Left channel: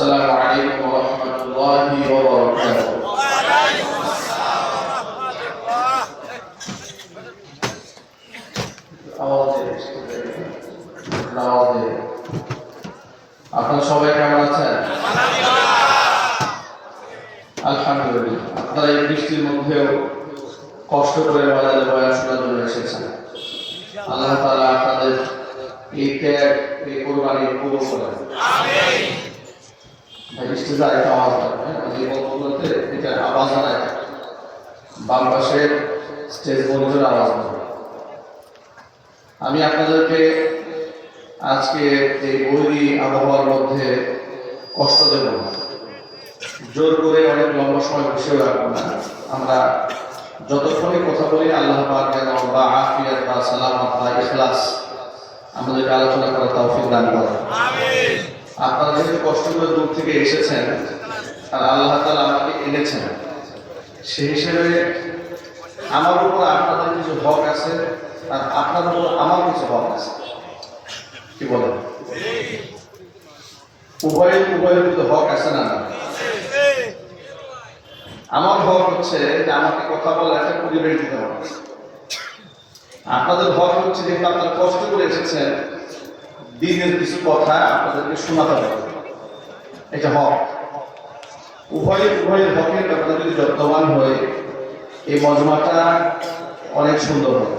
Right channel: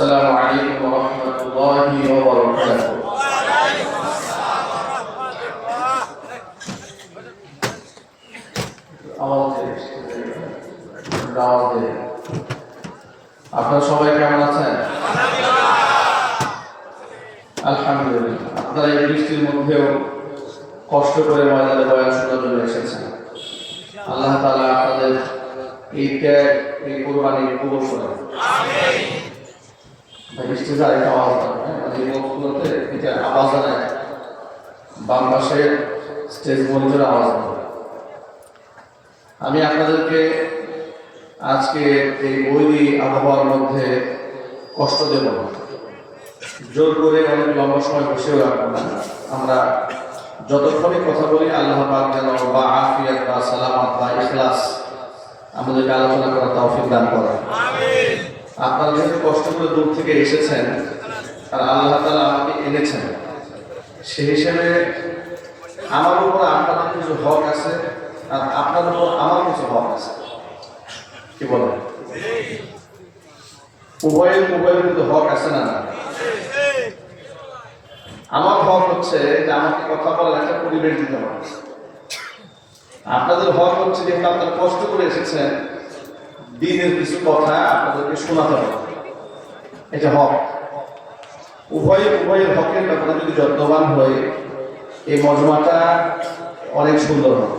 السلام عليكم ورحمة الله وبركاته. আপনারা সবাই কেমন আছেন? আলহামদুলিল্লাহ। আপনারা এই বৃষ্টির মধ্যেও কষ্ট করে ময়দানে বয়ান শোনার জন্য এসেছেন। আল্লাহ তাআলা আপনাদের এই ত্যাগ, এই কুরবানি কবুল করেন। আমিন। বৃষ্টিতে আরেকটা আওয়াজ হয়, এই বক্তব্যতে এটা আওয়াজ হয়, বাম পাশে স্টেজ মনিটরে আওয়াজ হয়। আমি আপনাদেরকে আজকে এই বৈরী আবহাওয়ার মধ্যে কষ্ট দেব না, জোর করে অনেক লম্বা সময় বসেও রাখবো না। আমরা যতক্ষণই কথা বলি আল্লাহ পাক যেন বা আফিয়াত বা সালামাত বা ইখলাস আমাদেরকে আলোচনা করার তৌফিক দান করেন। আমিন। আপনারা যেহেতু কষ্টগুলো দূর থেকে এসেছেন আর আল্লাহ তাআলা আমাকে এনেছেন, সেই হিসেবে আমার উপর আপনাদের কিছু হক আছে আর আপনাদের উপর আমার কিছু হক আছে। কি বলেন? উভয়ের কিন্তু হক আছে না? আমার হক হচ্ছে যে আমাকে কথা বলার একটা পরিবেশ দিতে হবে। আপনাদের হক হচ্ছে যে আপনারা কষ্ট করে এসেছেন, দিনের কিছু কথা আপনাদেরকে শোনাতে হবে, এটা হক। উভয়ের হকের ব্যাপারে যদি যত্নবান হয়ে এই মজমাটা অনেক সুন্দর হবে।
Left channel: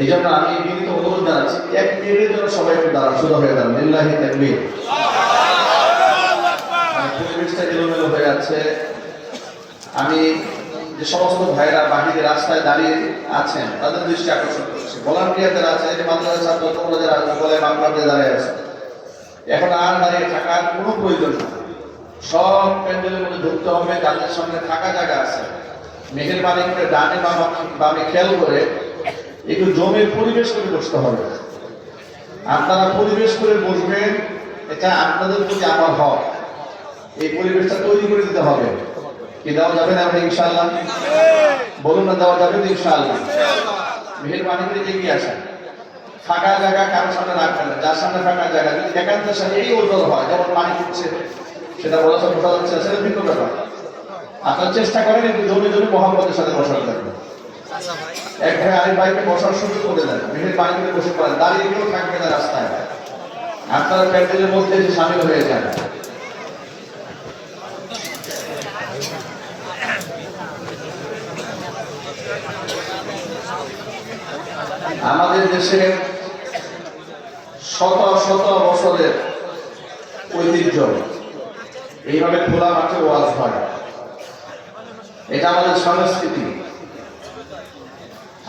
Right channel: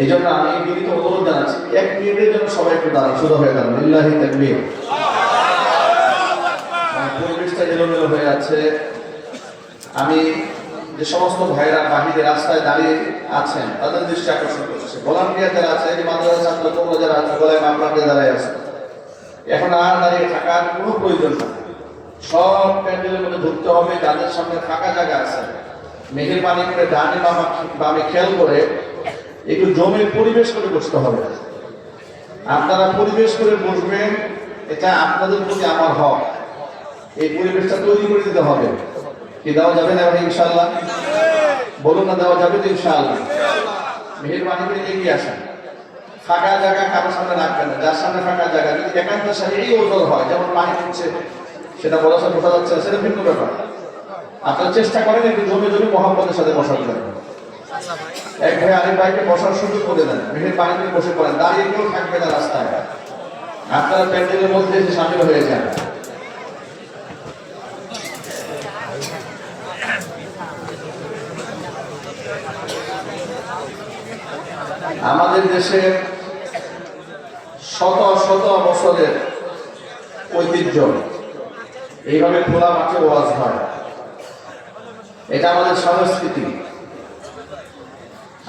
এই জন্য আমি বিনীত অনুরোধ জানাচ্ছি, 1 মিনিটের জন্য সবাই একটু দাঁড়ান, সোজা হয়ে দাঁড়ান। লিল্লাহি তাকবীর। পরিবেশটা এলোমেলো হয়ে আছে। আমি যে সমস্ত ভাইরা বাহিরে রাস্তায় দাঁড়িয়ে আছেন তাদের দৃষ্টি আকর্ষণ করছে। ভলান্টিয়ার যারা আছে, এই মাদ্রাসার ছাত্র তোমরা যারা আছে, গলায় মামলা দিয়ে দাঁড়িয়ে আছে, এখন আর দাঁড়িয়ে থাকার কোনো প্রয়োজন না। সব প্যান্ডেলের মধ্যে ঢুকতে হবে। যাদের সঙ্গে থাকা জায়গা আছে, মেহেরবানি করে ডানে বামে খেয়াল করে একটু জমে পরিবেশ করে বসতে হবে। আপনারা পরিবেশ করে বসবেন, এটা আপনাদের প্রতি আমার হক। এই পরিবেশটা তৈরি করে দিতে হবে। কি দেওয়া যাবে না ইনশাআল্লাহ? বলুন না, দেওয়া যাবে তো ইনশাআল্লাহ। মেহেরবানি করে এগিয়ে আসেন। ফাঁকা জায়গা কারোর সামনে রাখবেন না। যার সামনে ফাঁকা জায়গা যদি একান্তের সাথে এই ওজন হয়, যেমন পানি পড়ছে, সেটা বোঝা যাচ্ছে, সেটা ভিন্ন ব্যাপার। আপনারা চেষ্টা করেন একটু জমে জমে মোহাম্মদের সাথে বসার জন্য। এক ভাই আরেক ভাইকে বসার সুযোগ করে দেন, মেহেরবানি করে বসে পড়েন। দাঁড়িয়ে কেউ থাকবে না রাস্তায়। আপনারা প্যান্ডেলের মধ্যে এসে সামিল হয়ে যান। আমাদের দেশে শত শত বছরের ঐতিহ্য, এইভাবে খোলা মাঠে ওয়াজ হয়। এটা আমাদের সংস্কৃতি।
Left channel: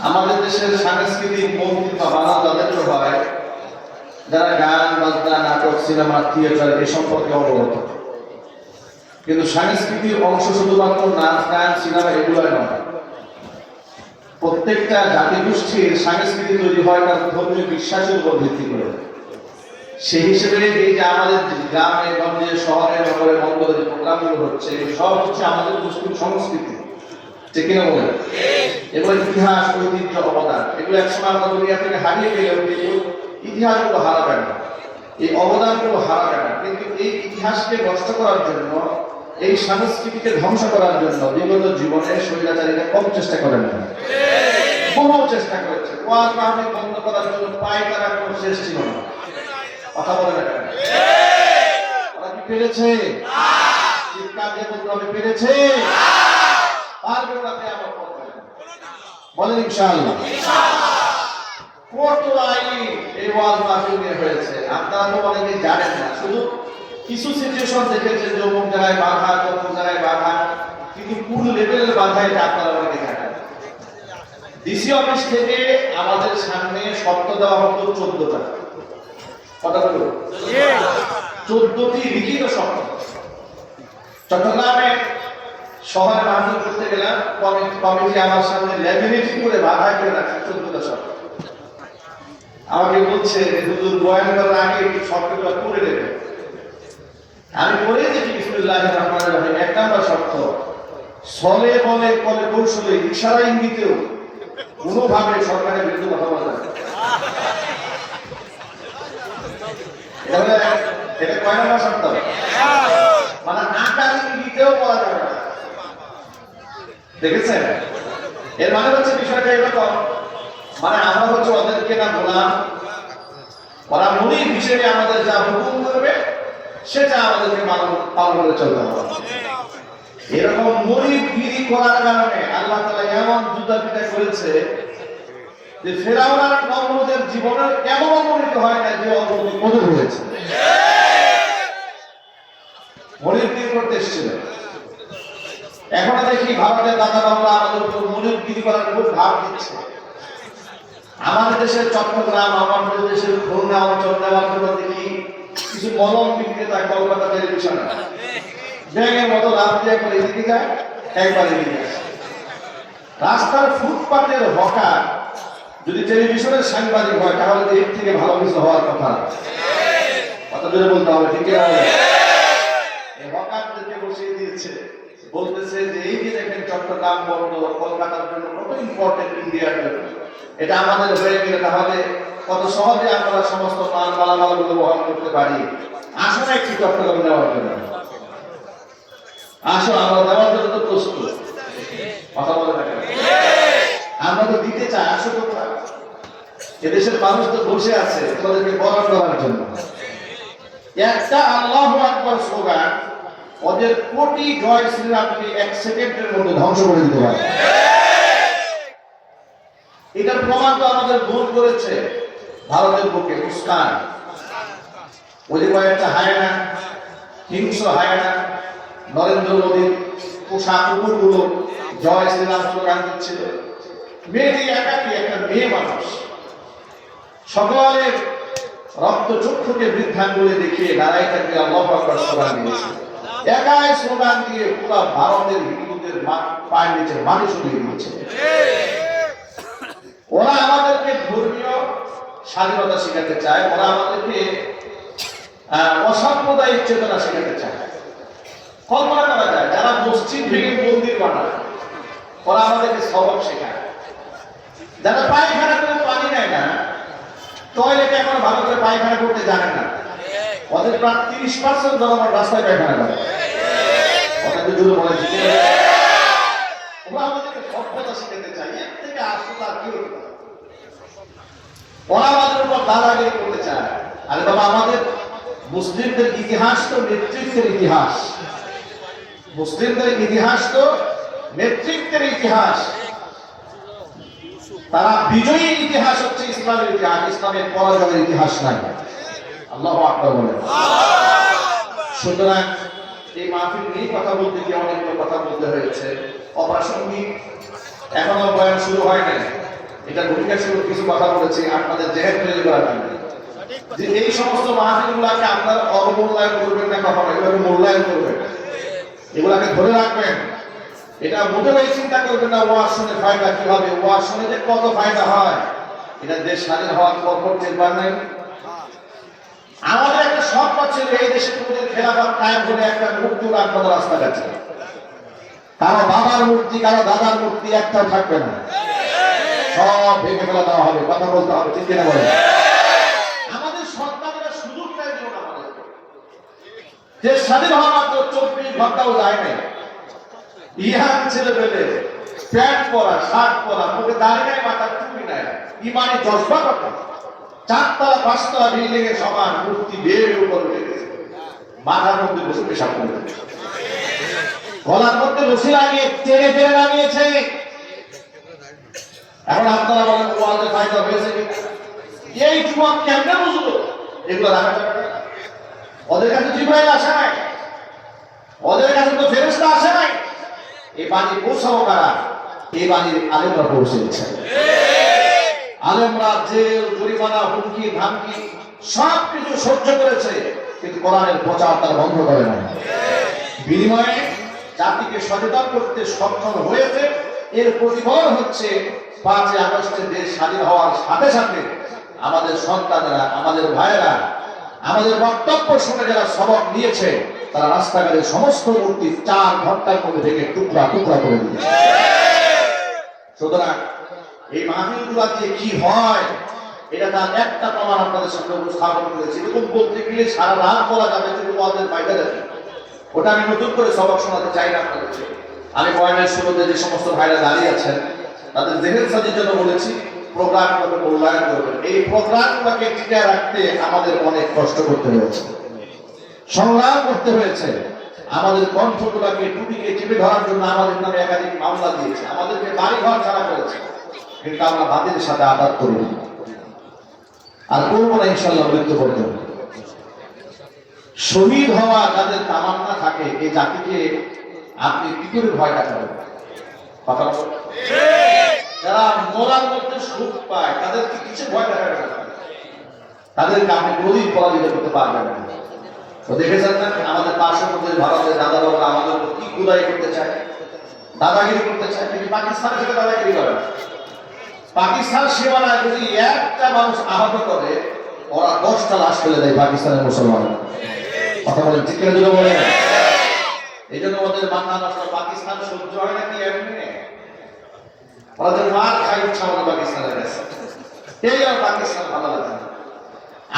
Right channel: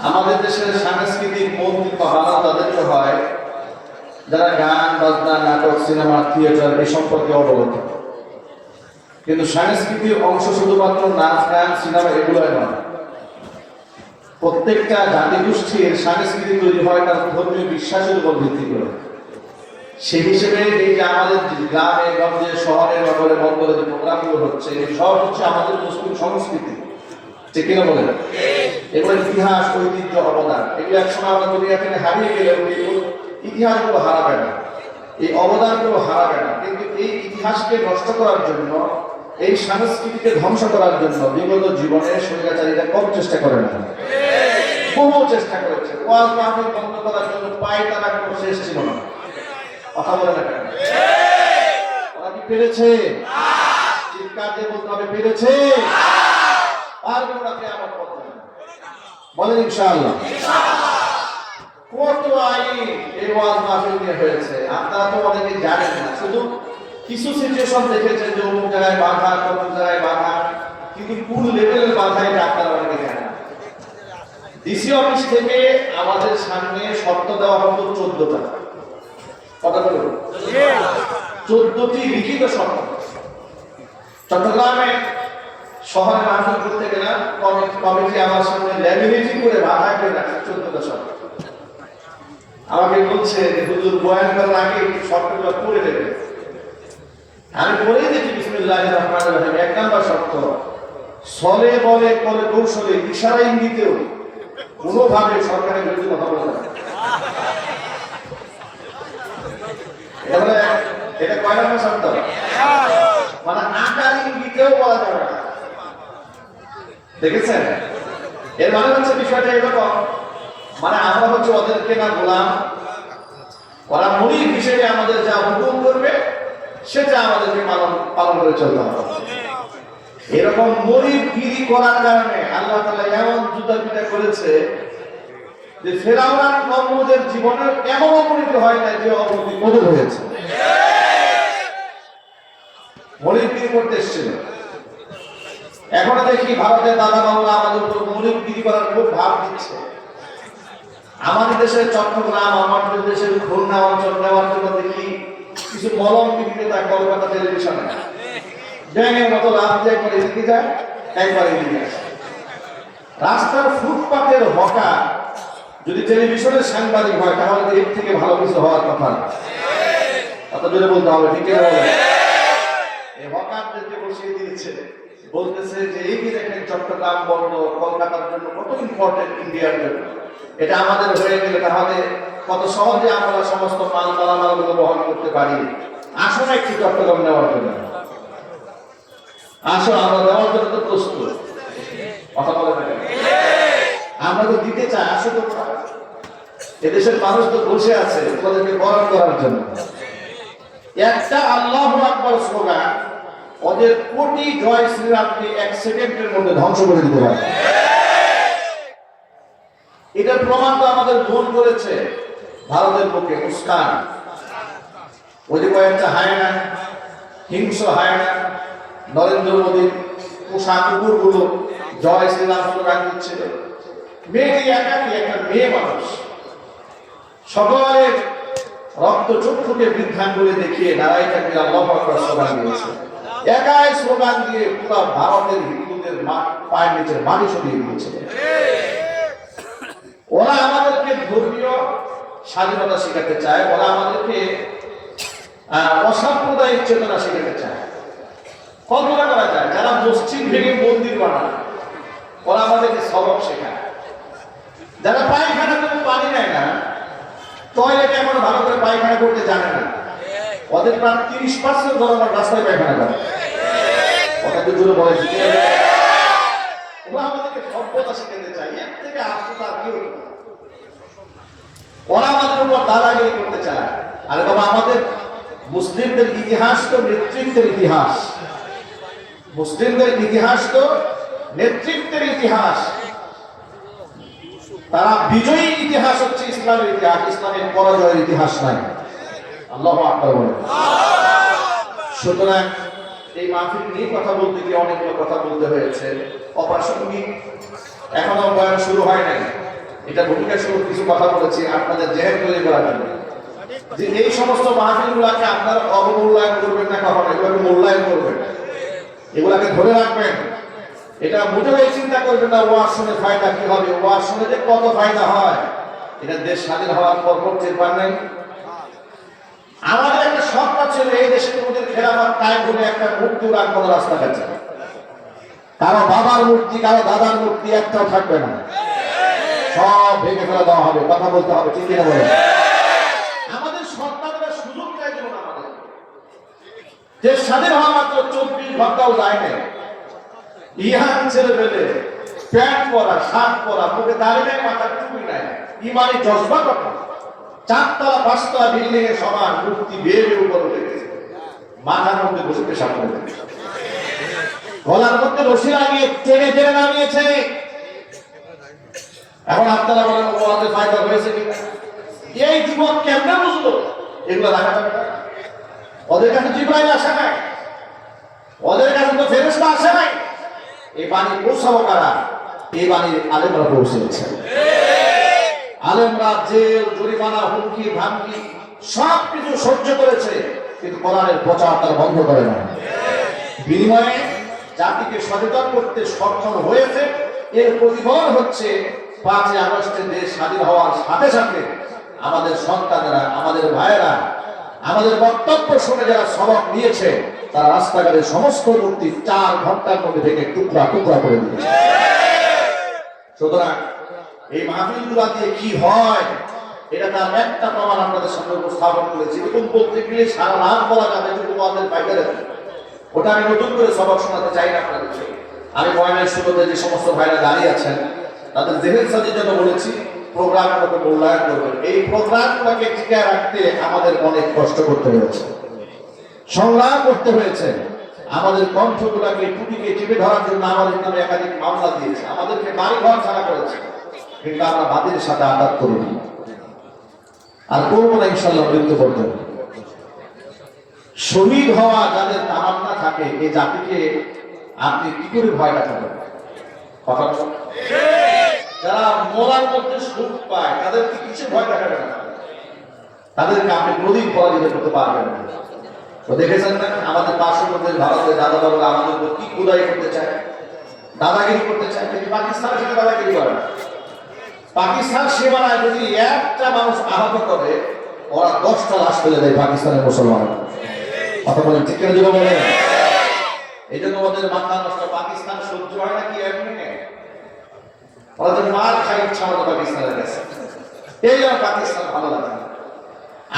আমাদের দেশের সাংস্কৃতিক মন্দির বা বানানো তাদেরকে হয় যারা গান বাজনা, নাটক, সিনেমা, থিয়েটার এই সম্পর্কে অবগত। কিন্তু সাংস্কৃতিক অংশ শুধুমাত্র নাচ, গান, সিনেমা এগুলোই নয়। প্রত্যেকটা জাতিগোষ্ঠীর সংস্কৃতি তৈরি হয় তার ধর্মীয় বিশ্বাসের উপর ভিত্তি করে। সেই হিসেবে এই যে আমাদের গ্রামে গঞ্জে, শহরে, নগরে, বন্দরে যে প্রোগ্রামগুলো হচ্ছে, সব হচ্ছে আমাদের মুসলিম সংস্কৃতি। ঠিক কিনা বলেন? এগুলো ইতিহাস, ঐতিহ্য, অবদান, এগুলো একসময় আমরা দুনিয়া থেকে হারিয়ে গেলেও ইতিহাসগুলো হারাবে না, এই অবদানগুলো হারাবে না। কিন্তু এই ইতিহাসকে নষ্ট করার জন্য, এই সংস্কৃতিকে ধ্বংস করার জন্য বিগত জীবনে স্বৈরাচারীরা কম চেষ্টা করে না, কোনো চেষ্টা করেছে। ওয়াজ মাহফিল বন্ধ করার জন্য পায় তারা কোনো শেষ ছিল না। কথা বলে না কেন? ওরা কি পেরেছে? চিৎকার দিয়ে বলতে হবে, পেরেছে? পারবে ওরা কিয়ামত পর্যন্ত। বলেন ইনশাআল্লাহ। কত আইন এই ওয়াজ মাহফিল নিয়ে হয়েছে, আপনারা তো অনেকেই জানেন না। শুধু কিছু সিচুয়েশন দেখেছেন যে অমুক জায়গায় বাধা, অমুক জায়গায় বাধা, কিন্তু কোন লেভেলের বাধা এটা আপনারা অনেকে জানেন। ডিসি অফিস থেকে আমাদের সামনে শর্ত দেওয়া হতো 14টা। কথা বলুন, 14টি লিখিত শর্ত। চট্টগ্রামে শহরে মাহফিল করতে গেলাম, কমিটি আমার সামনে ল্যামিনেটিং করে বাধা করে রাখছে 14টা শর্ত। আমাকে বলছে যে হুজুর বয়ান করার আগে একটু শর্তগুলো করে দেবে। আমি পড়েই দেখি বিসমিল্লাহির রহমানির রহিম। 1 নম্বর শর্ত, ছলে বলে কলে কৌশলে ইশারা ইঙ্গিতেও কোনোভাবে সরকারের বিরুদ্ধে কথা বলা যাবে। এটা কয় নম্বর শর্ত? মানে আকার ইঙ্গিতেও বলা যাবে না। দেখেছেন? এর মানে হচ্ছে বিষয়টা এরকম, মানে আমরা হচ্ছে ওদেরকে না গোলাম, ওরা মুরিদ হিসেবে আমাদের যা হুকুম করবে সেটা আমাদেরকে পালন করে চলতে হবে। এরকম মুরিদগিরি করার কারণে আল্লাহ তাআলা এমন যুদ্ধবিদ্যা করেছে যে ফেরাউন আর নমরুদের জীবনের এমন অবনতি হয় না যে অবনতি হয়েছে। মুরিদগিরি করতে এসেছিল। এখন দেখি ভারতের দাদা বাবুরা আমাদের উপর মুরিদগিরি করার খুব ভাব দিচ্ছে। আমাদের দেশের চট্টগ্রাম, আমাদের দেশের খুলনা অঞ্চল নেওয়ার জন্য দেখি কিছু মলম বিক্রেতা কলকাতা টেলিভিশনে ব্যাঙের মতো লাভ দিয়ে করে এদিকে যায়, একবার এদিকে আসে। রাস্তার ফুটপাতের হকার যদি টেলিভিশনের সাংবাদিক হয় তাহলে এর থেকে ভালো কিছু হওয়ার কথা না। কথা জোরে বলতে হবে, ঠিক আছে? এই হকারদেরকে বসিয়ে দিয়েছে, বলতেছে যে এই যে দেখেন চট্টগ্রাম বন্দর কলকাতার জন্য কত ইম্পর্টেন্ট ইন্ডিয়ার জন্য, এটা আমাদের হয়ে গেলে তাহলে কত সহজে আমরা সমস্ত মালামালগুলো বহন করতে পারি। আসো না একটু চট্টগ্রাম নেওয়ার জন্য, আসো, আমরা দেওয়ার জন্য তো প্রস্তুত। কথা বলে থাকেন, আমরা তো দিতে চাই, আসো তো। এদেশের মানুষ তো বসে আছে তোমাদেরকে বরণ করার জন্য। একটা আল্লাহু আকবার স্লোগান ওদের কোটি জয় শ্রীরামকে 1 সেকেন্ডের মধ্যে ধ্বংস করে দিতে পারে। এটার প্রমাণ তো আমাদের ভুল করেছে ভারতের বুকে মুস্কান। ওই যে কয়েকটা হায়না, হিংস্র হায়না, নরেন্দ্র মোদীর পোষা কুকুরগুলো জয় শ্রীরাম স্লোগান দিচ্ছিল। মেয়েটি একাকি, একটা মেয়ে মানুষ, সকলের রক্ত চক্ষুকে বৃদ্ধাঙ্গুলি দেখিয়ে দাঁড়াই থাকবে আল্লাহু আকবার স্লোগান দিয়েছে। একাই স্লোগান দিয়ে পুরো ভারতের হিন্দুদের পায়ের নিচের মাটি সরিয়ে দিয়েছে। ওরা আমাদেরকে ধর্মীয় স্বাধীনতা শেখাতে চায়, ওরা আমাদেরকে অসাম্প্রদায়িক চেতনা শেখাতে চায়। কল্পনা করা যায় যারা মসজিদ ভেঙে মন্দির বানায় ওরা আমাদেরকে সবক শেখায়। যারা পায়খানা করে পানি নেয় না, টয়লেটে এখনো ভালো করে পায়খানা করতে জানে না, ওদের প্রায় 30% জনগণ রাস্তায় পায়খানা করে। ওটাকে জুড়ে বলেছি, ওরা আমাদেরকে সভ্যতা শেখাতে চায়। এর থেকে আসলে আর কি হতে পারে? ওরা আমাদের উপর দাদাগিরি করতে চায়। আরে বাবা, আমাদের মুসলিমদের ইতিহাস তো নেতৃত্বের ইতিহাস। মুসলিমদের ইতিহাস তো নেতৃত্বের ইতিহাস। তারা বিজয়ী ইতিহাস হচ্ছে ইসলামের ইতিহাস, ইসলামের পরাজয়ের ইতিহাস নাই। আল্লাহু আকবার বলে। সুতরাং এই মাহফিল নিয়ে কথা বলতে গিয়ে অনেকগুলো কথা বলতে হয়েছে। অপ্রাসঙ্গিক, এখনো বয়ান শুরু হয় নাই। এটা ভূমিকা শুরু কিছু কথা বলেছি আপনাদের জেহেন তৈরি করার জন্য, যে এই সমস্ত মাহফিলগুলোকে আপনারা অবমূল্যায়ন করবেন না, কখনো এগুলোকে মূল্যায়ন করবেন, এগুলাকে ধরে রাখবেন। এটা মোটেই চিন্তা করবেন না ওয়াজ শুনে ফায়দা কি হবে, ওয়াজ শুনে যে কত ফায়দা হয় এটা দেশ স্বাধীন হওয়ার পর করতে পার নাই। আমাদের একটা স্বপ্ন ছিল এই দেশে কোনদিন খেলাফত কায়েম হলে একটা মূর্তি রাখবো রাস্তাঘাটে, কারো বাবার মূর্তি কারো দাদার মূর্তি একটাও থাকবে না, সব ভেঙে ফেলে দেওয়া হবে। কথা বলতে হবে, ঠিক কিনা বলেন? আমাদের সন্তানরা সুযোগটাই দিল না আমাদেরকে। দেশ স্বাধীন হওয়ার মাত্র 24 ঘন্টাও যায় নাই, ইহান ছেলে পেলে প্যান্ট পরা, শার্ট পরা, মুখে দাড়ি নাই, মাথার টুপি নাই, ইমানি জজবা কথা, 4 তলা 5 তলা বিল্ডিং এর সমান মূর্তি বেয়ে উপর উঠে গেছে, মাথার মধ্যে বসে পেশাব করে দিয়েছে, গলার মধ্যে রশি লাগিয়ে টেনে টেনে নামিয়েছে। এখন আপনারা বলেন ওয়াজে ফায়দা হয়েছে কি? এই যুবক কেমনে বুঝলো এগুলো রাখা যাবে না? ওদের কাছে জিবরাইল আসে নাই, ওদের কাছে তো ফেরেশতা আসে নাই। এই বাণী পৌঁছাবো কারা? এই বাণী আলেমরা পৌঁছেছে। আলেমরা জেল, জরিমানা, হুমকি ধামকি সব কিছু সহ্য করেছে, কিন্তু কোরআনের প্রচার তারা বন্ধ করে না। বিনিময়ে জাতিকে সচেতন করতে সক্ষম হয়েছে। এর প্রতিফলন হচ্ছে 5 আগস্টে দেশ স্বাধীন হওয়ার সাথে সাথে আমাদের সন্তানেরা, আমাদের ভাইয়েরা, আমাদের বক্তব্য শুনে যারা সবক নিয়েছে তারা রাস্তাঘাটে সমস্ত মূর্তি 4 ঘন্টার মধ্যে ভেঙে টুকরা টুকরা করে দিয়েছে। সুতরাং এই মাহফিলগুলো দিয়ে কি হয় এটা তার একটা প্রমাণ আপনাদের সামনে উপস্থাপন করেছি। এরকম বলতে গেলে সারা রাত বলা যাবে, কিন্তু আমাদের বাইরে ওটা আমি নতুন করে সবক শোনাতে চাই না আপনাদেরকে। আমি বয়ানের শুরুতে যে সমস্ত ভাইরা দাঁড়িয়ে আছেন তাদের জেহেন সাজির জন্য বলেছি প্রোগ্রামগুলোকে মূল্যায়ন করবেন। এই প্রোগ্রামগুলোকে টিকে রাখতে আমাদের অনেক কষ্ট করতে হয়েছে, সংগ্রাম করতে হয়েছে। আমাদের কণ্ঠগুলোকে টুটিকে চেপে ধরার জন্য আমাদের নামে একাধিক মামলা দিয়েছে, আমাদেরকে বাড়ি ঘর ছাড়া করেছে, কিন্তু আমরা বাতিলের সাথে আঘাত করিনি আর করবো না ইনশাল্লাহ মৃত্যু পর্যন্ত। শহীদ হওয়া যাদের তামান্না থাকে এই জাতিকে আপনি কি করে ভয় দেখাবেন? কথা যারা মরার মধ্যে সুখ পায় তাদেরকে কিছু ভয় দেখাবে না, তাদেরকে আপনি কোনদিন পরাজিত করতে পারবেন না। তো দেখেছেন না আমাদের পার্শ্ববর্তী ভারতের দাদা বাবুরা আমাদের উপর কি খুদাই করতে চায়, দাদাগিরি করতে চায়, কিন্তু পাকিস্তানের সাথে দাদাগিরি করে না। পাকিস্তান সীমানায় যদি একটা মানুষ আহত করে ওরা 10টা লাশ ফেলে দেয় পাকিস্তানের মুসলমানরা। কথা বলেন ঠিক করে দিল বলে। এই জন্য ওদের মাথা নষ্ট। পাকিস্তান সহ্য হয় না কি এমনি, ওদের মার খাই ইচ্ছা আমাদের পাকিস্তানের কাছে। এই আর পাকিস্তান ভালো লাগে না।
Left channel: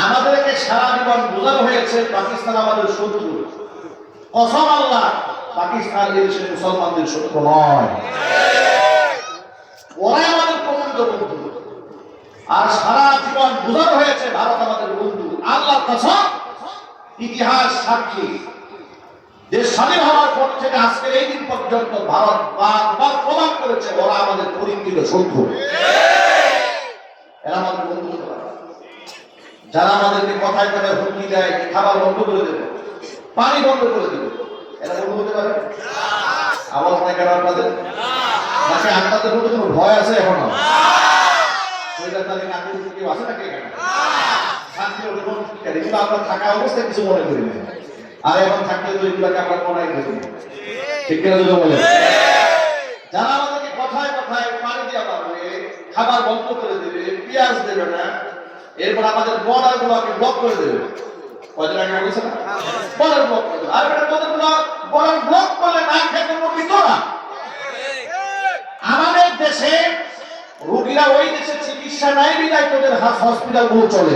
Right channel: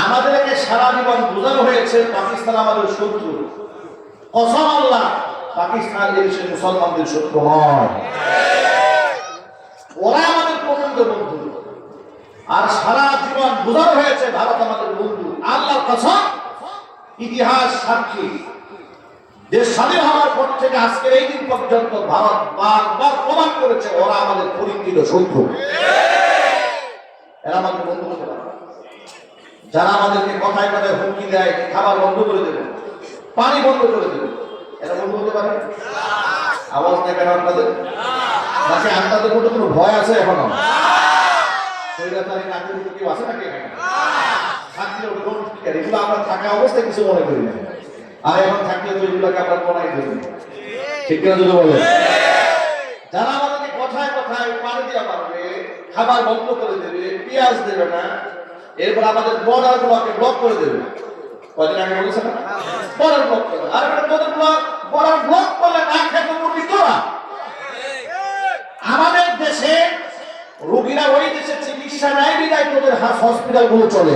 আমাদেরকে সারা জীবন বোঝানো হয়েছে পাকিস্তান আমাদের শত্রু। কসম আল্লাহ, পাকিস্তান এই দেশের মুসলমানদের শত্রু নয়, ওরা আমাদের প্রচন্ড বন্ধু। আর সারা জীবন বোঝানো হয়েছে ভারত আমাদের বন্ধু। আল্লাহর কসম, ইতিহাস সাক্ষী, দেশ স্বাধীন হওয়ার পর থেকে আজকের এই দিন পর্যন্ত ভারত বারবার প্রমাণ করেছে ওরা আমাদের পরিচিত শত্রু। এরা আমাদের বন্ধু হতে পারে। যারা আমাদেরকে কথায় কথায় হুমকি দেয় খাবার বন্ধ করে দেবে, পানি বন্ধ করে দেবে, এরা বন্ধু হতে পারে? আওয়াজ নেই কেন আপনাদের? নাকি আপনাদের মধ্যে কোনো ভয় আছে এখনো? কেউ আছে নাকি এখানে? এগুলো আমরা থাকা অবস্থায় কিছু মনে করি না, আর এখন থাকলে তো এগুলোকে আমরা মনে করি। ঠিক না যদি বলে? যারা আমাদেরকে কথায় কথায় পানি দিয়ে মারবে, খাবার বন্ধ করে দেবে, পেঁয়াজ দেবে না, এরপর আমাদের বর্ডার গুলোকে ব্লক করে দেবে। কদিন আগে বলেছে না বর্ডার ব্লক করে দেবে। আর তোদের বর্ডার ব্লক করলে না খেতে মরবি তোরা। আমাদের দেশে রোগীরা ওই দেশে চিকিৎসা নাই বিদায় তোদের হসপিটাল গুলো চলে।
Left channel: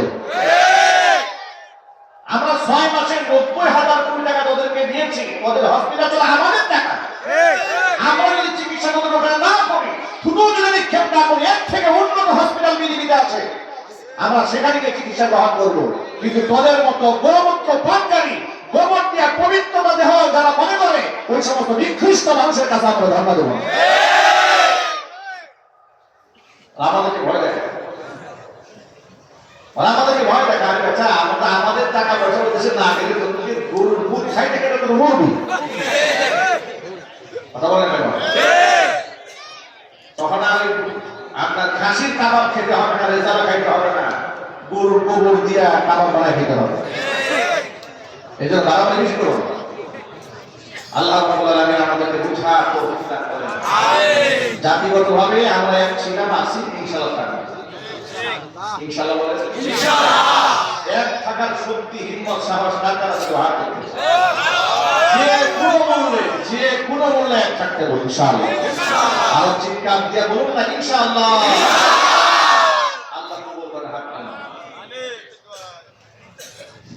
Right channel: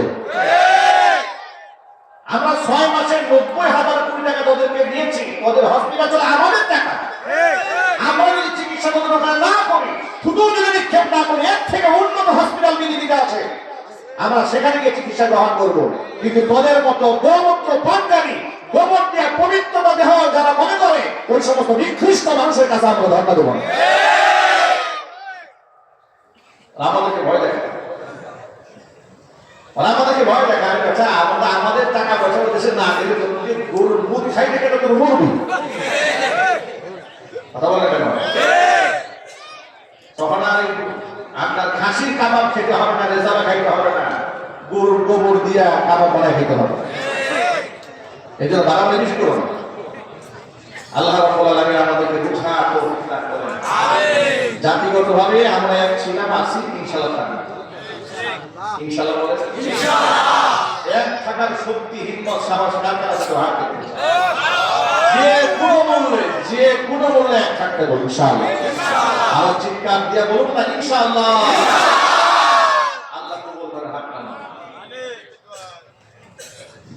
আমরা 6 মাসে 90,000 কোটি টাকা তোদেরকে দিয়েছি, তোদের হসপিটাল চলে আমাদের টাকা। আমরা যদি চিকিৎসা তোদের ওখানে না করি, শুধু যদি নিক্ষেপ না করি, এর থেকে উন্নত হসপিটাল পৃথিবীতে আছে, আমরা সেখানে গিয়ে চিকিৎসা গ্রহণ করবো। কিন্তু তোদের মতো গোমূত্র পানকারী, গোবর দিয়ে পবিত্রতা দেহ যারা মনে করে, ওই সমস্ত নিকৃষ্ট মানুষের কাছে আমরা ধর্ণা দেব না। আমাদেরকে ভয় দেখায়, আমাদেরকে ভয় দেখায়। আচ্ছা, আমাদের টাকা পয়সা দেশে না গেলে গরুর দুধ খাইতে গেলে তোর মরবি। কথা বলে কেন? তখন আমি আপনার খাসির কাবাব খেতে হবে না, রেজালা খাইতে হবে না, গরুর গোবর দিয়া কাবাব বানায় খেতে হবে। এই জন্য দাঁড়াবে বেশি করুন। আল্লাহ রাব্বুল আলামিন আমাদেরকে বুঝা তৌফিক দান করেন। জাতিগতভাবে আমরা এক ছিলাম, আছি, ইনশাআল্লাহ থাকবো। ইনশাআল্লাহ বলে ইনশাআল্লাহ। এক থাকার শক্তি, হিম্মত, সাহস কার কাছে আছে? হাত তুলুন। যে কোনো মূল্যে এক থাকতে বলুন ইনশাআল্লাহ। আর চিৎকার দিয়ে বলুন না ইনশাআল্লাহ। আল্লাহ কবুল করে। হাত টান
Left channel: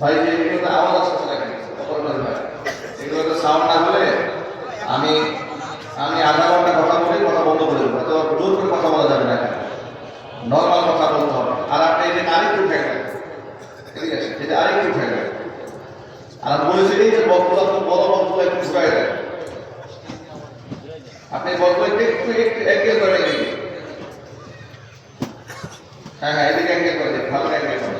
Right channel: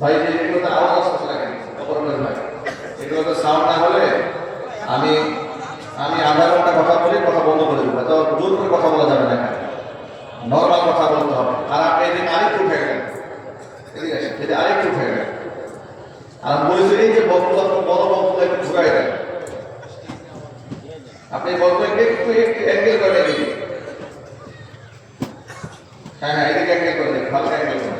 ভাই। এগুলোতে আওয়াজ আসছে না কেন? ভাই, এগুলোতে সাউন্ড না হলে আমি আধা ঘন্টা কথা বলে কথা বন্ধ করে দেবো। তো জোর করে কথা বলা যাবে না, এখানে নর্মাল কথা বলতে হবে। আর আপনি এই যে আরেকটু উঠে গেলেন, ঠিক আছে, যদি আরেকটু উঠে গেলেন, আর আমি বলেছি এই যে বক্তব্য বড় বক্তব্য একটু ঢুকাই দেন। আপনি বক্তব্যকে একটু অ্যাঙ্গেল করে দিন। হ্যাঁ, এদিকে অ্যাঙ্গেল করে দিন, হালকা অ্যাঙ্গেল করে।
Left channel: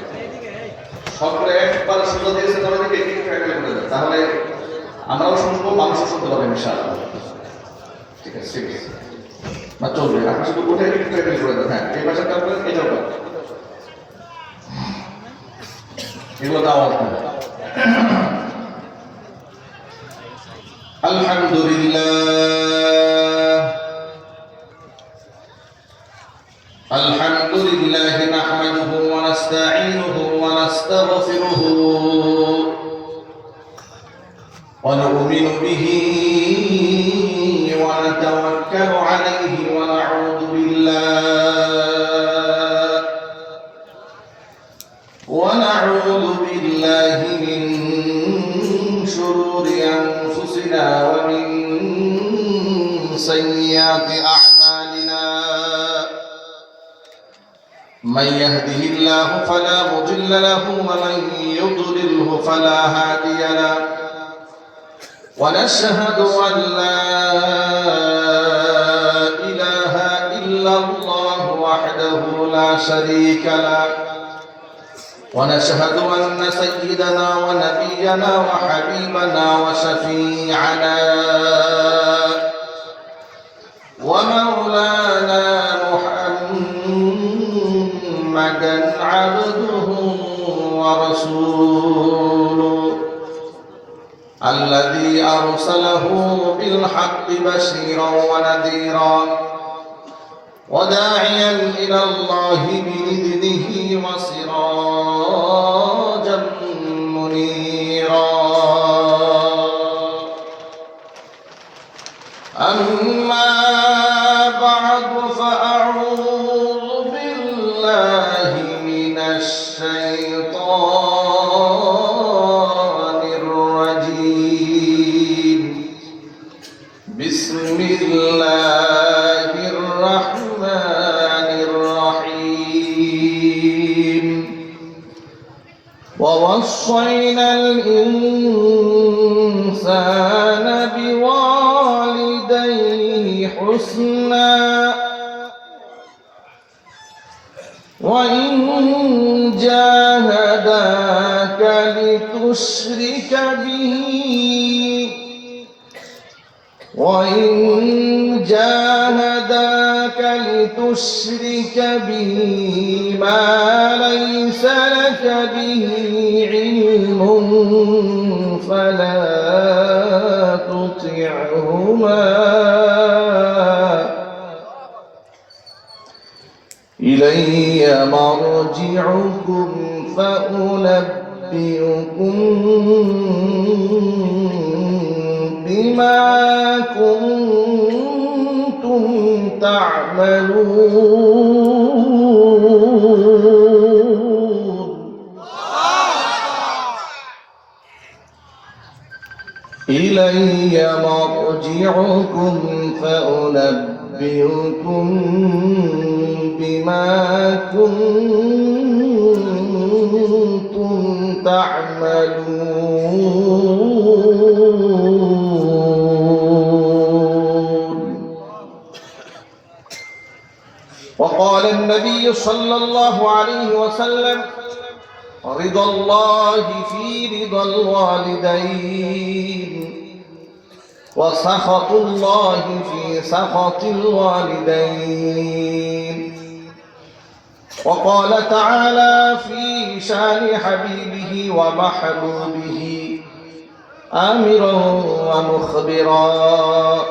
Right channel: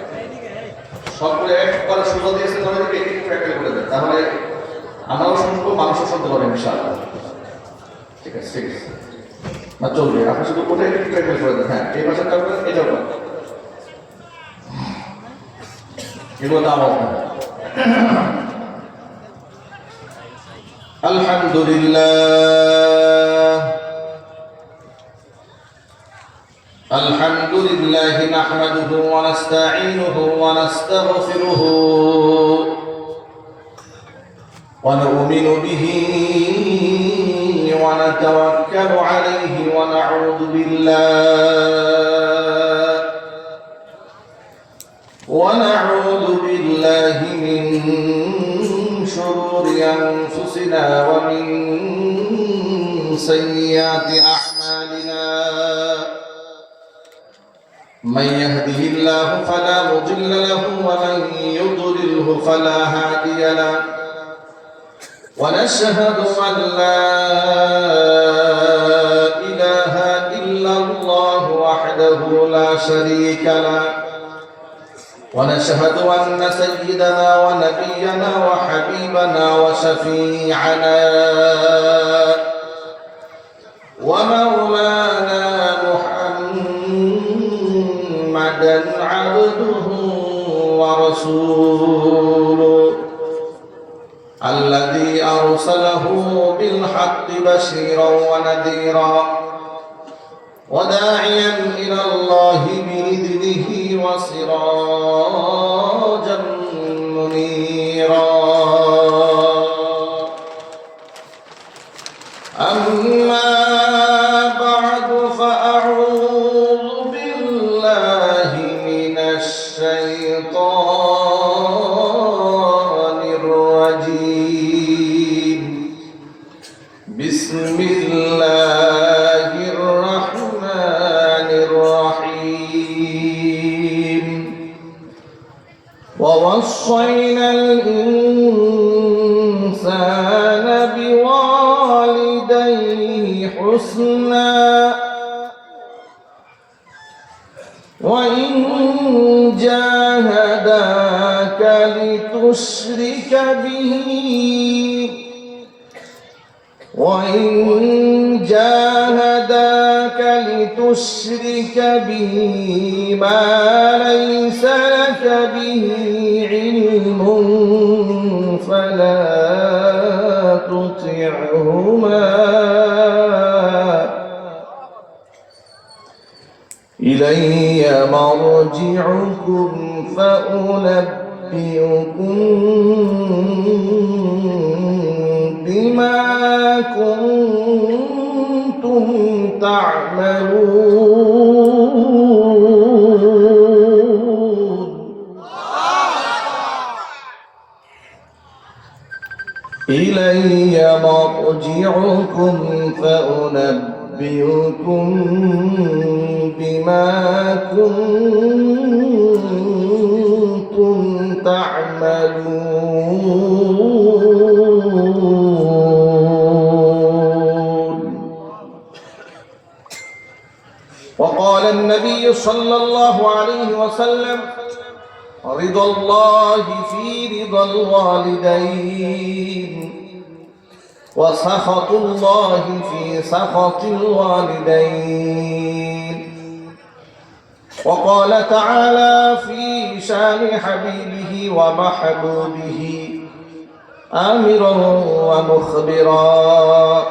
সবগুলো একবার সোজা দিয়েছে ধরে দিকে একটু অ্যাঙ্গেল করে দেন, তাহলে আমরাও শুনবো, মানুষও শুনতে পাবেন ইনশাআল্লাহ। ঠিক আছে, ঠিক আছে, না চলবে। আপনি শুধু কোথায় একটু অ্যাঙ্গেল করে দেন। হ্যাঁ, এই পাশের কাজ করেন, এটাও করেন, এগুলো তো আওয়াজ না। আলহামদুলিল্লাহ নাহমাদুহু ওয়া নাস্তাঈনুহু ওয়া নাস্তাগফিরুহু ওয়া নু'মিনু বিহি ওয়া নাতাওয়াক্কালু আলাইহি ওয়া নাউযু বিল্লাহ ونعوذ بالله من شرور أنفسنا ومن سيئات أعمالنا من يهده الله فلا مضل له ومن يضلله فلا هادي له ونشهد أن لا إله إلا الله وحده لا شريك له ونشهد أن سيدنا ونبينا وحبيبنا وشفيعنا ومولانا محمدا عبده ورسوله الذي أرسله بالحق بشيرا ونذيرا وداعيا إلى الله بإذنه وسراجا منيرا أما بعد فأعوذ بالله من الشيطان الرجيم بسم الله الرحمن الرحيم ووصينا الإنسان بوالديه حسنا وإن جاهداك لتشرك به ما ليس لك به علم فلا تطعهما إلي مرجعكم فأنبئكم بما كنتم تعملون إلي مرجعكم فأنبئكم بما كنتم تعملون. وقال النبي صلى الله عليه وسلم رضا الله في رضا الوالدين وسخط الله في سخط الوالدين. وقال تعالى في شان حبيبه ومحبوبه آمرا ومخبرا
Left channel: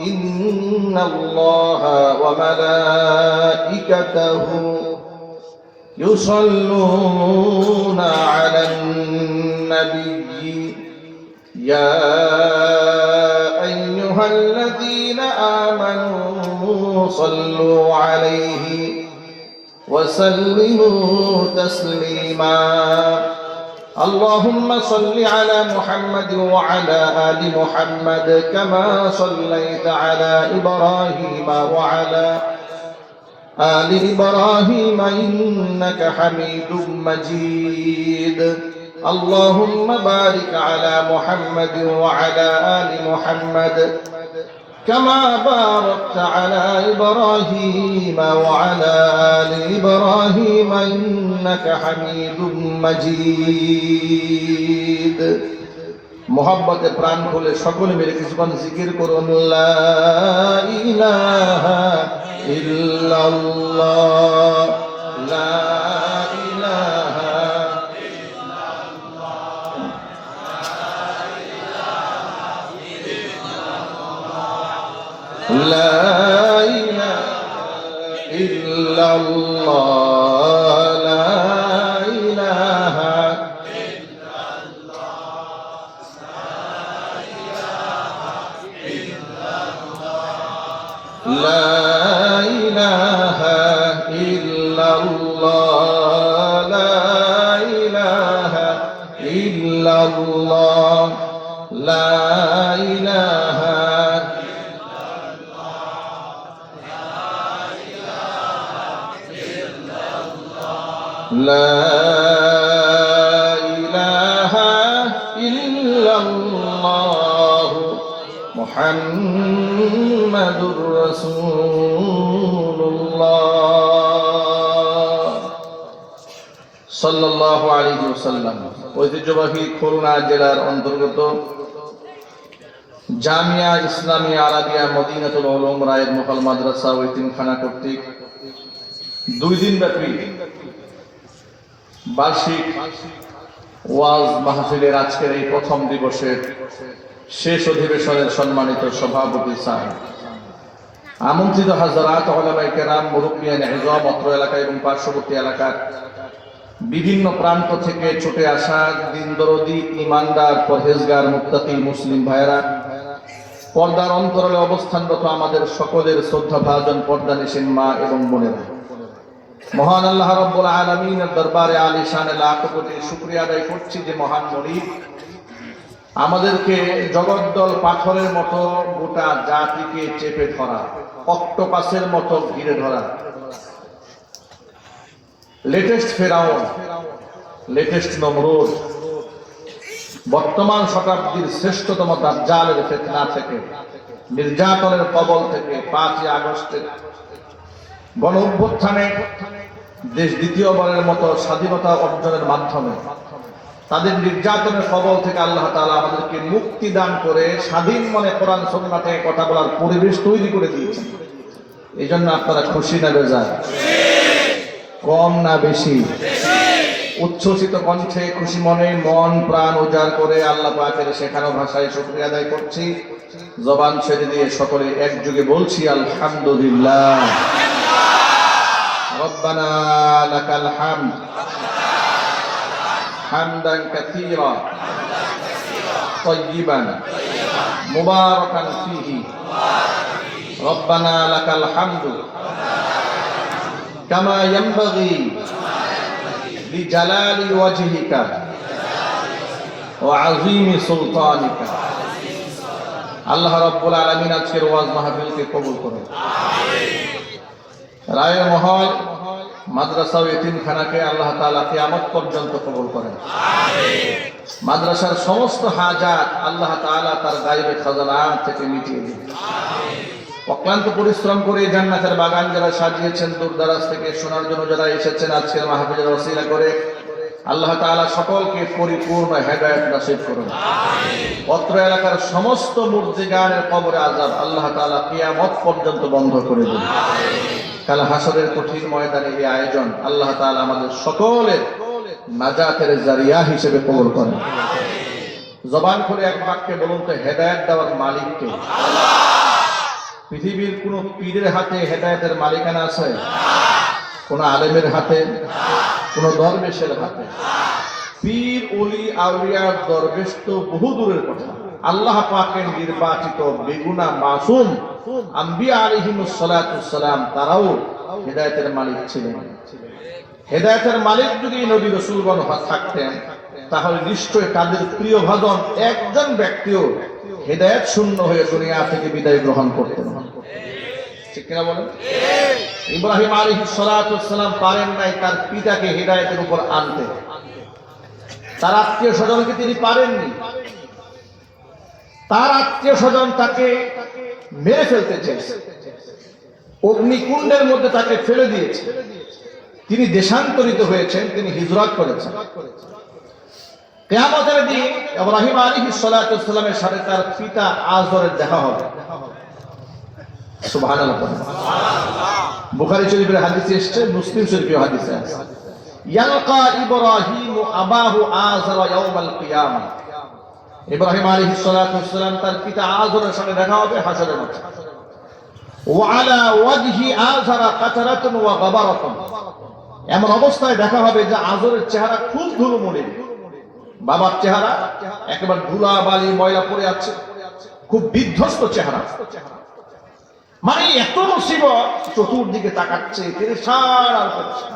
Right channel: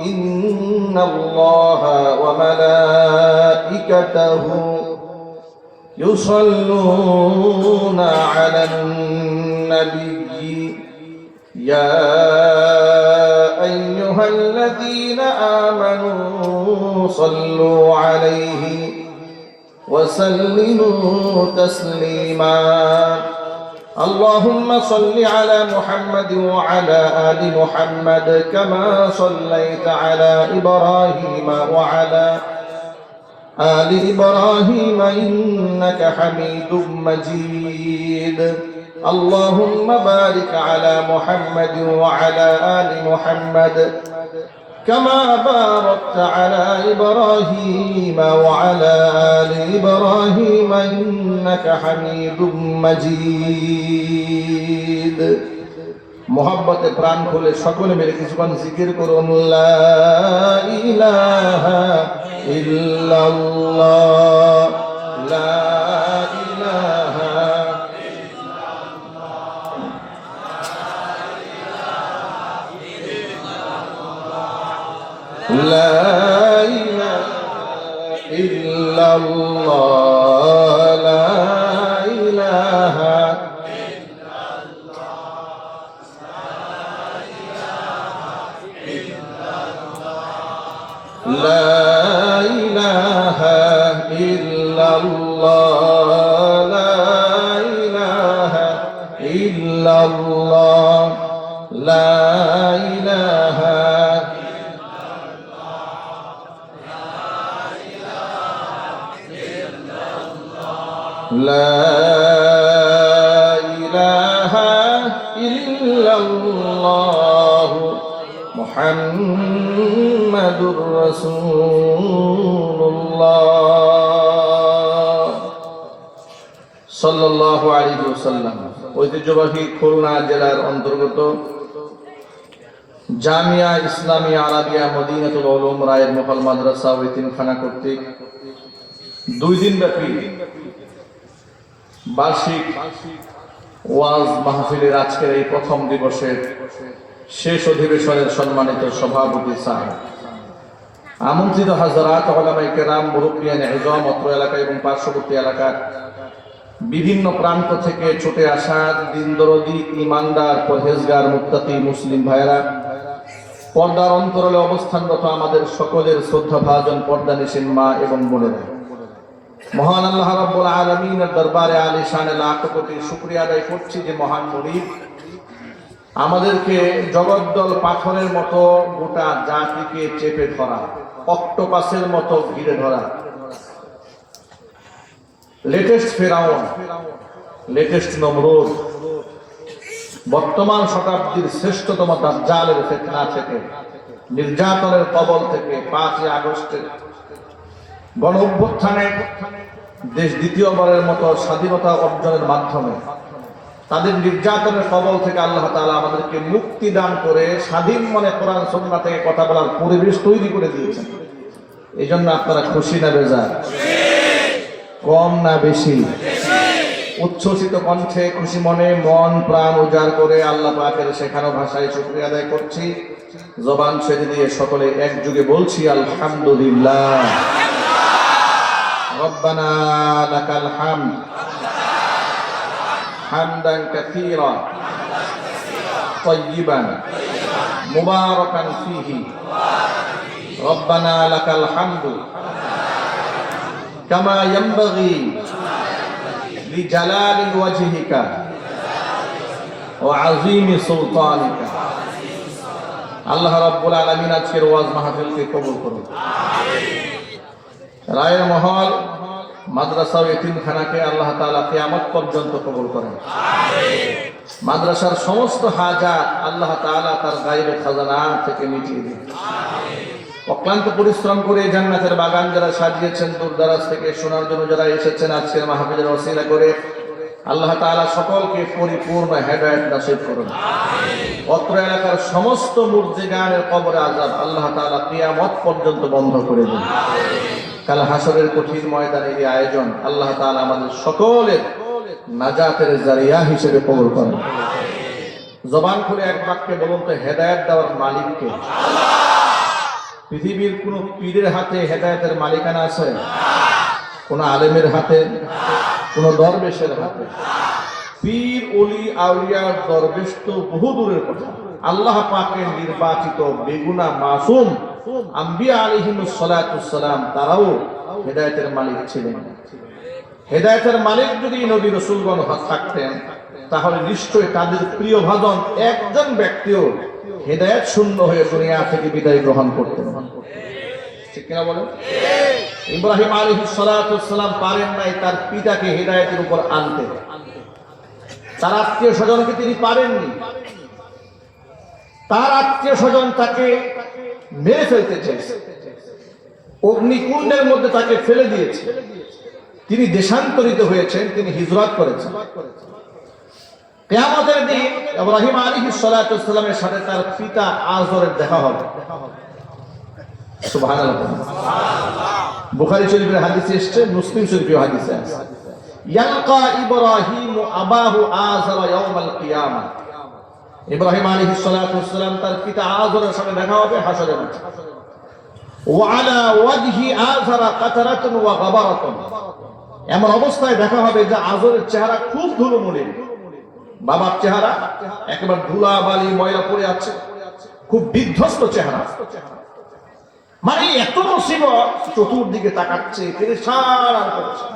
إن الله وملائكته يصلون على النبي يا أيها الذين آمنوا صلوا عليه وسلموا تسليما. اللهم صل على محمد وعلى آل محمد كما صليت على إبراهيم وعلى آل إبراهيم إنك حميد مجيد. اللهم بارك على محمد وعلى آل محمد كما باركت على إبراهيم وعلى آل إبراهيم إنك حميد مجيد. محبت প্রাণ খুলে সকলে মিলে কিছুক্ষণ জিকির করুন লা ইলাহা ইল্লাল্লাহ লা ইলাহা لا إله إلا الله لا إله إلا الله لا إله إلا الله لا লা ইলাহা ইল্লাল্লাহু মুহাম্মাদুর রাসূলুল্লাহ সাল্লাল্লাহু আলাইহি ওয়াসাল্লাম। ঐতিহ্যবাহী খুলনা জেলার অন্তর্গত জামিয়া ইসলামিয়া আরাবিয়া মদিনাতুল উলুম রায়ের মুকাল মাদ্রাসা ও এতিমখানা কর্তৃক 2 দিন ব্যাপী বার্ষিক ওয়াজ মাহফিলের আজকের এই প্রথম দিবসের শেষ অধিবেশনের সম্মানিত সভাপতি স্যার, আমন্ত্রিত হাজরাত, উলামায়ে কেরাম, মুরব্বিয়ানে ইজম, অত্র এলাকা এবং পার্শ্ববর্তী এলাকার বিভিন্ন প্রান্ত থেকে ছুটে আসা দিনদরদি, ইমানদার, পরহেজগার, মুত্তাকি মুসলিম ভাইরা, পর্দার অন্তরালে অবস্থানরত আমাদের সকলের শ্রদ্ধাভাজন পর্দানিশীন মা এবং বোনেরা, মহান আল্লাহ রাব্বুল আলামিনের দরবারে আলিশানে লাখ কোটি শুকরিয়া আদায় করছি যে মহান মালিক আমাদেরকে জগদ্দল পাথরের মতো গোটা জাতিকে চেপে ধরা, অক্টোপাসের মতো ঘিরে ধরা, লেটেস্ট ফেরাউন, লেটেস্ট নমরুদ, বর্তমান শতাব্দীর শ্রেষ্ঠতম দাজ্জালের ফিতনা থেকে, নির্যাতনের কবল থেকে 5ই আগস্টের গণ অভ্যুত্থানে দেশ দ্বিতীয়বারের মতো স্বাধীনতা অর্জনের মাধ্যমে তাদের নির্যাতনের কবল থেকে আল্লাহ তাআলা আমাদেরকে মুক্তি দান করে স্বাধীন মনে কোরআন সুন্নাহ থেকে কথা বলার পরিবেশ তৈরি করে দিয়েছেন। এই জন্য আপনারা খুশি না বেজার? কম না বেশি? উচ্ছ্বসিত কণ্ঠে, খুশি মনে, মন প্রাণ উজাড় করে আল্লাহ পাকের শেখানো ভাষায় শুকরিয়া আদায় করছি। জবান ছেড়ে দিয়ে সকলে একযোগে বলছি আলহামদুলিল্লাহ। রব্বানা লাকাল হামদ হামদান কাসীরা তাইয়িবান মুবারাকান ফীহি। রব্বানা লাকাল হামদু কামা ইয়ানবাগি লিজালালি ওয়াজহিকা ওয়া আযীমি সুলতানিকা। আল্লাহ রাব্বুল আলামিন আজকের ওয়াজ মাহফিলকে কবুল করুন। রায়ের মহল মাদ্রাসা ও এতিমখানাকে আল্লাহ তাআলা কিয়ামত পর্যন্ত কবুল করেন। মাদ্রাসার সমস্ত হাজাত আল্লাহ তাআলা তার গায়বে খাজানা থেকে মিটিয়ে দিন। অক্লান্ত পরিশ্রম করে জান্নাতের বাগান যারা সাজিয়েছেন, দূর দারাজ থেকে শোনার জন্য যারা এসেছেন আজকের মাহফিলের ওসিলা করে, আল্লাহ তাআলা সকলকে পরিপূর্ণ হেদায়েত নসিব করুন। অত্র এলাকার সমস্ত মুরজিগানের কবরে আযাব আল্লাহ তাআলা কিয়ামত পর্যন্ত বন্ধ করে দিন। কাল হাসরের কঠিন ময়দানে এই আয়োজন আল্লাহ তাআলা আমাদের সকলের নাজাতের জারিয়া হিসেবে কবুল করেন। জবান খুলে এক বাক্যে বলুন তো, হেদায়েত দেওয়ার মালিক কে? পৃথিবীর কোন পীরের হাতে হেদায়েতের মালিকানা আছে? কোন আলেমের হাতে? কোন দরবেশের হাতে? পীর, ওলি, আউলিয়া, দরবেশ তো বহু দূরের কথা। আল্লাহ পাকের নির্বাচিত বেগুনা মাসুম আম্বিয়া আলাইহিমুস সালাতুস সালাম তারাও হেদায়েতের মালিক ছিলেন। হেদায়েতের মালিক যদি নবী রাসূলগণ থাকতেন তাহলে নিশ্চয়ই তাদের প্রিয় ভাজন একজন ব্যক্তিও হেদায়েত শূন্য হয়ে দুনিয়া থেকে বিদায় গ্রহণ করতেন। ঠিক কিনা বলেন? ইব্রাহিম আলাইহিস সালাতুস সালাম পারেন নাই তার পিতাকে হেদায়েতের উপর আনতে। তার আত্মীয় স্বজনকে তিনি পারেননি। তার আত্মীয় স্বজন তাকে মেরে ফেলতে চেয়েছে, অগ্নিকুণ্ডের মধ্যে তাকে ফেলে দিয়েছে। তিনি দেশান্তরিত হয়েছেন, তিনি হিজরত করেছেন। কিয়ামতের দিন ইব্রাহিম আলাইহিস সালাতু ওয়াসসালামের সাথে তার পিতা আযরের দেখা হবে। সুবহানাল্লাহ। বুখারী শরীফের হাদিসে এসেছে, মুসলিম শরীফের হাদিসে আছে, ইয়ালকা ইব্রাহিম আবাহু আযর ইয়াউমাল কিয়ামা। ইব্রাহিম আলাইহিস সালাতু ওয়াসসালাম তার পিতা আযরের সাথে দেখা হবে হাসরের মাঠে। ওয়া আলা ওয়াজহি আযরা কাতারাতুন ওয়া গাবারাতুন। এমন অবস্থায় দেখা হবে যে আযরের চেহারা খুব ধুলোমুলিন, বাবার চেহারা একেবারে ধুলা বালি ময়লা পড়ে আছে, খুব বিধ্বস্ত চেহারা। মানে এত মুসিবত, চতুর্দিকে তাকাচ্ছে, পেরেশান আর পেরেশান।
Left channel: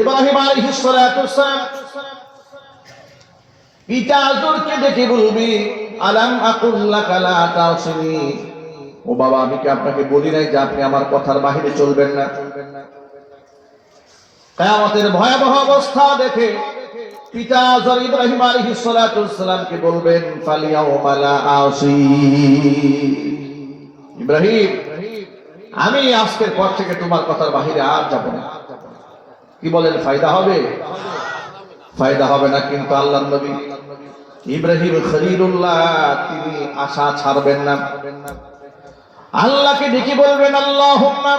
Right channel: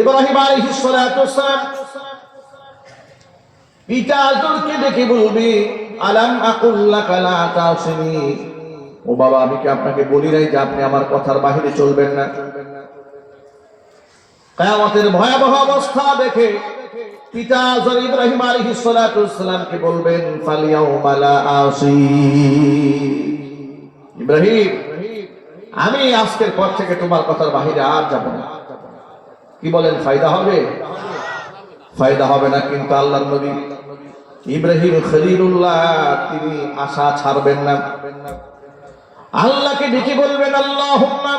ইব্রাহিম আলাইহিস সালাতু ওয়াসসালাম পিতা আযরকে দেখে বলবে, আলাম আকুল লাকা লা তাসিনি। ও বাবা, আমি কি আপনাকে বলি নাই যে আপনি আমার কথার বাইরে চলবেন না? কিয়ামতের ভয়াবহ অবস্থা দেখে পিতা হযরত ইব্রাহিম আলাইহিস সালাতু ওয়াস সালামকে বলবেন ফালিয়াউমা লা আসি, ইব্রাহিম আমি আজকের পর থেকে তোমার কথার বাহিরে আর যাব না। কি বলেন, ফায়দা হবে? ফায়দা হবে না। কিন্তু আল্লাহর নবী ইব্রাহিম খলিলুল্লাহ তিনি আশা ছাড়বেন না। আল্লাহকে ডেকে বলবেন আল্লাহুম্মা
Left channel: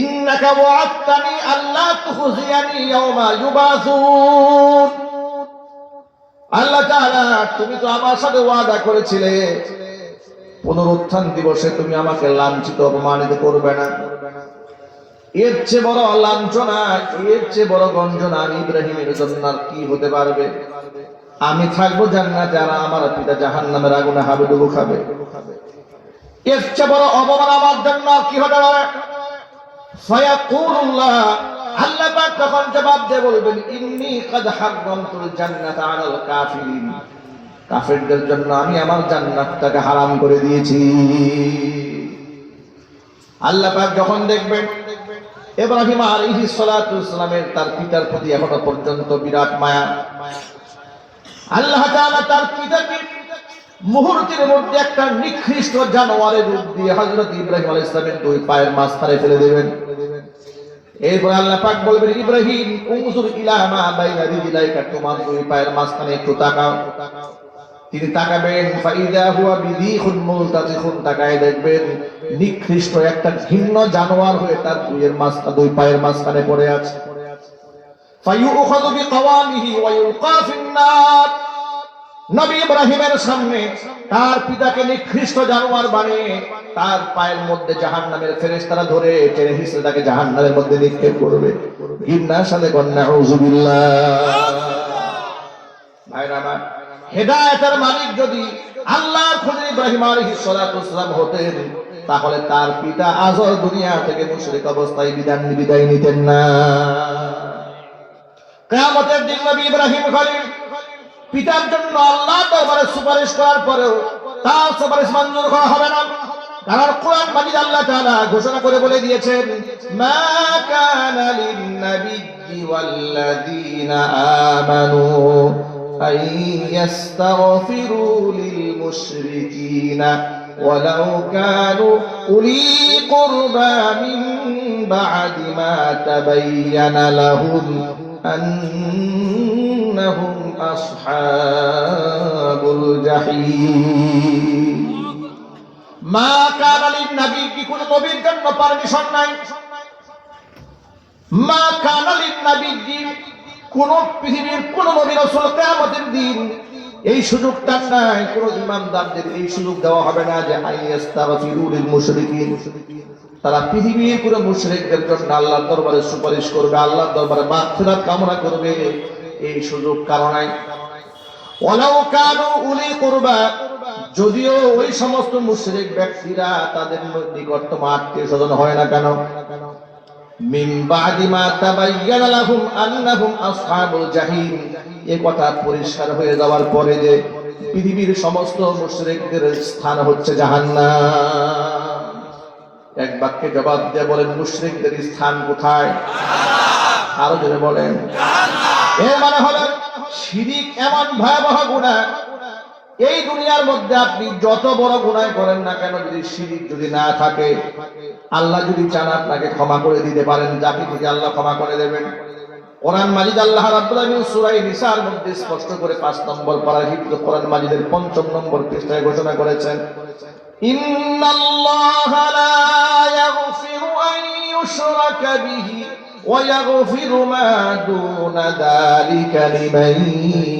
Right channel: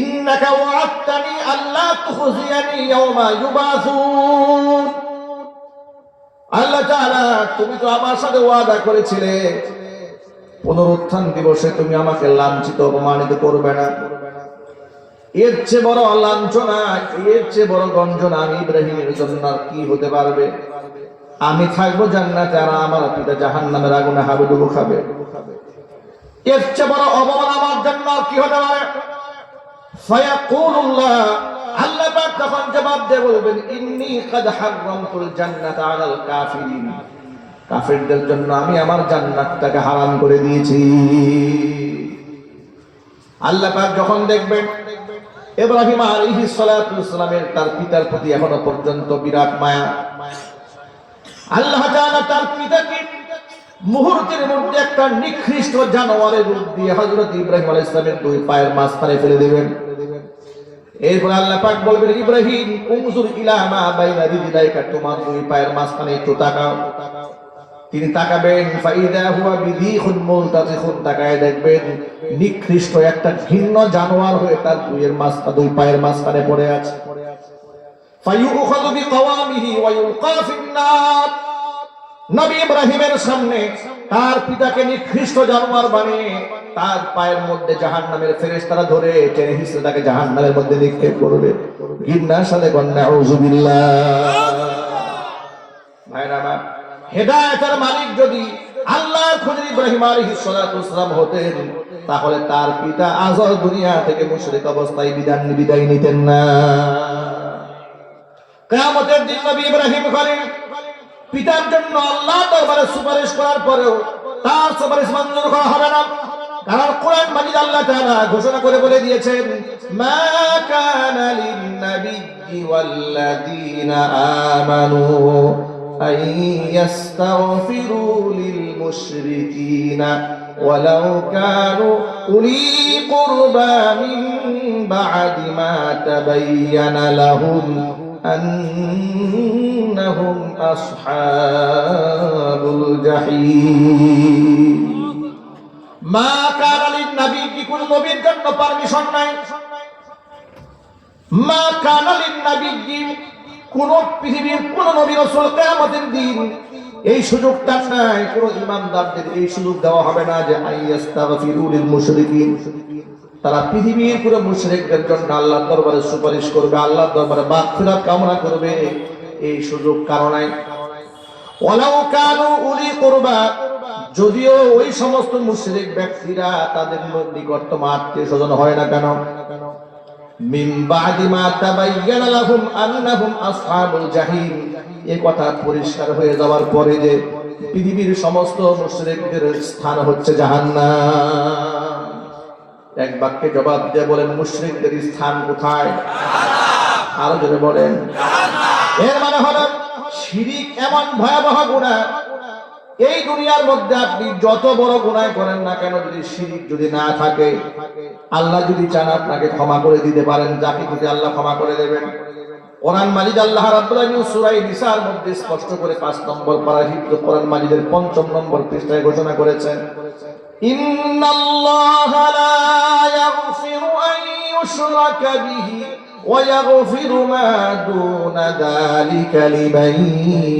ইন্নাকা ওয়া'আদতানি আল্লা তুখজিয়ানি ইয়াওমা ইউবাসুন। আল্লাহ তাআলা তুমি তো আমার সাথে ওয়াদা করেছিলে পুনরুত্থান দিবসে তুমি আমাকে লাঞ্ছিত অপমানিত করবে না। এর চেয়ে বড় লাঞ্ছনা, এর চেয়ে বড় গঞ্জনা আমি ইব্রাহিমের জন্য আর কি হতে পারবে? আমি থাকবো জান্নাতে আর আমার পিতা জাহান্নামের আগুনে হাবুডুবু খাবে। এর চেয়ে বড় অপমান আমার জন্য আর কি হতে পারে? ফায়াকুলুল্লাহ, আল্লাহ পাক তখন জবাব দিয়ে বলবেন ইন্নী কাদ হারামতুল জান্নাতা আলাল কাফিরিন, কাফেরদের জন্য আমি আমার জান্নাতটাকে হারাম করে দিয়েছি। আল্লাহ পাক যখন দেখবেন ইব্রাহিম আলাইহিস সালাতু ওয়াস সালামের তার পিতার প্রতি এখনো পর্যন্ত বিরাট মায়া, আল্লাহ তাআলা তার পিতাকে মুহূর্তের মধ্যে একটা নিকৃষ্ট জানোয়ারের রূপ দিয়ে হযরত ইব্রাহিম আলাইহিস সালামের দুই পায়ের মাঝখানে ফেলে দেবেন। এরপর আল্লাহ পাক বলবেন ইব্রাহিম উনজুর ইলা মা বাইনা রিজলাইকা, তোমার দুই পায়ের মাঝখানে একটু তাকাও। তিনি তাকাবেন ফাইদা হুয়া বিদিখুন মুলতাতিখুন, তাকায় দেখবেন নিকৃষ্ট একটা ঘৃণ্য জানোয়ার হয়ে তার দুই পায়ের মাঝখানে পড়ে আছে। ফায়ুখাযু বিকাওয়ামিহি ওয়া ইউলকা ফিন-নার, নবী ইব্রাহিমের সামনে তার পিতাকে নিকৃষ্ট জানোয়ার বানিয়ে তার পায়ের মধ্যে জাহান্নামের ফেরেশতারা ধরে টেনে হিঁচড়ে তাকে জাহান্নামের মধ্যে নিক্ষেপ করবে। ঘৃণার সাথে নাউযুবিল্লাহ। ভাইরা, হেদায়েতের মালিক যদি আল্লাহর খলিল ইব্রাহিম আলাইহিস সালাতু ওয়াস সালাম হতেন তাহলে তার পিতা আজর দুনিয়া থেকে মুশরিক অবস্থায় বিদায় নিতেন না। কিয়ামতের দিন নবী ইব্রাহিম খলিল পিতার জন্য আল্লাহর দরবারে সুপারিশ করার পরেও তার সুপারিশ মঞ্জুর করা হবে না। কারণ কোরআন মাজিদ আল্লাহ তাআলা ঘোষণা করে বলে দিয়েছেন মা কানা লিন নাবিয়্যি ওয়াল্লাযীনা আমানু আন ইস্তাগফিরু লিল মুশরিকিনা ওয়ালাউ কানু উলি কুরবা মিন বা'দি মা তাবায়্যানা লাহুম আন্নাহুম আসহাবুল জাহিম। মা কানা লিন নবী, কি কোন নবীর জন্য পারমিশন নাই। মা কানা লিন নবী, কোন পৃথিবীর কোন নবী রাসূল কিয়ামতের দিন এই সুযোগটা নাই, কোন ঈমানদারদের এই সুযোগ দেওয়া হবে না যে আইয়াস্তাগফিরু লিল মুশরিকিন, তারা পৃথিবীর কোন মুশরিকদের জন্য আল্লাহর দরবারে সুপারিশ করবে, আল্লাহর দরবারে মাগফিরাত কামনা করবে, এই সুযোগ কারো নাই। ওয়ালাউ কানু উলি কুরবা, যদিও ওই সমস্ত মুশরিক ব্যক্তিরা তাদের নিকটতম আত্মীয়স্বজন হয় না কেন, মিন বাদি মা তাবায়্যানা লাহুম আন্নাহুম আসহাবুল জাহিম, এই কথা পরিষ্কার হয়ে যাওয়ার পরে যে পৃথিবীর সমস্ত মুশরিকদের স্থান হচ্ছে জাহান্নাম, এক বাক্যে জবাব দিয়ে বলেন মুশরিকদের স্থান কোথায়? আরো জোরে বলেন জাহান্নাম। এর মানে হলো শিরিক এমন ভয়াবহ গুনাহ, এই দুনিয়ার মধ্যে আপনি যত বড় গুনাহ করেন না কেন, যদি শিরিক যদি না থাকে, আল্লাহ যদি চান আপনাকে ক্ষমা করে দিতে পারেন, যাকে খুশি আল্লাহ ক্ষমা করে দেবেন। কোরআন মাজিদ আল্লাহ রাব্বুল আলামিন সূরা নিসার মধ্যে স্পষ্ট করে 5 নম্বর পারা হিফজ কোরআন মাজিদের 5 নম্বর পৃষ্ঠায় ঘোষণা করেছেন ইন্নাল্লাহা লা ইয়াগফিরু আন ইউশরাকা বিহি ওয়া ইয়াগফিরু মা দুনা যালিকা লিমান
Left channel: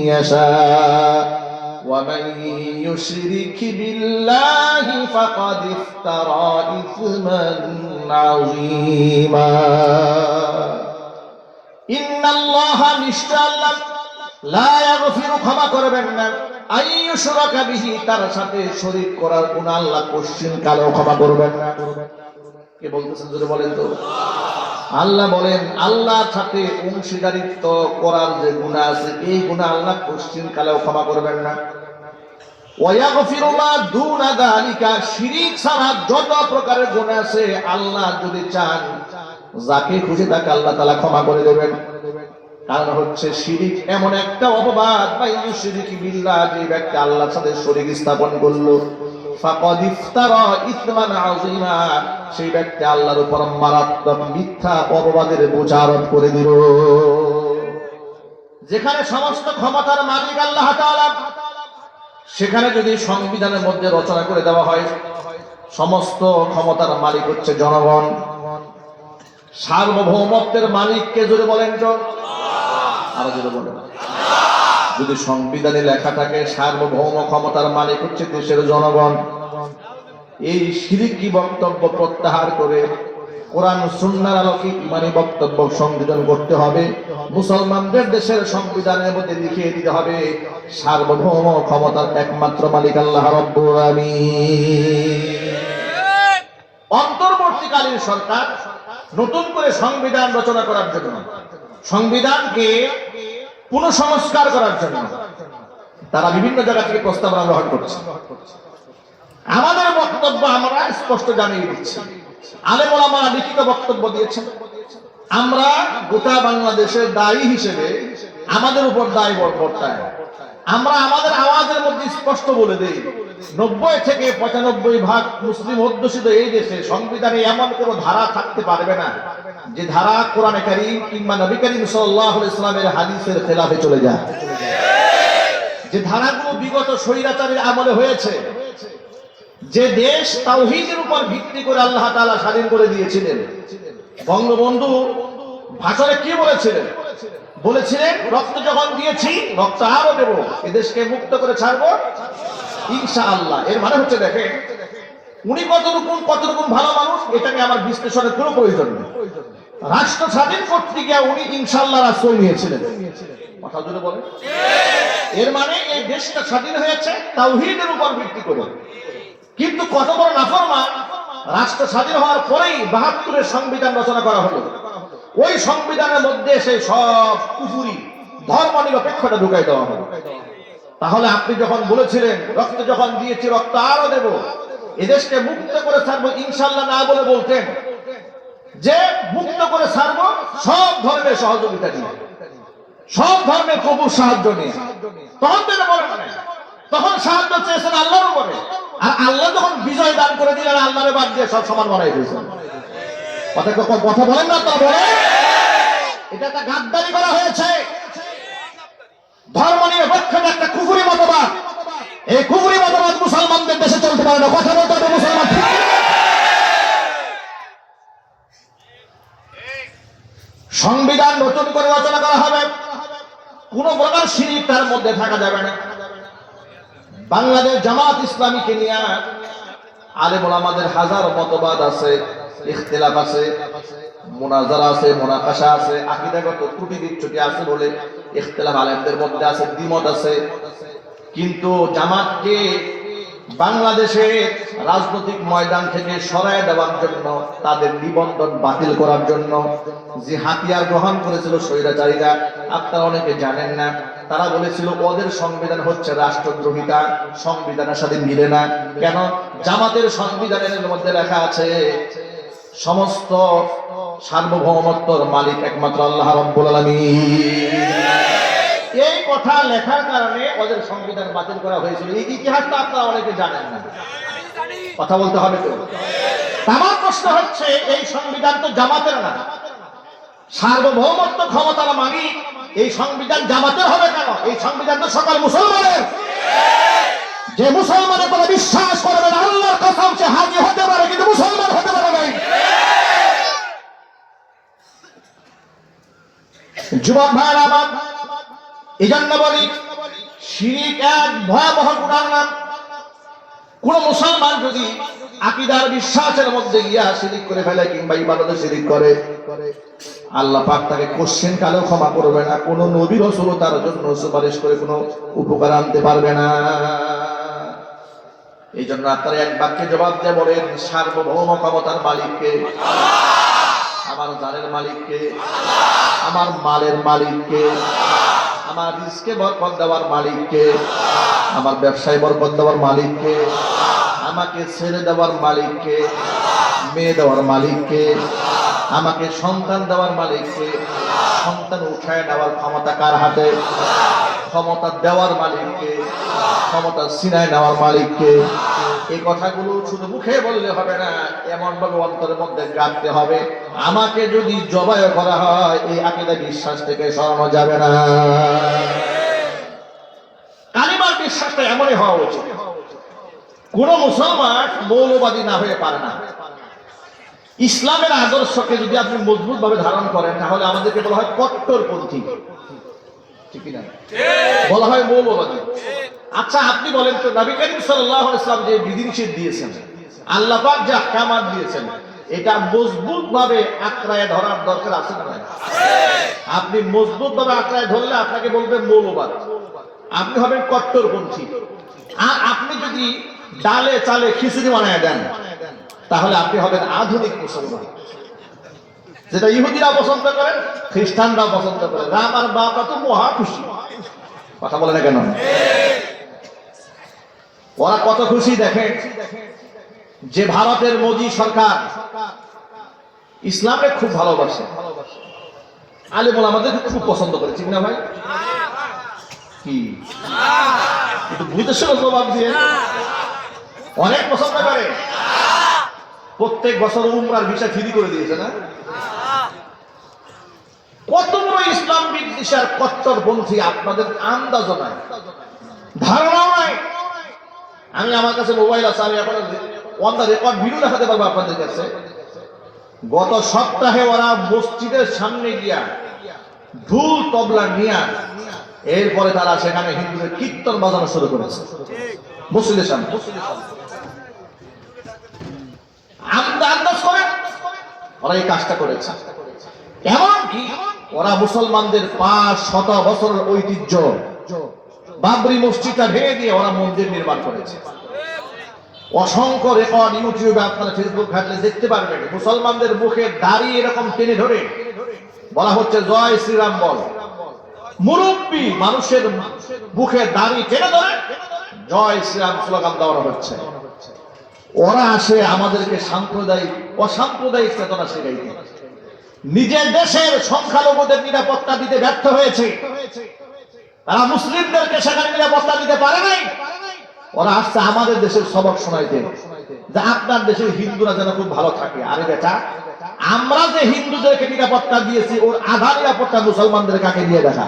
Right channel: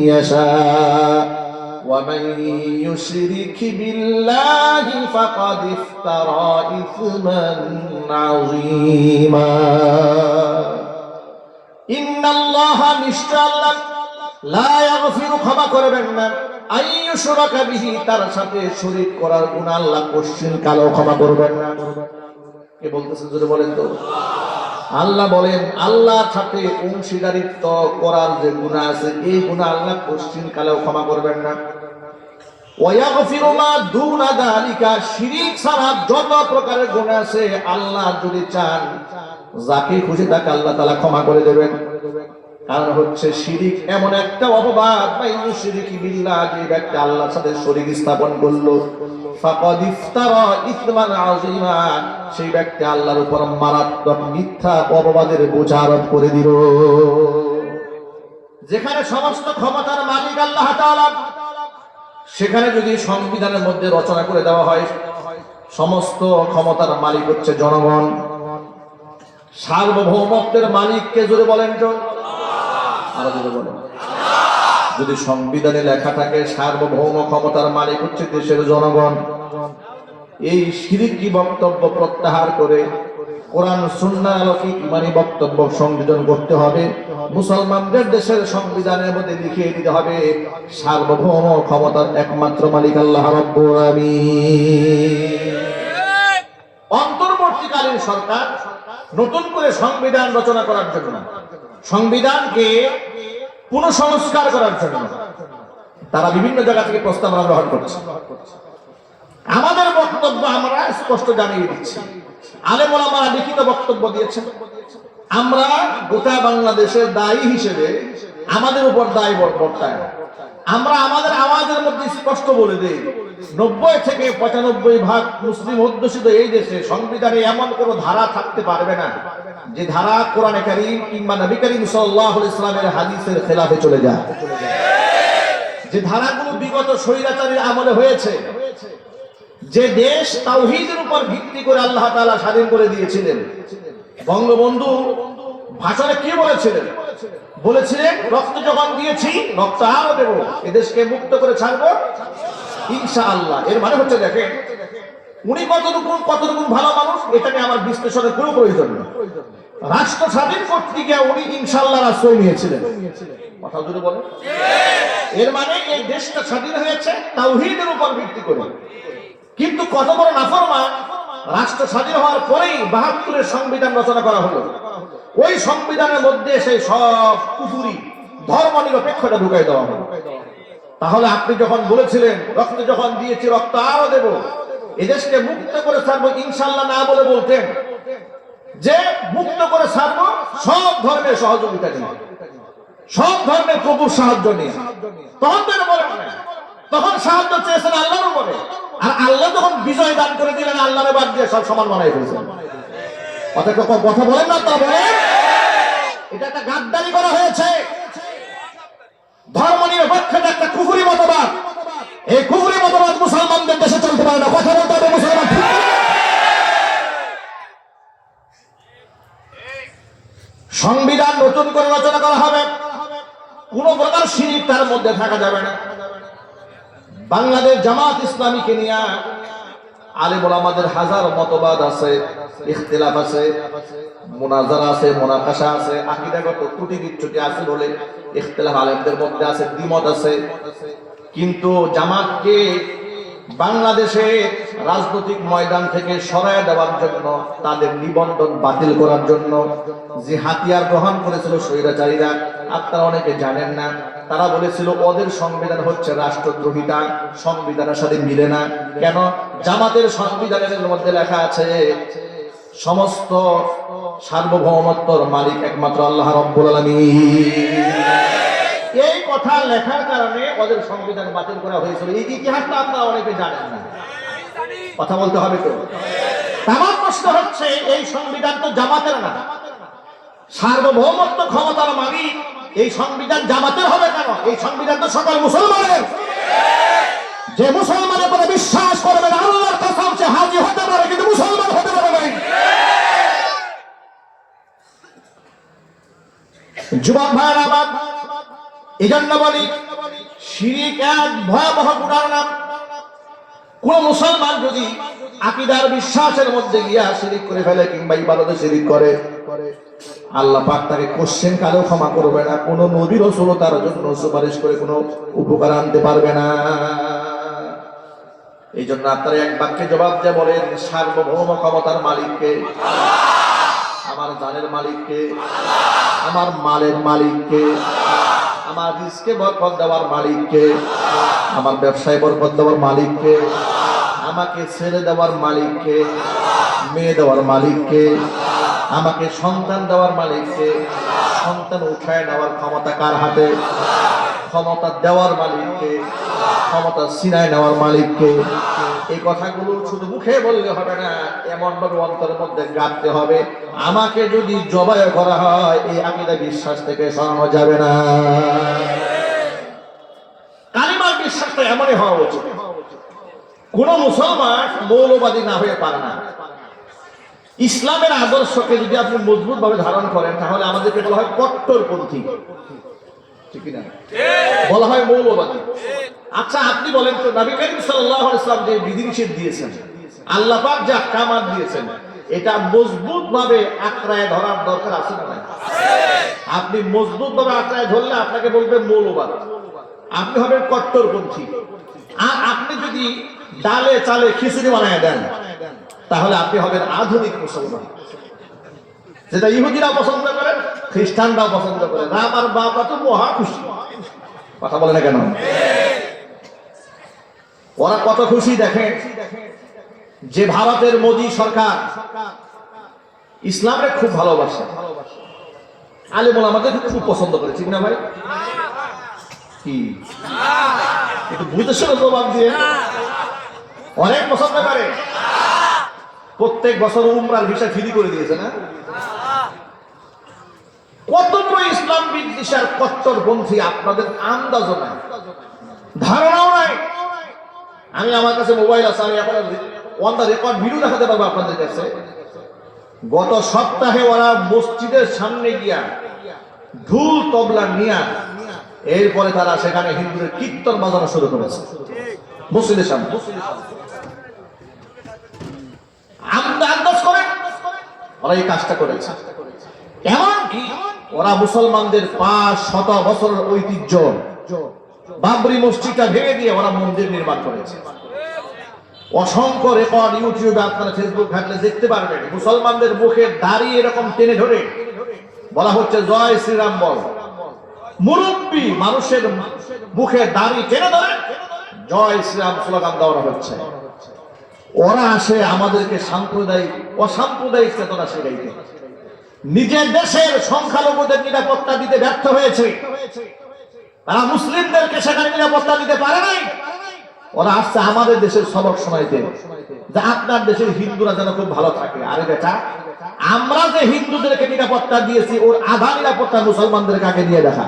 ইয়াশা ومن يشرك بالله فقد افترى إثما عظيما إن الله نشتاء لا يغفر ক্ষমা করবেন না আন ইউশরাকা বিহি, তার সাথে শরীক করার গুনাহ আল্লাহ কোশ্চিন কালেও ক্ষমা করবেন না। কে বলতেছেন জোরে বলেন তো? আল্লাহ বলেন আল্লাহর সাথে অংশীদারিত্ব করার যে গুনাহ আছে এই গুনাহ আল্লাহ কোশ্চিন কালেও ক্ষমা করবেন না। ওয়ায়াগফিরু মা দুনা যালিকা, শিরক ছাড়া যত প্রকারের গুনাহ আছে আল্লাহ যদি চান যাকে খুশি তাকে আল্লাহ তাআলা ক্ষমা করে দেবেন। কারণ হচ্ছে শিরিক এমন একটা অপবাদ, মাইয়ু শিরিকি বিল্লাহ, যে ব্যক্তি আল্লাহর সাথে শরীক স্থাপন করলো, ফাকাদ ইফতারা ইসমান আযীমা, সেই ব্যক্তি আল্লাহর উপর মারাত্মক মিথ্যা অপবাদের বোঝা আরোপ করে দিল। যেখানে সমস্ত ক্ষমতার মালিক আল্লাহ তাআলা, সেখানে যদি সংবিধানের মধ্যে রচনা করে দেওয়া হয় সমস্ত ক্ষমতার মালিক হচ্ছে জনগণ, সার্বভৌমত্বের মালিককে জোরে বলেন তো, আর জোরে বলেন। যদি সংবিধানে লেখা থাকে সার্বভৌম ক্ষমতার মালিক হচ্ছে দেশের জনগণ, এই শিরকি বক্তব্য প্রত্যাহার করে কোরআন সুন্নাহর আলোকে ইমানি বক্তব্য সংযোজন করতে হবে। মুসলমানদের দেশের সংবিধানের মধ্যে লিখিয়ে দিতে হবে সার্বভৌম ক্ষমতার একমাত্র মালিক আল্লাহ রাব্বুল আলামিন। অন্তর্বর্তীকালীন সরকার নতুন করে সংবিধান রচনা করার জন্য, সংবিধানকে পুনঃসংস্কার করার জন্য তারা বিভিন্ন জায়গা থেকে প্রস্তাব গ্রহণ করছে। আমাদের বক্তব্য আমরা স্পষ্ট জানিয়ে দিচ্ছি, আলেম ওলামারা লিখিত বক্তব্য দিয়েছেন। আমরা গোটা বাংলাদেশের দায়ী হিসেবে আমাদের উপর দায় বর্তায়। আমরা আমাদের আওয়াজের মধ্যে স্পষ্ট বলে দেই, 90 থেকে 95% মুসলিম অধ্যুষিত এই দেশে সংবিধানে এমন কোন ধারা থাকতে পারবে না যে ধারা কোরআনে কারীম কিংবা নবী করিম সাল্লাল্লাহু আলাইহি ওয়াসাল্লামের হাদিসের খেলাফে চলে যায়। যে ধারাগুলো বিগত স্বৈরাচারীর আমলে হয়েছে, যে দেশ তাওহীদের উপর ভিত্তি করে আল্লাহ তাআলা স্বাধীন করে দিয়েছিলেন। বঙ্গবন্ধু ভাষণে কি বলেছিলেন? বলেছিলেন রক্ত যখন দিয়েছি রক্ত আরো দেব, এদেশকে মুক্ত করে ছাড়বো ইনশাআল্লাহ। এর মানে হচ্ছে দেখেন উনি কতটুকু ভালো মানুষ, এটা নিয়ে আমার বিশ্লেষণের কোনো প্রয়োজন নেই। রাষ্ট্র স্বাধীন করতে গিয়ে উনি ইনশাআল্লাহ আশ্রয় নিয়েছিলেন। কথা জুড়ে বলেন। এর মানে এই দেশটা স্বাধীন হয়েছে তাওহীদের উপর ভিত্তি করে। কিন্তু কত বড় নাফরমান, রাষ্ট্র স্বাধীন হওয়ার পরেই ৭২-এর সংবিধান রচনা করা হলো। ওই সংবিধানের মধ্যে সেই সব কুফরি ধর্ম নিরপেক্ষতা ঢুকাই দেওয়া হলো। তাহলে আপনি যখন বলেছিলেন রক্ত যখন দিয়েছি রক্ত আরো দেব, এদেশকে মুক্ত করে ছাড়বো ইনশাআল্লাহ না বলে বলতেন যে মুক্ত করে ছাড়বো সব ধর্মের সহযোগিতা নিয়ে, সব ধর্মের প্রভুর সাহায্য নিয়ে। তখন তো বলেন না, তখন সাহায্য চেয়েছেন আল্লাহর উপরে, আর আল্লাহ যখন বিজয় দান করে দিলেন আল্লাহর বাদ দিয়ে সব সমান বানাই ফেলছেন। কথা বলেন না, তা বলেন। এটা একটা গাদ্দারি করা হয়েছে। ধর্ম নিরপেক্ষতা একটা কুফরি মতবাদ। এই কুফরি মতবাদ মুসলমানদের দেশে চলতে পারে না। কথা বলতে হবে মুসলমান। সংবিধান নতুন করে রচনা করা হবে, কোন প্রকার শিরিক তার মধ্যে থাকা যাবে না। বাংলাদেশ জামাত ইসলামীকে নিয়ে আলেম ওলামাদের হাজার মতবাদ আছে, ইখতিলাফ আছে, মুনাজারা আছে, মুনাকাশা আছে, আকীদাগত ত্রুটি বিচ্যুতি আছে বলে ইখতিলাফ আলেমদের মধ্যে আছে, দ্বিমত আছে। কিন্তু জামাতকে বাংলাদেশের রাজনৈতিক ময়দান থেকে সরায় দেওয়ার জন্য, তাদের নিবন্ধন বাতিল করার জন্য যে হাতিয়ার গ্রহণ করেছিল স্বৈরাচারীরা, আপনারা অনেকে জানেন না, তারা বলেছিল ওদের সংবিধান হচ্ছে রাষ্ট্রদ্রোহিতা, সংবিধানের সাথে মিলে না। কেন? জামাতের সংবিধানের মধ্যে লেখা আছে সমস্ত সার্বভৌমত্বর মালিক একমাত্র আল্লাহ রাব্বুল আলামিন। এই কথা লেখার কারণে ওদের সংবিধান বাতিল করা হয়েছিল। এই ইতিহাসটা আপনারা অনেকে জানেন না। কথা বলতে হবে তো। আমার প্রশ্ন হচ্ছে এই সংবিধান তো জামাতের না, সার্বভৌমত্ব ক্ষমতার মালিক এই সংবিধান জামাতের হবে কেন? এই সংবিধান তো সকল মুসলমানের। যে মুসলমানের কোনো বিশ্বাস করবে না আল্লাহর কসম সে হাজী হতে পারে কিন্তু মুসলমান হতে পারে না। যুবক ভাইরা আমার, এজন্য বলি শিরিক এক ভয়াবহ ধারণা। কোন মুসলমান যদি আকীদার বিশ্বাসের মধ্যে গিয়া শিরিক করে ফেলে কিংবা ইবাদতে শিরিক করে, আল্লাহ পাক তাকে কোশ্চেন কালেও ক্ষমা করবে না। কোন নবী রাসূল তার জন্য সুপারিশ করে কোনো উপকার আনতে পারবে না। এই জন্য আপনারা এক বাক্যে জবাব দিয়ে বলেন সার্বভৌম ক্ষমতার মালিককে, আমার জানের মালিককে, আমার মালের মালিককে, আমার রিজকে বরকত দেওয়ার মালিককে, আমার ব্যবসায় বরকত দেওয়ার মালিককে, আমাকে ছেলে দেওয়ার মালিককে, মেয়ে দেওয়ার মালিককে, আমাকে সন্তান দেওয়ার মালিককে। সন্তান উঠায় নেওয়ার ক্ষমতা কার হাতে? ক্ষমতা দেওয়ার মালিককে, ক্ষমতা ছিনায় নেওয়ার মালিককে। এই কথাগুলো শুধু মুখে বললে হবে না, এমন ভাবে অন্তরের মধ্যে গাঁথতে হবে। আমাকে যদি জবাই করা হয়, এই আকীদা বিশ্বাস থেকে সরানো যাবে না। কালিমার বিশ্বাসটা এমনই হওয়া উচিত। কোন মুসলমান মৌলবাদী না হয়ে পারে না। ইসলামের আদর্শকে যদি আপনি মজবুত ভাবে ধারণ করেন, তাহলে আমাদেরকে বলা হয় কট্টরপন্থী, ঠিক না? বলা হয় মৌলবাদী। আচ্ছা, আপনি বলেন তো, নবী করিম সাল্লাল্লাহু আলাইহি ওয়াসাল্লাম যে বিধিনিষেধ দিয়েছেন, আল্লাহ পাক যে আহকামাত দিয়েছেন, এটা মজবুত ভাবে আঁকড়ায় ধরার দরকার আছে না? আপনি মজবুত ভাবে আঁকড়ায় ধরলে আপনাকে বলবেন মৌলবাদ, আপনি হবেন কট্টরপন্থী। আর আপনি যদি ডালে চালে খিচুড়ি বানায় দেন, তাহলে আপনি হবেন আধুনিক মুসলমান, যেটা ইহুদিরা পছন্দ করেন, খ্রিস্টানরা পছন্দ করেন। আমার বাবা তো মহা খুশি, কথা বলে না কেন? ওরা কত খুশি দেখেন যে ভারতের মোদী সরকার ইসলামকে খুব ভালোবাসে, আলেম ওলামাদের খুব পছন্দ করে, ঠিক না ভাই? কি একটু ভূতেশ্বর প্রভাব দিয়ে অনেক পছন্দ করে। প্রত্যেক বছর উমরার ভিসা ফ্রি করে দিয়েছে না? কত বড় ইসলাম বিদ্বেষী আর কট্টরপন্থী আপনাদের আন্দাজ নাই, ধারণাও নাই। আমি, আমার কাছে মোবাইল আছে, আমি এখন অন দা রেকর্ড ভিডিও দেখাতে পারবো আপনাদের কাছে। গত সপ্তাহে ওরা মসজিদের সামনে গিয়া ঢোল তবলা নিয়া, এরপরে তারা সেখানে হিন্দুদের কীর্তন বাজানো শুরু করেছে মসজিদের সামনে। আন্দাজ করেন ওরা এই কাজটা করেছে। এমনকি ওরা মুসলমানদের 500 বছরের ঐতিহ্য বাবরি মসজিদটা ভেঙে দিয়ে ওরা মন্দির নির্মাণ করেছে। অসংখ্য রেকর্ড ইউটিউবে, আপনারা ফেসবুক ঘাটলে দেখতে পারবেন। মুসলমানদের মুখে দাড়ি এরকম টেনে ধরে বলা হচ্ছে জয় শ্রীরাম বল। মুরব্বী মানুষের মুখে দাড়ি টেনে ধরে জয় শ্রীরাম স্লোগান দেওয়া হচ্ছে। ওরা আসে আমাদেরকে সাম্প্রদায়িক অসাম্প্রদায়িক চেতনা শেখাইতে। নিজের দেশের সংখ্যালঘুদের নিরাপত্তা দিতে ব্যর্থ হয়েছে, তারা মুসলিমদেরকে সেখানে নিরাপত্তা দিতে পারে নাই। ওরা আসছে আমাদের দেশের সবক শোনাইতে যে আপনার দেশের হিন্দুরা যেন খুব ভালো থাকে। আরে বেটা, আমরা যে হিন্দুদেরকে নিরাপত্তা দিয়েছি, ওর আধা নিরাপত্তা মুসলমানদের কাকে দিয়ে দেখা?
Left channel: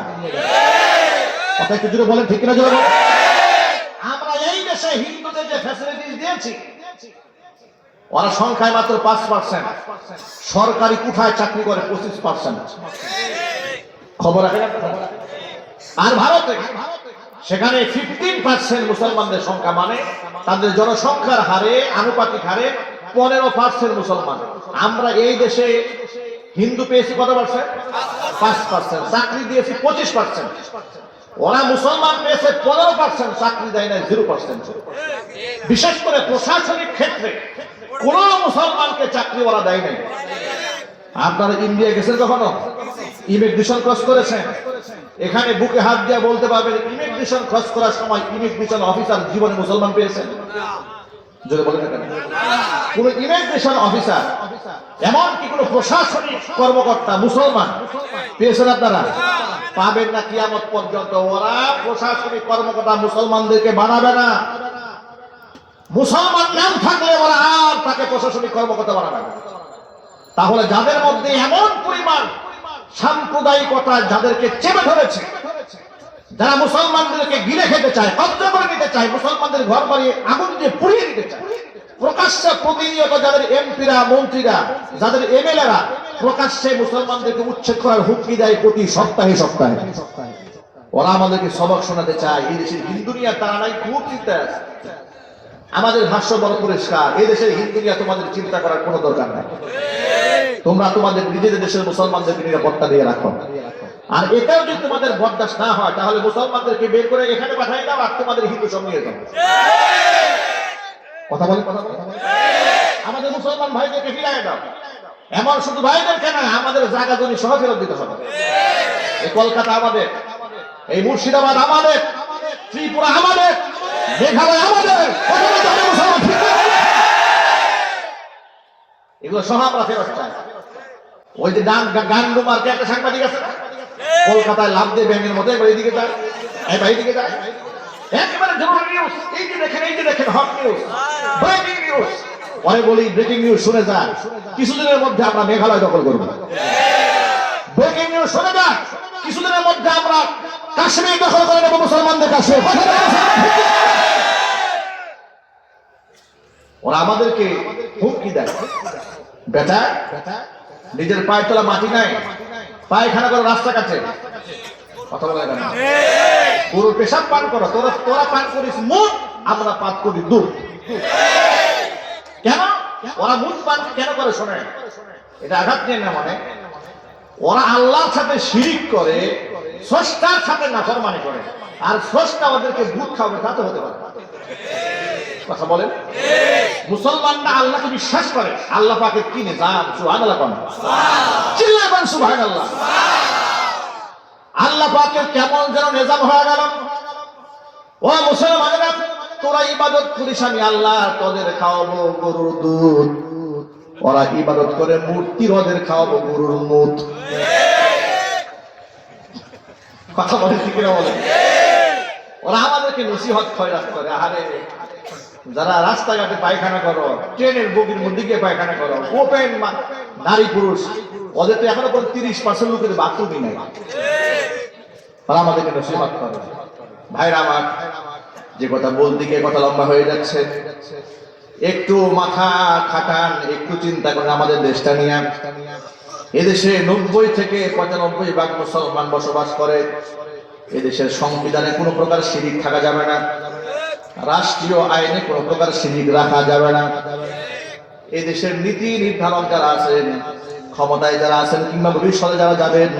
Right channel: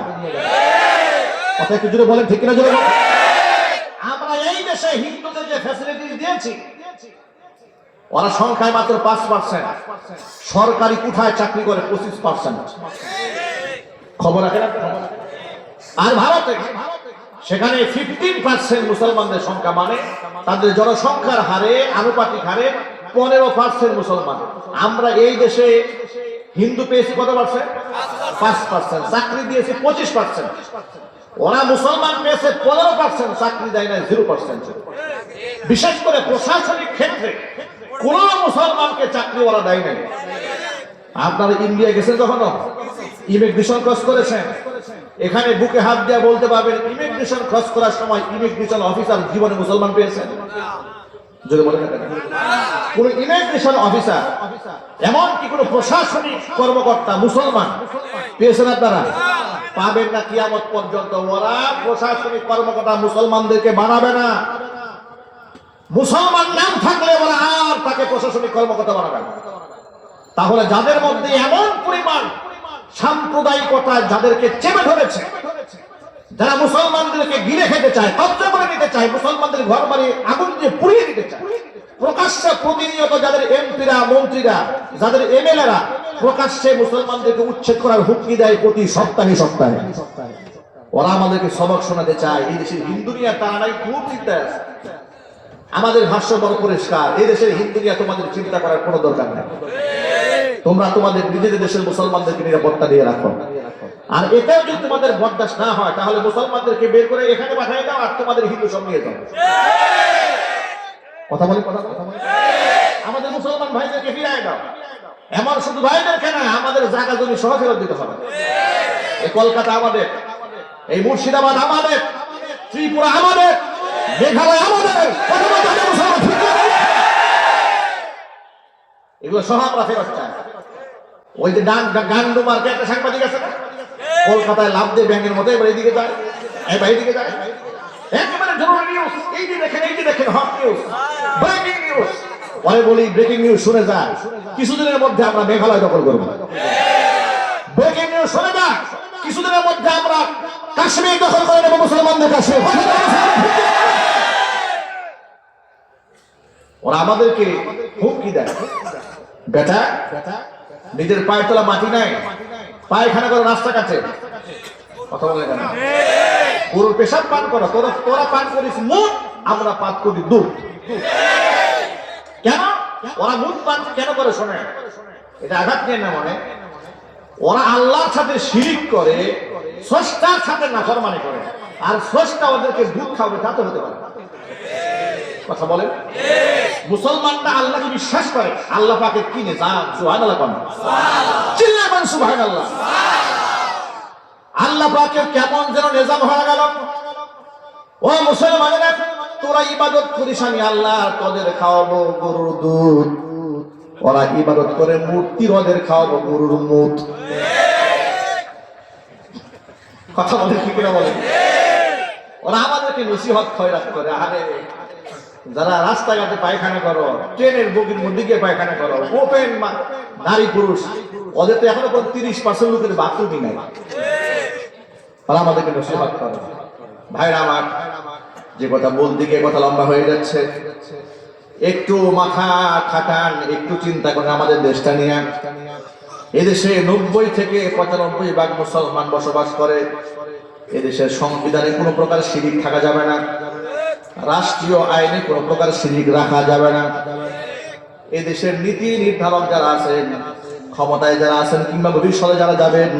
কথা একটু জোরে বলেন, ঠিক কিনা? জোরে। আমরা এই দেশে হিন্দুদের যে ফ্যাসিলিটিস দিয়েছি, ওরা সংখ্যায় মাত্র 5%, সরকারি কোঠায় চাকরি করে 25%। খবর রাখেন। আর ভারতে সেখানে 15% মুসলমানদের সংখ্যা, মানে তাদের জনসংখ্যার হারে আনুপাতিক হারে 15% মুসলমান। আমরা এই দেশে হিন্দু পেয়েছি কত পার্সেন্ট? 5%। চাকরি দিয়েছি 25%। ওরা মুসলমান পেয়েছে 15%, চাকরি দেয় না 0%। বিশেষ করে প্রশাসনিক ক্ষেত্রে কোন মুসলমানকে চাকরি ওরা দেয় নাই। আপনারা ইন্ডিয়া গেছেন কখনো? ইমিগ্রেশন ক্রস করেছেন? এখানে বুকে হাত দিয়ে বলতে পারবেন ইমিগ্রেশন ক্রস করার সময় ইমিগ্রেশন অফিসার জীবনে মুসলমান পেয়েছেন? জোরে বলেন না কেন? কোন ইমিগ্রেশন অফিসার, এমনকি কোন প্রশাসনিক কর্মকর্তা মুসলমান পেয়েছেন আপনারা? পাবেন না কিয়ামত পর্যন্ত। ওরা প্রশাসনিক কর্মকর্তা মুসলমানদেরকে বানাবে না। মুসলমান নাম থাকলে ওরা আর তাকে প্রশাসনিক কর্মকর্তা বানাবে না। তাহলে যাদের মধ্যে এমন পরিমাণ সাম্প্রদায়িকতা যাদেরকে চেপে ধরেছে, যারা মুসলমানদেরকে গিলে খেতে চায়, কব্জা করে নিতে চায়, মুসলমানদের ঘর বাড়ি আগুন দিয়ে পুড়িয়ে দিতে চায়, প্রকাশ্যে প্রতিনিয়ত যাদের এমপিরা, মন্ত্রীরা, যাদের এমএলএরা প্রকাশ্যে মুসলমানদেরকে উচ্ছেদ করার হুমকি দেয় প্রতি সপ্তাহে সপ্তাহে, ওরা আমাদেরকে সবক শোনাতে চায়। এই দেশের হিন্দু নিয়ে তারা নাই খুব চিন্তা আছে। আমাদের ভাষ্য বড় পরিষ্কার, এই দেশের হিন্দু নিয়ে তোমাদের চিন্তা করার কোনো দরকার নেই। তোমরা তোমাদের নিজেদের দেশের মুসলমানদেরকে নিরাপত্তা দিয়ে রাখো। আর এটাও যদি তোমাদের বরদাস্ত না হয়, তাহলে মুসলমানদেরকে বের করে এখানে পাঠাই দাও, আর তোমাদের হিন্দু সব নিয়ে যাও। কথা বল, কথা বল। আমাদের মুসলমান ভাইদেরকে ফিরাই দাও। এমন শুধু ভাইদেরকে না, আমাদের জায়গা জমি সহ ফেরত দিতে হবে। এই কলকাতা আমাদের, এই মুর্শিদাবাদ আমাদের, ত্রিপুরা আমাদের, মেঘালয় আমাদের, এগুলো সহ আমরা ফেরত চাই। ওই যে গান্ডু মার্কে একটা সাংবাদিক আছে না, কলকাতায় লাভ দিয়ে ব্যাংকের মতো এবার এইদিকে যায়, এইদিকে যায়, একেবারে জরুরি নিউজ, এই যে দেখেন হট নিউজ, ব্রেকিং নিউজ। পরে বলি ব্রেকিং নিউজ শুনে যান, কিছুদিনের মধ্যে আমরা মেঘালয় দখল করবো। ব্রেকিং নিউজ শুনে যান, কিছুদিনের মধ্যে আমরা কাশ্মীর দখল করে নেব, মুসলমানদের কাছে। ওরা আমাদেরকে হুমকি দেয়, বেটা নিজের পায়ে তোলা মাটি নাই, পায়খানা করে রাস্তা কাছে, কথা বলে কেন? পুরো পেশাব পান করো, তোরা পান করিস মুখ, আমরা পান করি দুধ। কেন ওরা মুখ পান কেন করে? শোনে, এটা আঘাত নেই না, মানে ওরা আল্লাহর সাথে শিরিক করে, স্রষ্টার সাথে নাফরমানি করে, আর স্রষ্টা ওদেরকে দুধ খাওয়াবে, তা তো হতে পারে। কথা বলেন, মুসলমানরা আল্লাহকে বিশ্বাস করে, আল্লাহ পাকের কি নিজাম, সুবহানাল্লাহ কোন চিল্লায় বলেন সুবহানাল্লাহ। আল্লাহ পাকের কেমন যেন নিজাম হয়ে গেল। ও মুসলমানেরা, তোরা ইবাদত করিস, আমি আল্লাহ তোদের খাওয়াবো গরুর দুধ, ওরা ইবাদত করে মূর্তির, ওদের খাওয়াবো গরুর মুত। কথা বলে কি করে বলে? ওরা আমাদেরকে নসিহত খয়রাত করে। আরে যারা রাস্তাঘাটে পায়খানা করো, ট্রেনের বগির মধ্যে গিয়ে পায়খানা করো, ওপেন নারী পুরুষ, ওদের তো এখনো 30% লোকের বাথরুমই নাই, ওরা আমাদেরকে নসিহত করে। ভাইরা আমার, যে কথা বলতে গিয়ে কথা লম্বা হয়ে যাচ্ছে, একটু মাথা খাটান, একটু চিন্তা করেন আমাদের দেশটা নিয়ে। এদেশে 90 থেকে 95% মুসলমান বসবাস করে। এদেশের সংবিধানে কোনো প্রকার শিরিক থাকা যাবে না, রাষ্ট্রীয় আইনে কোনো প্রকার শিরিক রাখা যাবে না। এদেশের নীতি নির্ধারক যারা আছেন, ক্ষমতায় যারা আছেন, কিংবা ভবিষ্যতে যারা যাবেন,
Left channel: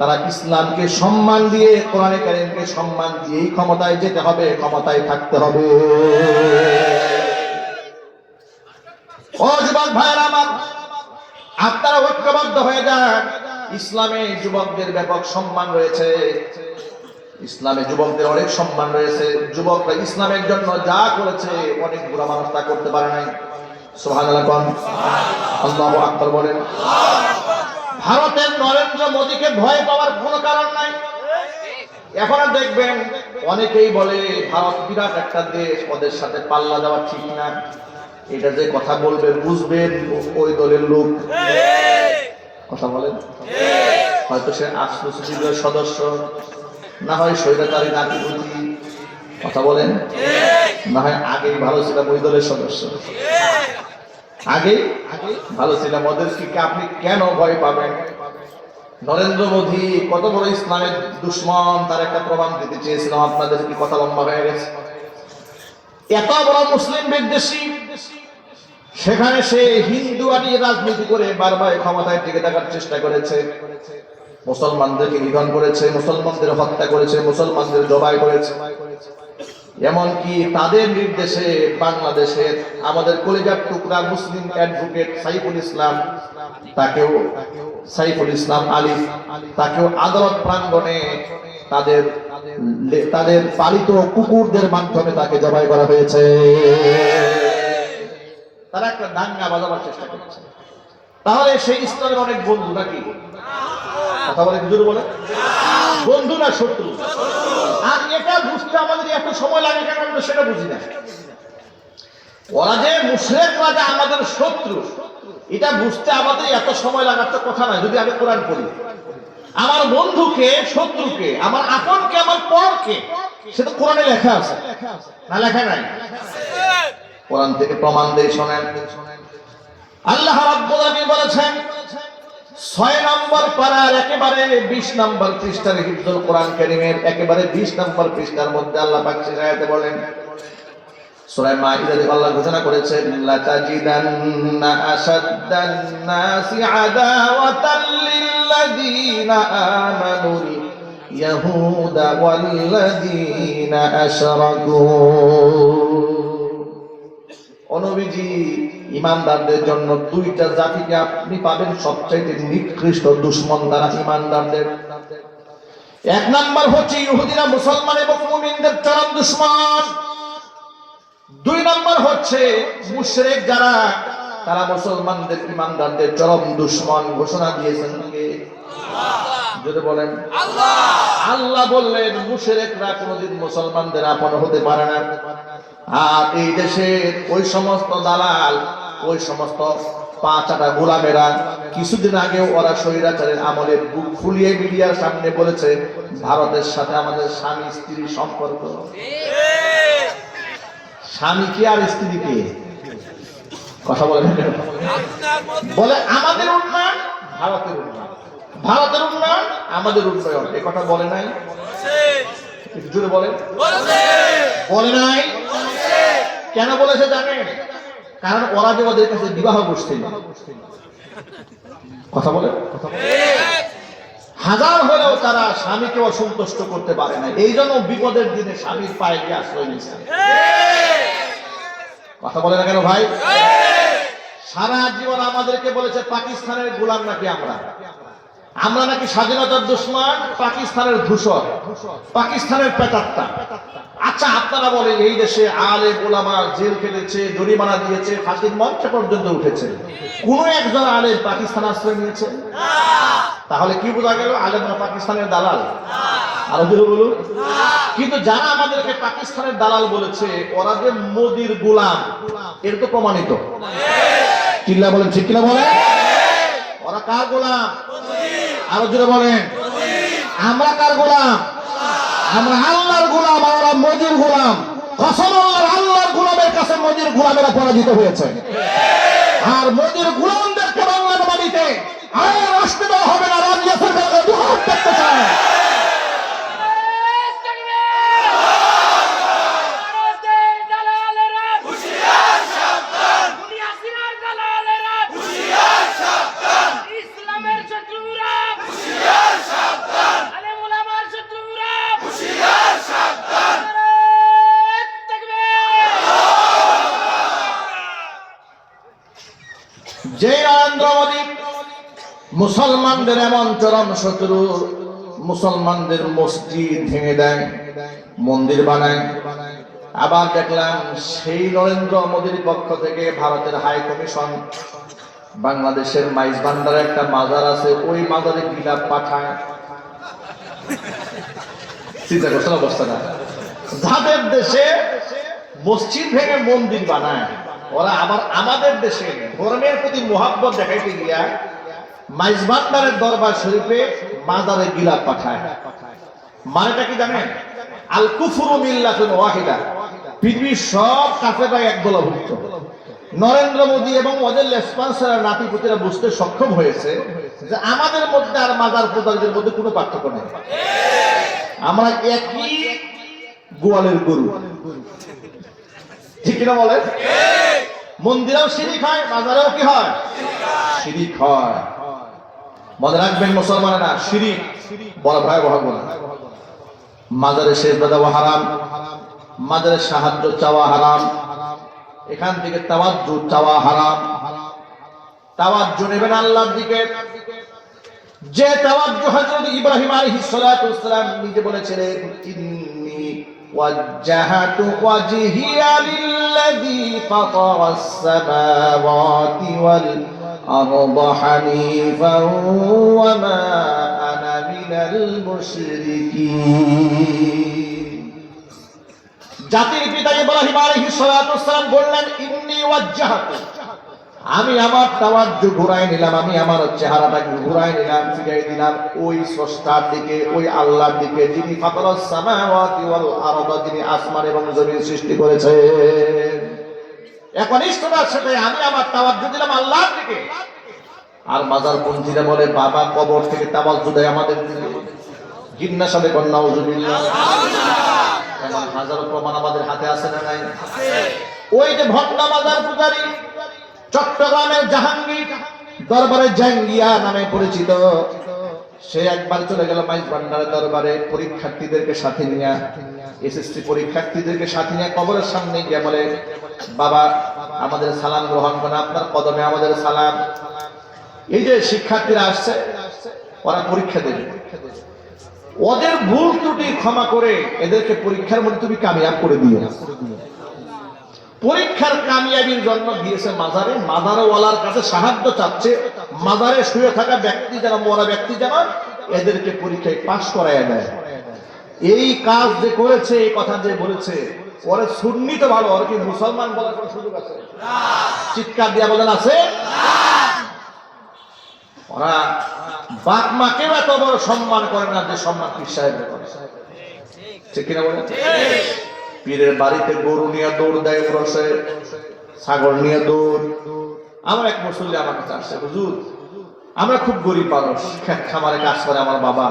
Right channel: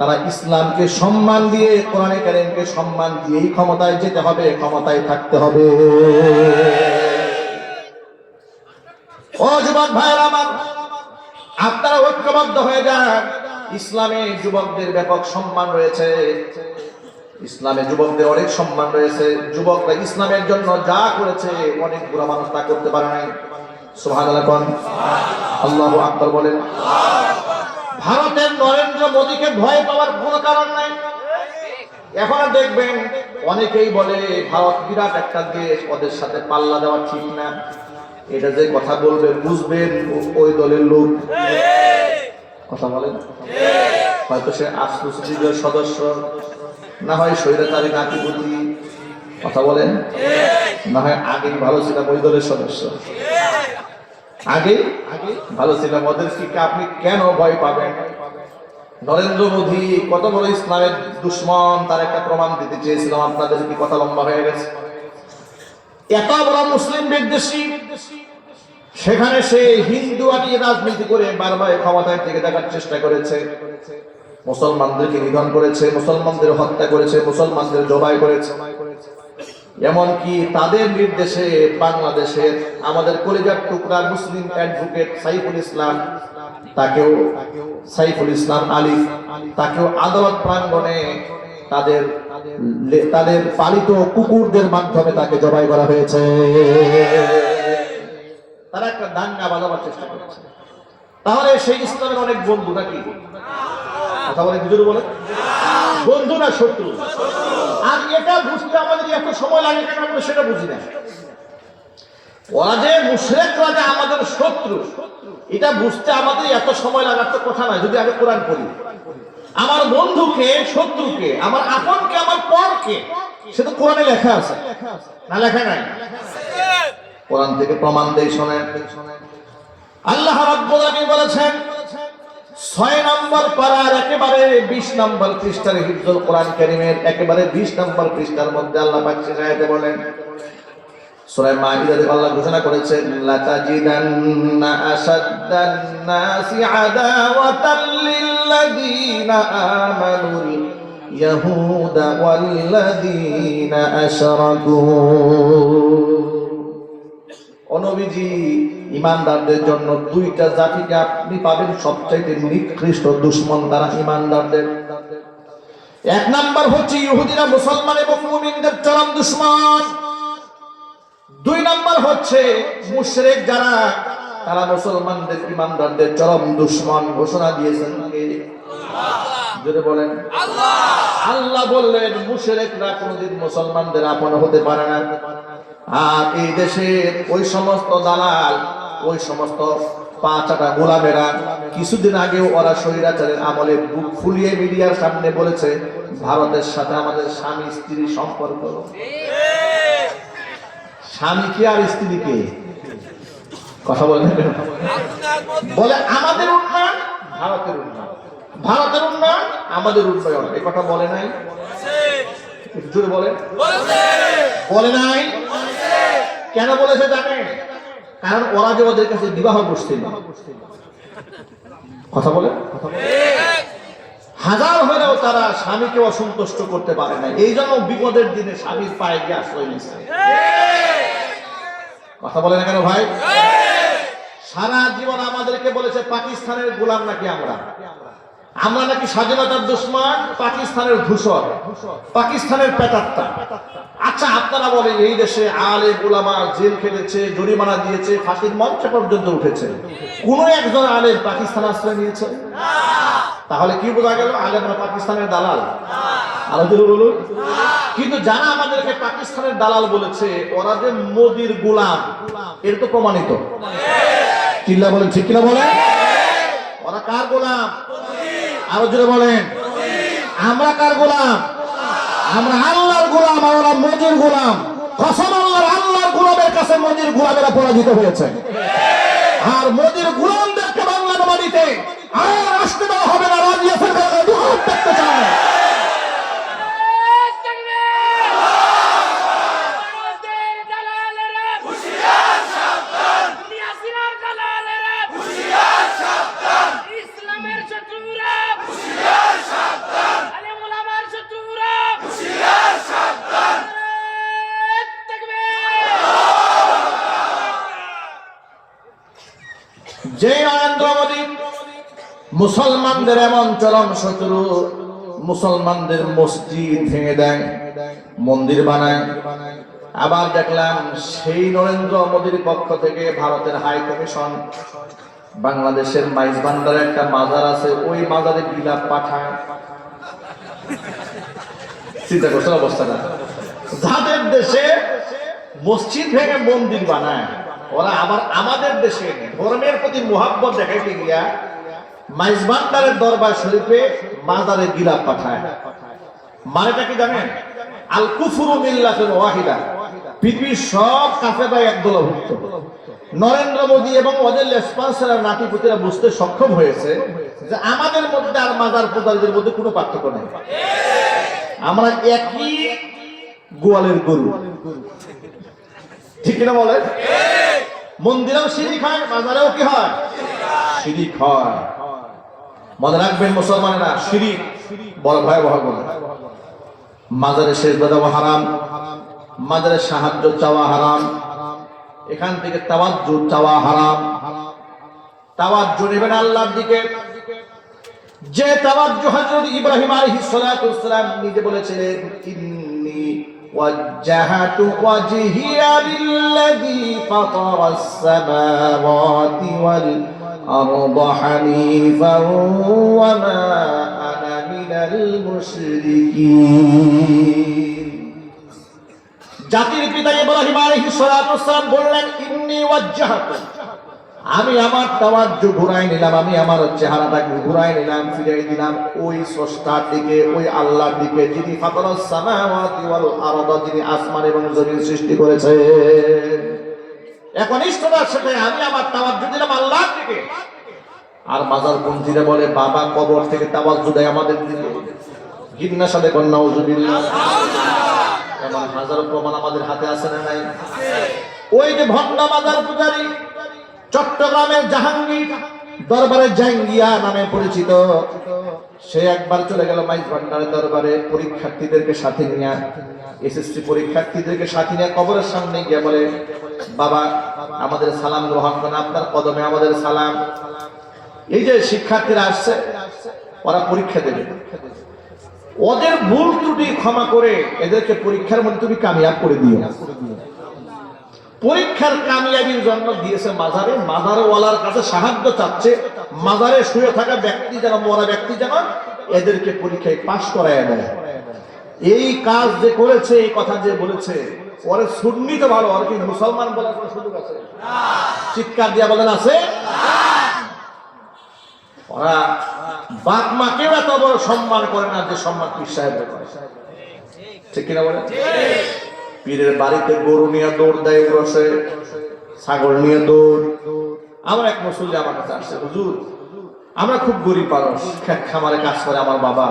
তারা ইসলামকে সম্মান দিয়ে, কোরআনে কারীমকে সম্মান দিয়েই ক্ষমতায় যেতে হবে, ক্ষমতায় থাকতে হবে। ও যুবক ভাইরা আমার, আপনারা ঐক্যবদ্ধ হয়ে যান। ইসলামে যুবকদের ব্যাপক সম্মান রয়েছে, ইসলামে যুবকদের অনেক সম্মান রয়েছে। যুবকরা ইসলামের জন্য যা করেছে, অনেক বুড়া মানুষ তা করতে পারে নাই। সুবহানাল্লাহ, আল্লাহু আকবার বলেন। ভারতের নরেন্দ্র মোদীকে ভয় পাওয়ার কোনো কারণ নাই। এখন দেখবেন অনেকেই বলে ভারত বিরাট একটা দেশ, ওদের সাথে পাল্লা দেওয়া ঠিক না। এটা যে কথা বলবেন, বুঝবেন ওই দলের লোক। কথা বলেন, হয়তো সে আসুসিদের সদস্য, না হয় স্বৈরাচারী নাতিপুতি। কথা বলেন, না হয় আগেই ভালো ছিলাম ওই দলের সদস্য, আগে ভালো ছিলাম। ওদেরকে আপনি কেন ভয় পাবেন? নরেন্দ্র মোদী কত বড় ইসলামের দুশ্মন, তার একটা প্রমাণ দিতে চেয়েছিলাম। আপনাদের কি কথা লম্বা হয়ে গেছে? এত বড় মুসলিম বিদ্বেষী, সেখানে সে হিন্দু আটিয়ে রাজনীতি করে বারবার ক্ষমতায় টিকে থাকার চেষ্টা করেছে। মুসলমানদেরকে নিধন করেছে, মুসলমানদের হত্যা করেছে, মুসলমানদের জবাই করেছে। এমনকি তাদের নির্দেশে বাংলাদেশের আমাদের কলিজার টুকরা মুসলিম অ্যাডভোকেট সাইফুল ইসলাম, তাকেও সাইফুল ইসলাম আলিফ, তাকেও আদালত প্রাঙ্গণে তাদের পালিত কুকুরদের মাধ্যমে তাকে জবাই করা হয়েছে। তারা একটা দাঙ্গা বাজাবার চেষ্টা করেছে। তাহলে সেই ইসলামের অনেক বন্ধু নাকি? কথা বলে বুঝুন, বলে বন্ধু না শত্রু? আর এটা বুঝতে আমাদের এত সময় লাগে কেন, আমরা সেটা বুঝি না। ওরা যে মুশরিকরা যে আমাদের শত্রু, এটা বুঝতে আমাদের এত সময় লাগার তো কথা নয়। যদি আমি কোরআন পড়ি, আমার বন্ধুকে, শত্রুকে, আমার আপনকে, আমার পরকে, সেটা কোরআনে লেখা আছে না? লেখা নাই? কোরআন থেকে প্রমাণ দেই, শোনেন। আল্লাহ রাব্বুল আলামিন বলেছেন 6 নম্বর পারার একেবারে 20 নম্বর পৃষ্ঠার হিফজুল কোরআন কারীমের একেবারে 20 নম্বর পৃষ্ঠার মধ্যে আল্লাহ পাক আয়াতে বলেন, সূরা মাইদাতে আল্লাহ ঘোষণা করেছেন, লা তাজিদান্না আসাদ্দান নাসি আদাওয়াতাল লিল্লাযীনা আমানুল ইয়াহুদা ওয়াল্লাযীনা আশরাকু। নবীজি, ইমানদারদের জন্য দুইটা জাতিকে আপনি পাবেন সবচেয়ে নিকৃষ্ট দুশমন, তারা ইমানদারদের। এক নাম্বার হচ্ছে ইহুদিরা মুসলমান এবং মুমিনদের চরম দুশমন। দুই নাম্বার হচ্ছে মুশরিক যারা তারা মুসলমানদের ইমানদারদের চরম দুশমন ঘোষণা দিয়েছেন কে? জোরে বলেন আল্লাহ। আল্লাহ বললেন মুশরিকরা কোনদিন মুসলমানদের আপন হতে পারে না। আর এই দেশে ওই সমস্ত দালাল, ওই সমস্ত পাঁচটা গোলামেরা কিছুদিন আগে ওরা স্বৈরাচারের আমলে বুক ফুলিয়ে মিডিয়ার সামনে বলেছে ভারতের সাথে আমাদের স্বামী স্ত্রীর সম্পর্ক। স্বামী কি আর স্ত্রী কে? কথা বলেন বলে আমাদের উন্নয়ন ভারতের উন্নয়ন, ভারতের উন্নয়ন আমাদের উন্নয়ন। এই কথা বলে নাই? জোরে বলে বলে নাই? কেন বলেছে জানেন? কারণ ওরা যে ওদের কাছে বিবাহ বসছিল। কথা বলে হাজার হলেও তারা স্বামীকে অসন্তুষ্ট করতে পারে না, এই জন্য বিপদের দিনে স্বামীর পায়ে গিয়ে আশ্রয় নিচ্ছে। কথা বলে না কেন ভাই? সারা জীবন আমাদেরকে বলেছে পাকিস্তানের গোলাম নাকি আমরা, আমরা নাকি স্বাধীনতার দুশমন, পাকিস্তানের ধূসর, পাকিস্তানের পেটাত্তা। আচ্ছা আপনারা বলেন এই দেশে আলেম উলামা জেল খেটেছে, জরিমানা দিয়েছে, ফাঁসির মঞ্চে পর্যন্ত উঠেছে, কোন একজন আলেম পাকিস্তান আশ্রয় নিয়েছে? তাহলে কি বোঝা গেল? আলেমরা পাকিস্তানের দালাল। আরো বলুন। কিন্তু যারা আমাদেরকে পাকিস্তানের দালাল বলেছে ওরা যে মোদির গোলাম, এর তো প্রমাণিত। কিল্লা বলেন, ঠিক কিনা বলেন? ওরা কার গোলাম? আরো জোরে বলেন। আমরা কার গোলাম? আমরা আল্লাহর গোলাম, ওরা মোদির গোলাম। কসম আল্লাহর, আল্লাহর গোলামের কাছে মোদির গোলামেরা পরাজিত হয়েছে। আর মোদির গোলামদেরকে বাংলার মাটিতে আর আসতে দেওয়া হবে না। রাজিয়া সরকারকে দূর করতে চায়। যে নরেন্দ্র মোদী মুসলমানদের এমন চরম শত্রু, মুসলমানদের মসজিদ ভেঙে দেয়, মন্দির বানায়। আবার দেখলাম সেই নরেন্দ্র মোদীর পক্ষ থেকে ভারতের হাই কমিশন বাংলাদেশের মাইজ ভান্ডারে একটা মাজার আছে, ওই মাজারে বিলাপ পাঠায়। চিন্তা করছেন অবস্থাটা? যাদের দেশে মসজিদ ভেঙে মন্দির বানায়, ওরা আবার আমাদের দেশে ধর্মের প্রতি মুহাব্বত দেখাইতে গিয়া মাইজ ভান্ডারের দরবার শরীফে মাজারে বিলাপ পাঠায়। মানেটা কি জানেন? আল কুফরু মিল্লাতুন ওয়াহিদা। পৃথিবীর সব কাফেররা এক দলভুক্ত। নরেন্দ্র মোদী এবং ওদের রেসপন্সিবল নাতিপুতিরা বুঝতে সক্ষম হয়েছে যে আমাদের মধ্যে আর মাজার পূজারীদের মধ্যে কোনো পার্থক্য নেই, আমরা একই গোয়ালের গরু। ঠিক কিনা বলেন? মন্দিরেও শিরিক হয়, মাজারেও কি হয়? শিরিক হয়। মনে রাখবেন মুসলমানেরা, শিরিক বড় ভয়াবহ গুনাহ। মাজারে সেজদা দেওয়া হারাম, মাজারে সাহায্য চাওয়া হারাম, এখান থেকে তাওয়াজ্জুহ চাওয়া হারাম। তাওয়াজ্জুহ নেবেন আল্লাহর দিকে, যে তাওয়াজ্জুহ হযরত ইব্রাহিম আলাইহিস সালাতু ওয়াস সালাম নিজে বলেছিলেন, ইন্নী ওয়াজ্জাহাতু ওয়াজহিয়া লিল্লাযী ফাতারাস সামাওয়াতি ওয়াল আরদা হানিফান ওয়া মা আনা মিনাল মুশরিকিন। জাতির পিতা ইব্রাহিম আলাইহিস সালাতু ওয়াস সালাম বললেন, ইন্নী ওয়াজ্জাহাতু, আমি আমার তাওয়াজ্জুহ ঘুরাই নিলাম, আমি আমার চেহারাটাকে ঘুরাই নিলাম, ফিরিয়ে দিলাম ওই স্রষ্টার দিকে, ওই আল্লাহর দিকে, যিনি ফাতারাস সামাওয়াতি ওয়াল আরদ, যিনি আসমান এবং জমিন সৃষ্টি করেছেন। এখন ইষ্টতার সাথে আমি আমার তাওয়াজ্জুহ দিলাম আল্লাহর দিকে। আর মাজার পন্থীরা বলে বাবা কবর থেকে তাওয়াজ্জুহ দেয় আমাদের দিকে। গিন্নার সাথে কন্যা নাউজুবিল্লাহ। এমন হাজারো প্রমাণ আমাদের হাতে আছে না নাই? ওই যে ভণ্ড মাজার পূজারী চট্টগ্রামের জাহাঙ্গীর দরবারে জাঙ্গিয়া নামে পরিচিত, সে একবার চলে গেল মাইজ ভান্ডারের দরবারে পরীক্ষার্থীদেরকে সাথে নিয়ে, এসএসসি পরীক্ষার্থীদেরকে সাথে নিয়ে কবরের সামনে গিয়ে বলে, বাবা আমাদের সালাম গ্রহণ করেন, আপনার কদমে আমাদের সালাম। এই যে শিক্ষার্থীরা আসছে, ওরা পরীক্ষা দেবে, ওদের ভুল ত্রুটি ক্ষমা করে এদেরকে পরীক্ষার মধ্যে তুমি কামিয়াব করে দিও। পরীক্ষার কামিয়াবির জন্য দিয়েছে মাজারে, মাজারওয়ালার কাছে সাহায্য চাচ্ছে, মাজারে শুয়ে থাকা ব্যক্তি যেন, মরা ব্যক্তি যেন এদেরকে পরীক্ষায় পাশ করায় দেয়। এই কাজ যে করেছে, এই কথা যে বলেছে, ওরা সুন্নি তো ভালো, ওরা কি মুসলমান বলার কোনো সুযোগ আছে? চিৎকার দিয়া বলেন আছে? ওরা বাপ মাকে না তো বড় সম্মান করে না যে সম্মান পীর সাহেব করে, ঠিক কিনা বলেন? পীরের বাড়িতে গরু নিয়ে দৌড় দেয়, রসে ছাগল নিয়ে দৌড়। আমার এক মুসল্লি আমার কাছে আসছে, হুজুর আমরা খুব গরিব মানুষ, খেত খামারে কাজ করে আমার বাবা,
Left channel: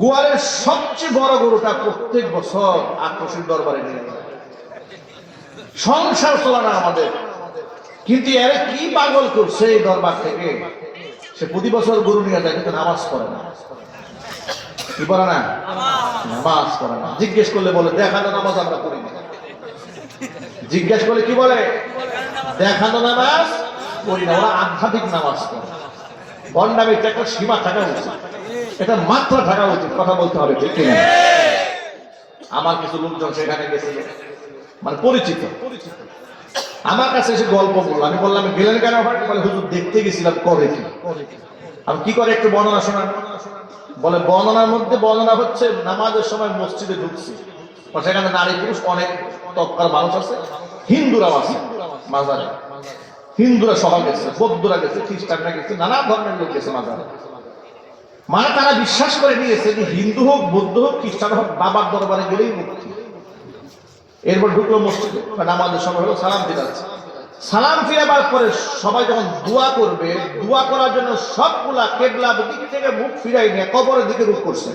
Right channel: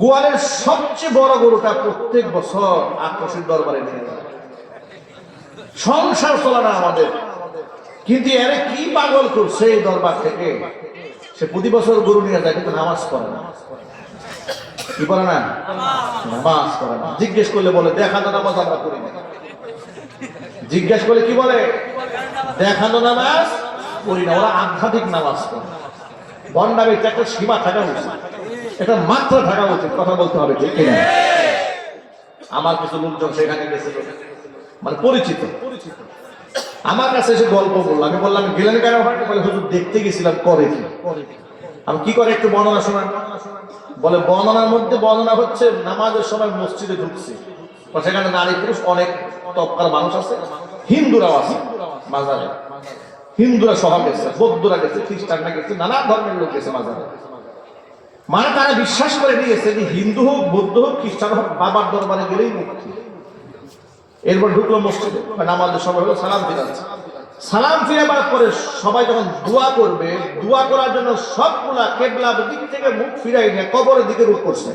গোয়ালের সবচেয়ে বড় গরুটা প্রত্যেক বছর আক্রোশের দরবারে নিয়ে যায়, সংসার চলে না আমাদের, কিন্তু এর কি পাগল করছে এই দরবার থেকে, সে প্রতি বছর গরু নিয়ে যায় কিন্তু নামাজ পড়ে না। কি বলে না? নামাজ পড়ে না। জিজ্ঞেস করলে বলে দেখানো নামাজ আমরা করি না। জিজ্ঞেস করলে কি বলে? দেখানো নামাজ করি না। ওরা আধ্যাত্মিক নামাজ পড়ে। বন্ডামির একটা সীমা থাকা উচিত, এটা মাত্রা থাকা উচিত, কথা বলতে হবে, ঠিক কিনা? আমার কিছু লোকজন সেখানে গেছে, মানে পরিচিত, আমার কাছে এসে গল্প বললো। আমি বললাম গেলেন কেন? হুজুর দেখতে গেছিলাম করে কি। আমি কি করে একটু বর্ণনা শোনান? বলে বর্ণনার মধ্যে বর্ণনা হচ্ছে নামাজের সময় মসজিদে ঢুকছে, সেখানে নারী পুরুষ অনেক তৎকাল মানুষ আছে, হিন্দুরাও আছে মাজারে, হিন্দুরা সবাই গেছে, বৌদ্ধরা গেছে, খ্রিস্টানরা গেছে, নানা ধর্মের লোক গেছে মাজারে। মানে তারা বিশ্বাস করে নিয়েছে যে হিন্দু হোক, বৌদ্ধ হোক, খ্রিস্টান হোক, বাবার দরবারে গেলেই মুক্তি। এরপর ঢুকলো মসজিদে, নামাজের সময় হলো, সালাম ফিরাচ্ছে। সালাম ফিরাবার পরে সবাই যখন দোয়া করবে, দোয়া করার জন্য সবগুলা কেবলা দিক থেকে মুখ ফিরাই নিয়ে কবরের দিকে রূপ করছে।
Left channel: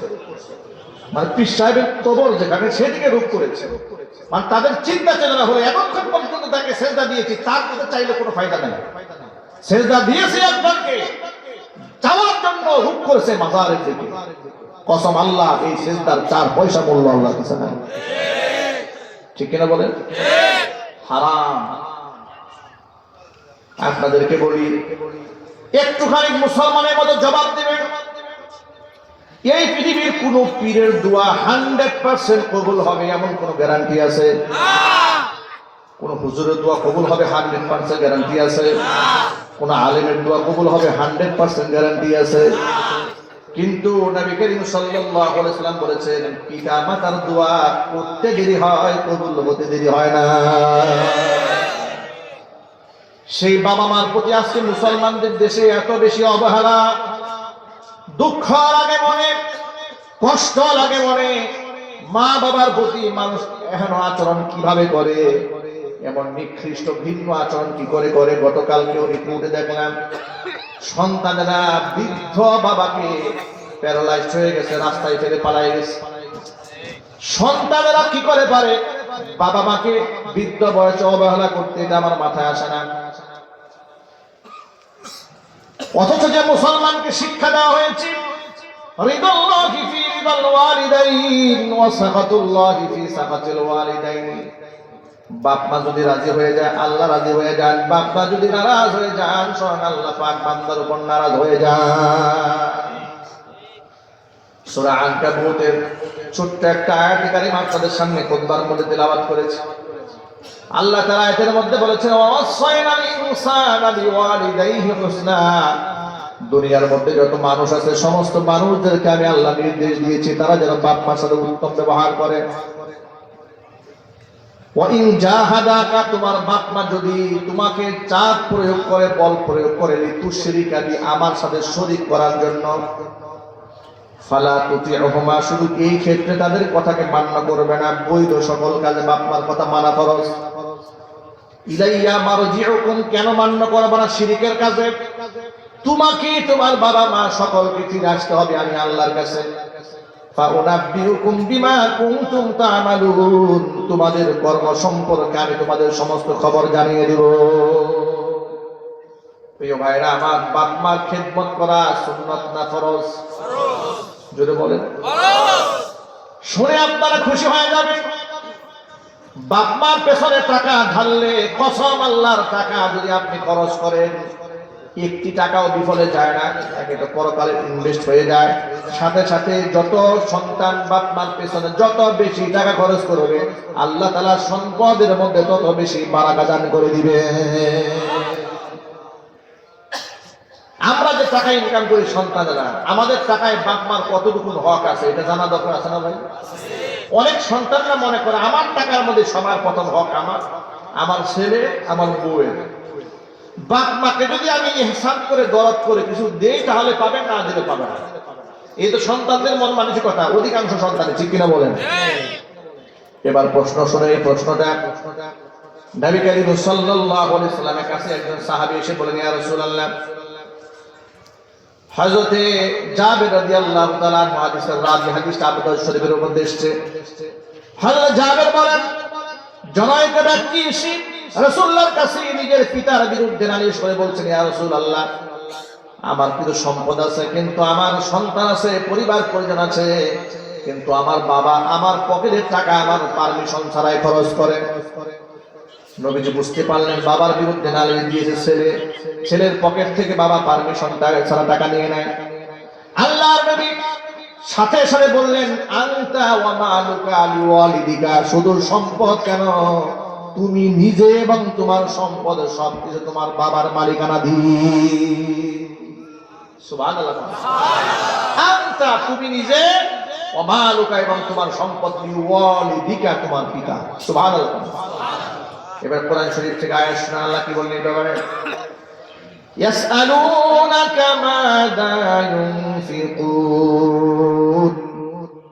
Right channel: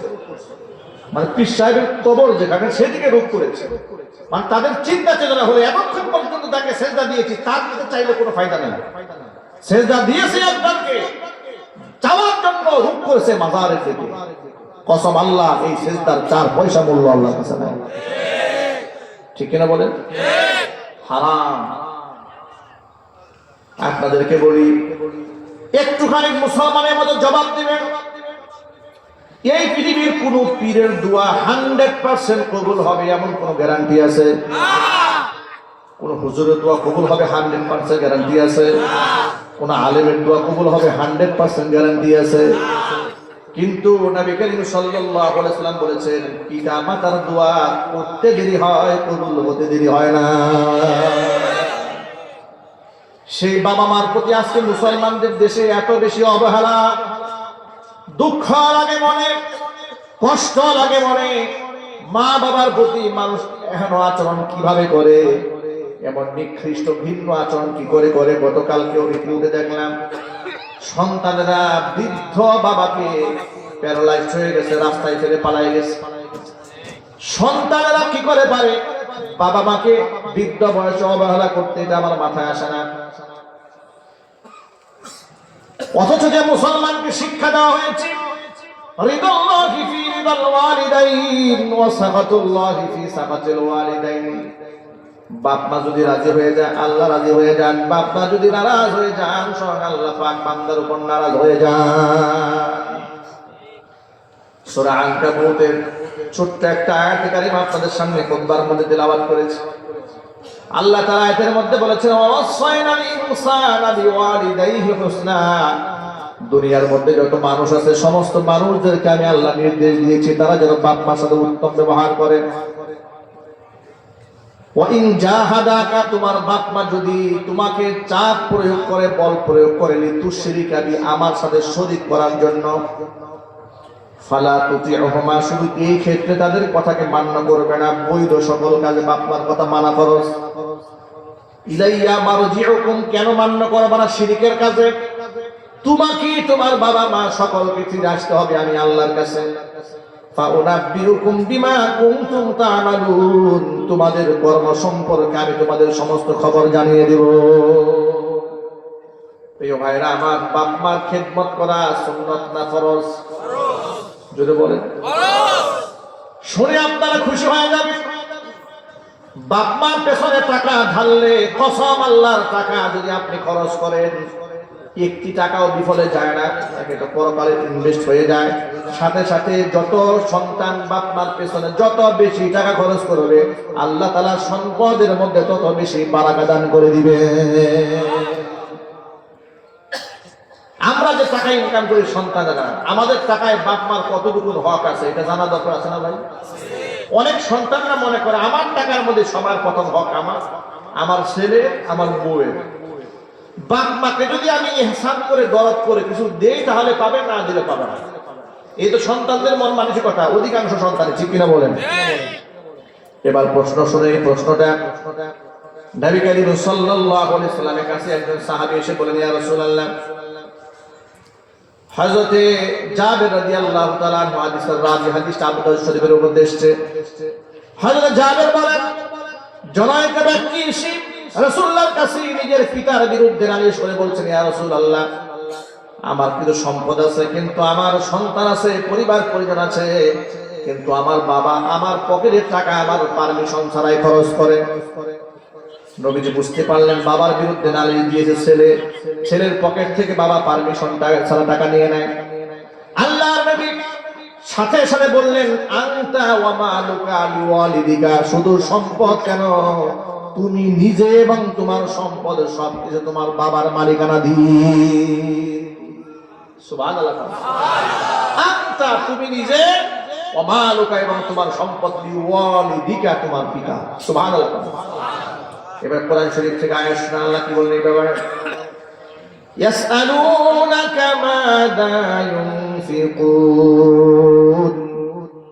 মানে পীর সাহেবের কবর যেখানে, সেদিকে রূপ করেছে। মানে তাদের চিন্তা চেতনা হলো এতক্ষণ পর্যন্ত তাকে সেজদা দিয়েছি, তার দিকে চাইলে কোনো ফায়দা নেই। সেজদা দিয়েছে একজনকে, চাওয়ার জন্য রূপ করেছে মাজারের দিকে। কসম আল্লাহ, এই সেজদার 4 পয়সা মূল্য আল্লাহর কাছে নাই। ঠিক কিনা বলেন? হারাম। আপনাদেরকে বলি, একটুখানি মুসলমানের মতো জবাব দেবেন। এই পৃথিবীর কোন পীরের দোয়া 100% কবুল হবে এমন কোন গ্যারান্টি আছে? কোন হুজুরের দোয়া কবুল হবে 100% গ্যারান্টি আছে? কোন আলেমের দোয়া কবুল হবে 100% গ্যারান্টি আছে? কিন্তু নবী করিম সাল্লাল্লাহু আলাইহি ওয়াসাল্লাম বলেছেন, পিতা মাতার দোয়া করতে দেরি হয়, কবুল হতে দেরি হয় না। সেই বাবা মার প্রতি আজকে মুসলমানদের দেশে এত বেশি অবহেলা, দুঃখ লাগে মনে, কষ্ট লাগে মনে। মা বাবার প্রতি মানুষ এহেন আচরণ কিভাবে করে, এমন নিকৃষ্ট ভিন্ন আচরণ কি করে করে। গতকালকেও রিপোর্টে দেখলাম, সন্তানেরা বৃদ্ধ বাবাকে প্যারালাইজড হয়ে গেছে, রাস্তায় ফেলে পালাই গেছে। সন্তানেরা কি করে পারে বাবা মাকে বৃদ্ধ বয়সে অবহেলা করতে? আমার মাথায় আসে না। অথচ যে মুসলমানকে শিক্ষা দেওয়া হয়েছে, রিদাল্লাহি ফি রিদাল ওয়ালিদাইন ওয়া সাখাতুল্লাহি ফি সাখাতিল ওয়ালিদাইন। বাপ মা যদি রাজি হয়ে যায়, আল্লাহ রাজি হয়ে যান। বাপ মা যদি নারাজ হয়ে যান, স্বয়ং আল্লাহ পাক বান্দার উপর নারাজ হয়ে যান। সূরা আনকাবুতের ছোট্ট একটা আয়াত কারিমা আপনাদের সামনে খুতবার মধ্যে তেলাওয়াত করেছি। আল্লাহ তাআলা আয়াতের মধ্যে বলেছেন, ওয়াসাইনাল ইনসানা বিওয়ালিদাইহি হুসনা। দুনিয়ার মধ্যে যত মানুষ আছে, সমস্ত মানুষদেরকে আমি আল্লাহ নির্দেশ দিয়েছি তারা যেন বাপ মার সাথে উত্তম ব্যবহার করে। ওয়াইন জাহাদাকা, তোমার বাপ মা যদি তোমাকে চাপ প্রয়োগ করে, বল প্রয়োগ করে, লিতুশরিকা বি, আমার সাথে শরীক করার জন্য, ফালা তুতিউহুমা, শুধু এই ক্ষেত্রে তাদের কথাকে মান্য করবে না, বৈধ সকল কাজে বাপ মার কথা মানা ফরজ। ইলাইয়া মারজিউকুম, কেন মান্য করবে না শিরকের কাজে? তোমাকে তোমার বাবা মা সকলকে ফিরে আসতে হবে আমি আল্লাহর কাছে। ফাউনাব্বিউকুম বিমা কুনতুম তা'মালুন, তোমাদের কর্ম সম্পর্কে আমি তোমাদের সমস্ত খবর জানিয়ে দেব। প্রিয় ভাইরা আমার, বাপ মার খেদমত করা সুন্নাত না ফরজ? যদি বলেন ফরজ, শুনে আপনারা খুশি হয়ে যাবেন। বাপ মার পেছনে টাকা ঢাললে, কসম আল্লাহর টাকা যদি আপনি খরচ করেন, একটি টাকাও বিফলে যায় না, একটা পরকালে ইনভেস্ট হয়ে যায়। সাথে সাথে যত সন্তান বাপ মার পেছনে যত বেশি টাকা খরচ করবে, আল্লাহ তাআলা সম্পদের মধ্যে তত বেশি বারাকা দান করে দিবে। আমরা যে টাকা ইনকাম করি সন্তানেরা, আমাদের টাকায় বাপ মার কতটুকু হক আছে এটা জানা দরকার আছে না ভাই? অনেক সন্তানরা মনে করে আমার টাকার মধ্যে সবার প্রথম হক আমার ছেলে, আমার বউয়ের। বাপ মাকে যদি আমি ইহসান করে দরদ করে কিছু দেই তাহলে পাবে, না দিলে পাবে না। এই তো সন্তানদের মন মানসিকতা অধিকাংশ সন্তান, ঠিক কিনা বলেন? এবার প্রশ্ন শুনে, এই প্রশ্নটা নবী করিম সাল্লাল্লাহু আলাইহি ওয়াসাল্লামের কাছে একজন সাহাবী এসে বলেন, ইয়া রাসূলুল্লাহ, হযরতে জাবের রাদিয়াল্লাহু তাআলা আনহু হাদিসটা আবু দাউদ শরীফের মধ্যে এসেছে। হযরত জাবের বলেন, জনৈক ব্যক্তি এসে রাসূলুল্লাহর কাছে নিজের পিতার বিরুদ্ধে নালিশ করে বলছেন, ইয়া রাসূলুল্লাহ, আমার কিছু সম্পদ আছে, কিন্তু আমার সন্তান আছে, পরিবার পরিজন আছে, কিন্তু আমার বাবা আমার পকেটের টাকা আমার পারমিশন ছাড়াই খরচ করে। নবীজি বুঝতে পারলেন বাবার বিরুদ্ধে নালিশ দিয়েছে ছেলে, ছেলের পকেট থেকে বাবা পারমিশন ছাড়া টাকা নিয়ে নেয়। আল্লাহর নবী সাথে সাথে বললেন, আনতা ওয়া মালুকা লিওয়ালিদিকা, শুধু সম্পদ কেন, তুমি নিজে এবং তোমার সম্পদ সবকিছু তোমার বাবার মালিকানাধীন। সুবহানাল্লাহ। আনতা, তুমি নিজে, ওয়া মালুকা, এবং তোমার সম্পদ লিওয়ালিদিকা, তোমার পিতা। সুবহানাল্লাহ। এবার কোরআন শরীফ থেকে আয়াত শুনে আল্লাহ কি বলেন এই ব্যাপারে? ইয়াসআলুনাকা মাযা ইউনফিকুন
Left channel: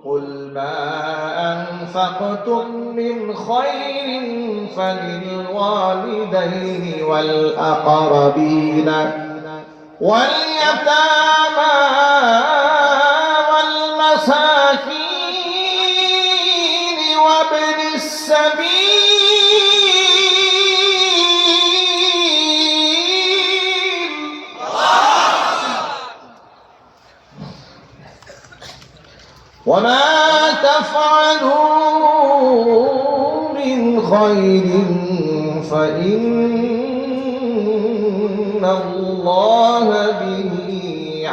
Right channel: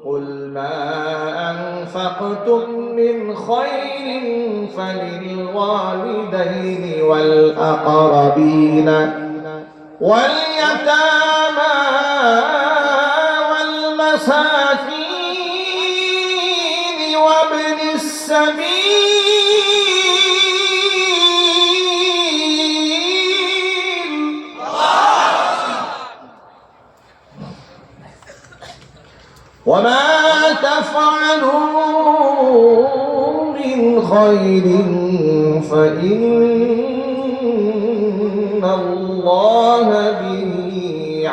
কুল মা আনফাকতুম মিন খায়রিন ফালিল ওয়ালিদাইনি ওয়াল আকরাবিন ওয়াল ইয়াতামা ওয়াল মাসাকিন ওয়া ইবনিস সাবিল وما تفعلوا من خير فإن الله به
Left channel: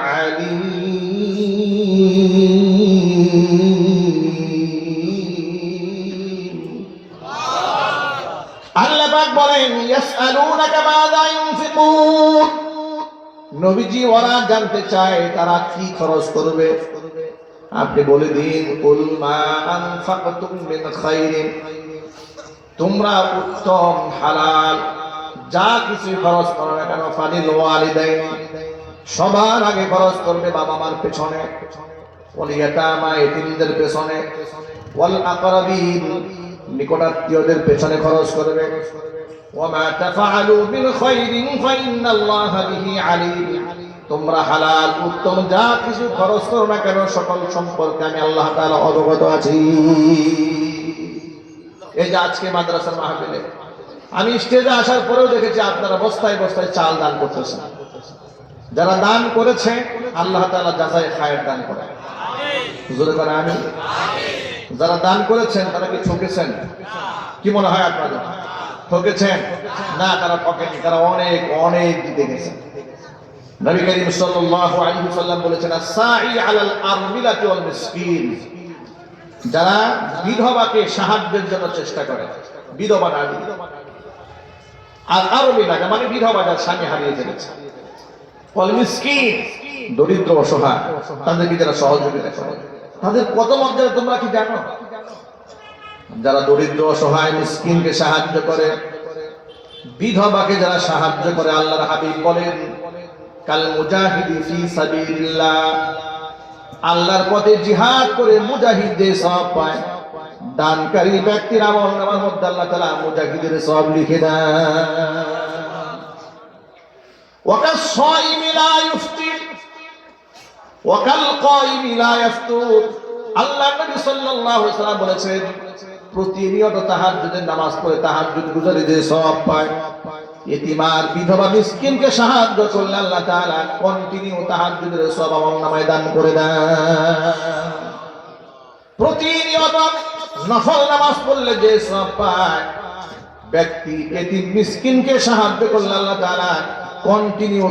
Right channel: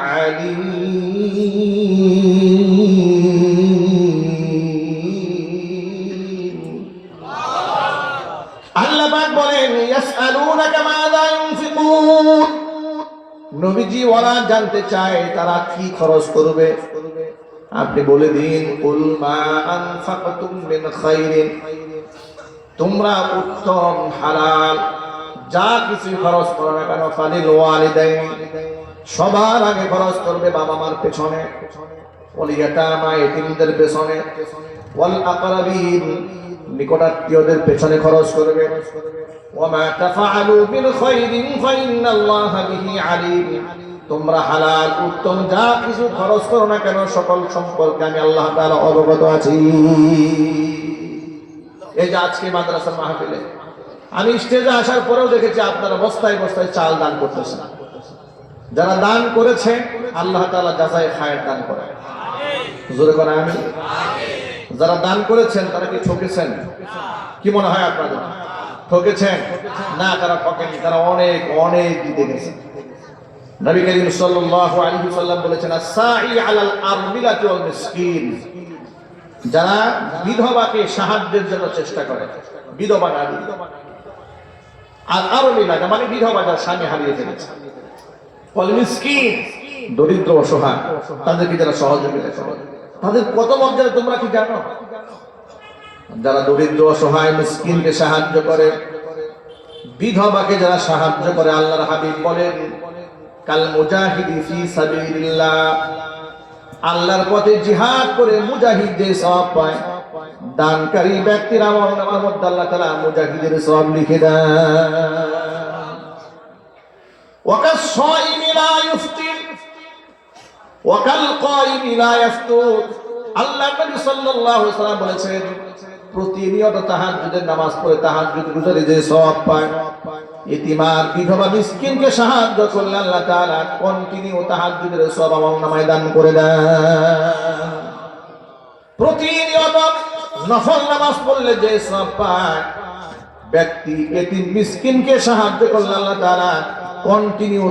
عليم. আল্লাহ পাক বলেন, ইয়াসআলুনাকা মাযা ইউনফিকুন, নবীজি ওরা জানতে চায় তারা কি খরচ করবে, আপনি বলে দিন, কুল মা আনফাকতুম মিন খায়রিন, তোমরা উত্তম হালাল যা কিছু খরচ করো না কেন, ফালিল ওয়ালিদাইনি, সবার আগে খরচ করবে বাবা মার পেছনে, ওয়াল ইয়াতামা, এতিমদের পেছনে, ওয়াল আকরাবিন, নিকটাত্মীয়দের পেছনে খরচ করবে। ওয়া মা তাফআলু মিন খায়রিন ফাইন্নাল্লাহা বিহি আলীম, তোমরা হালাল উত্তম যা কিছু খরচ করো না কেন সকল সম্পর্কে আমি আল্লাহ তাআলা অবগত আছি। এই যে আজকে মাদ্রাসার মাহফিলে আমি স্টেজে আসার পরেও দেখেছি আপনারা বস্তায় বস্তায় চাল দান করতেছেন। যারা দান করেছে আল্লাহ তাআলা যাচাই খায়ের দান করে, জোরে বলেন আমিন। যারা দান করেছেন তারা কি ঠকেছেন? কি মনে হয় আপনাদের? ঠকেছেন না, তারা ঠকেনি, তারা অনেক অনেক দিতে গেছেন। নবী করিম সাল্লাল্লাহু আলাইহি ওয়াসাল্লাম বলেছেন, as-সা'i 'আলাল আরমিলাতি ওয়াল মিসকিন, যারা বিধবাকে সাহায্যের জন্য চেষ্টা করে, বিধবা নারী, আর আরমিলা মানে বিধবা যার স্বামী হারিয়ে ফেলেছে, ওয়াল মিসকিন, দরিদ্র অসহায়, তাদেরকে যারা সহযোগিতা করে, তাদের কত মর্যাদা তোমরা কি জানো? যারা দরিদ্র অসহায় মিসকিনকে সাহায্য করে, বিধবাকে যারা সাহায্য করে, আল্লাহর হাবিব বলেন, কাল মুজাহিদি ফি সাবিলিল্লাহ, আল্লাহর পথে জিহাদ করে মুজাহিদ যে সওয়াব পায়, দানকারী ব্যক্তির আমলনামার মধ্যে আল্লাহ তাআলা মুজাহিদের সওয়াব লিখে দেন। ওয়া কাস-সাইমি লা ইফতির ওয়া কাল কাইমি লা ইফতুর, আল্লাহ নবী সাল্লাল্লাহু আলাইহি ওয়াসাল্লাম বলেছেন, প্রতিনিয়ত তাহাজ্জুদের নামাজ পড়ে তাহাজ্জুদ গুজারে যে সওয়াব পায়, ইতিমার বিধবা মিসকিনকে সাহায্য করলে আল্লাহ তাআলা কন্টিনিউ তাহাজ্জুদের সওয়াব আমলনামায় দান করে দেন। প্রতিনিয়ত নফল নামাজ পড়লে যে সওয়াব পায়, ব্যক্তি এতিম মিসকিনকে সাহায্য করলে আল্লাহ তাআলা কন্টিনিউ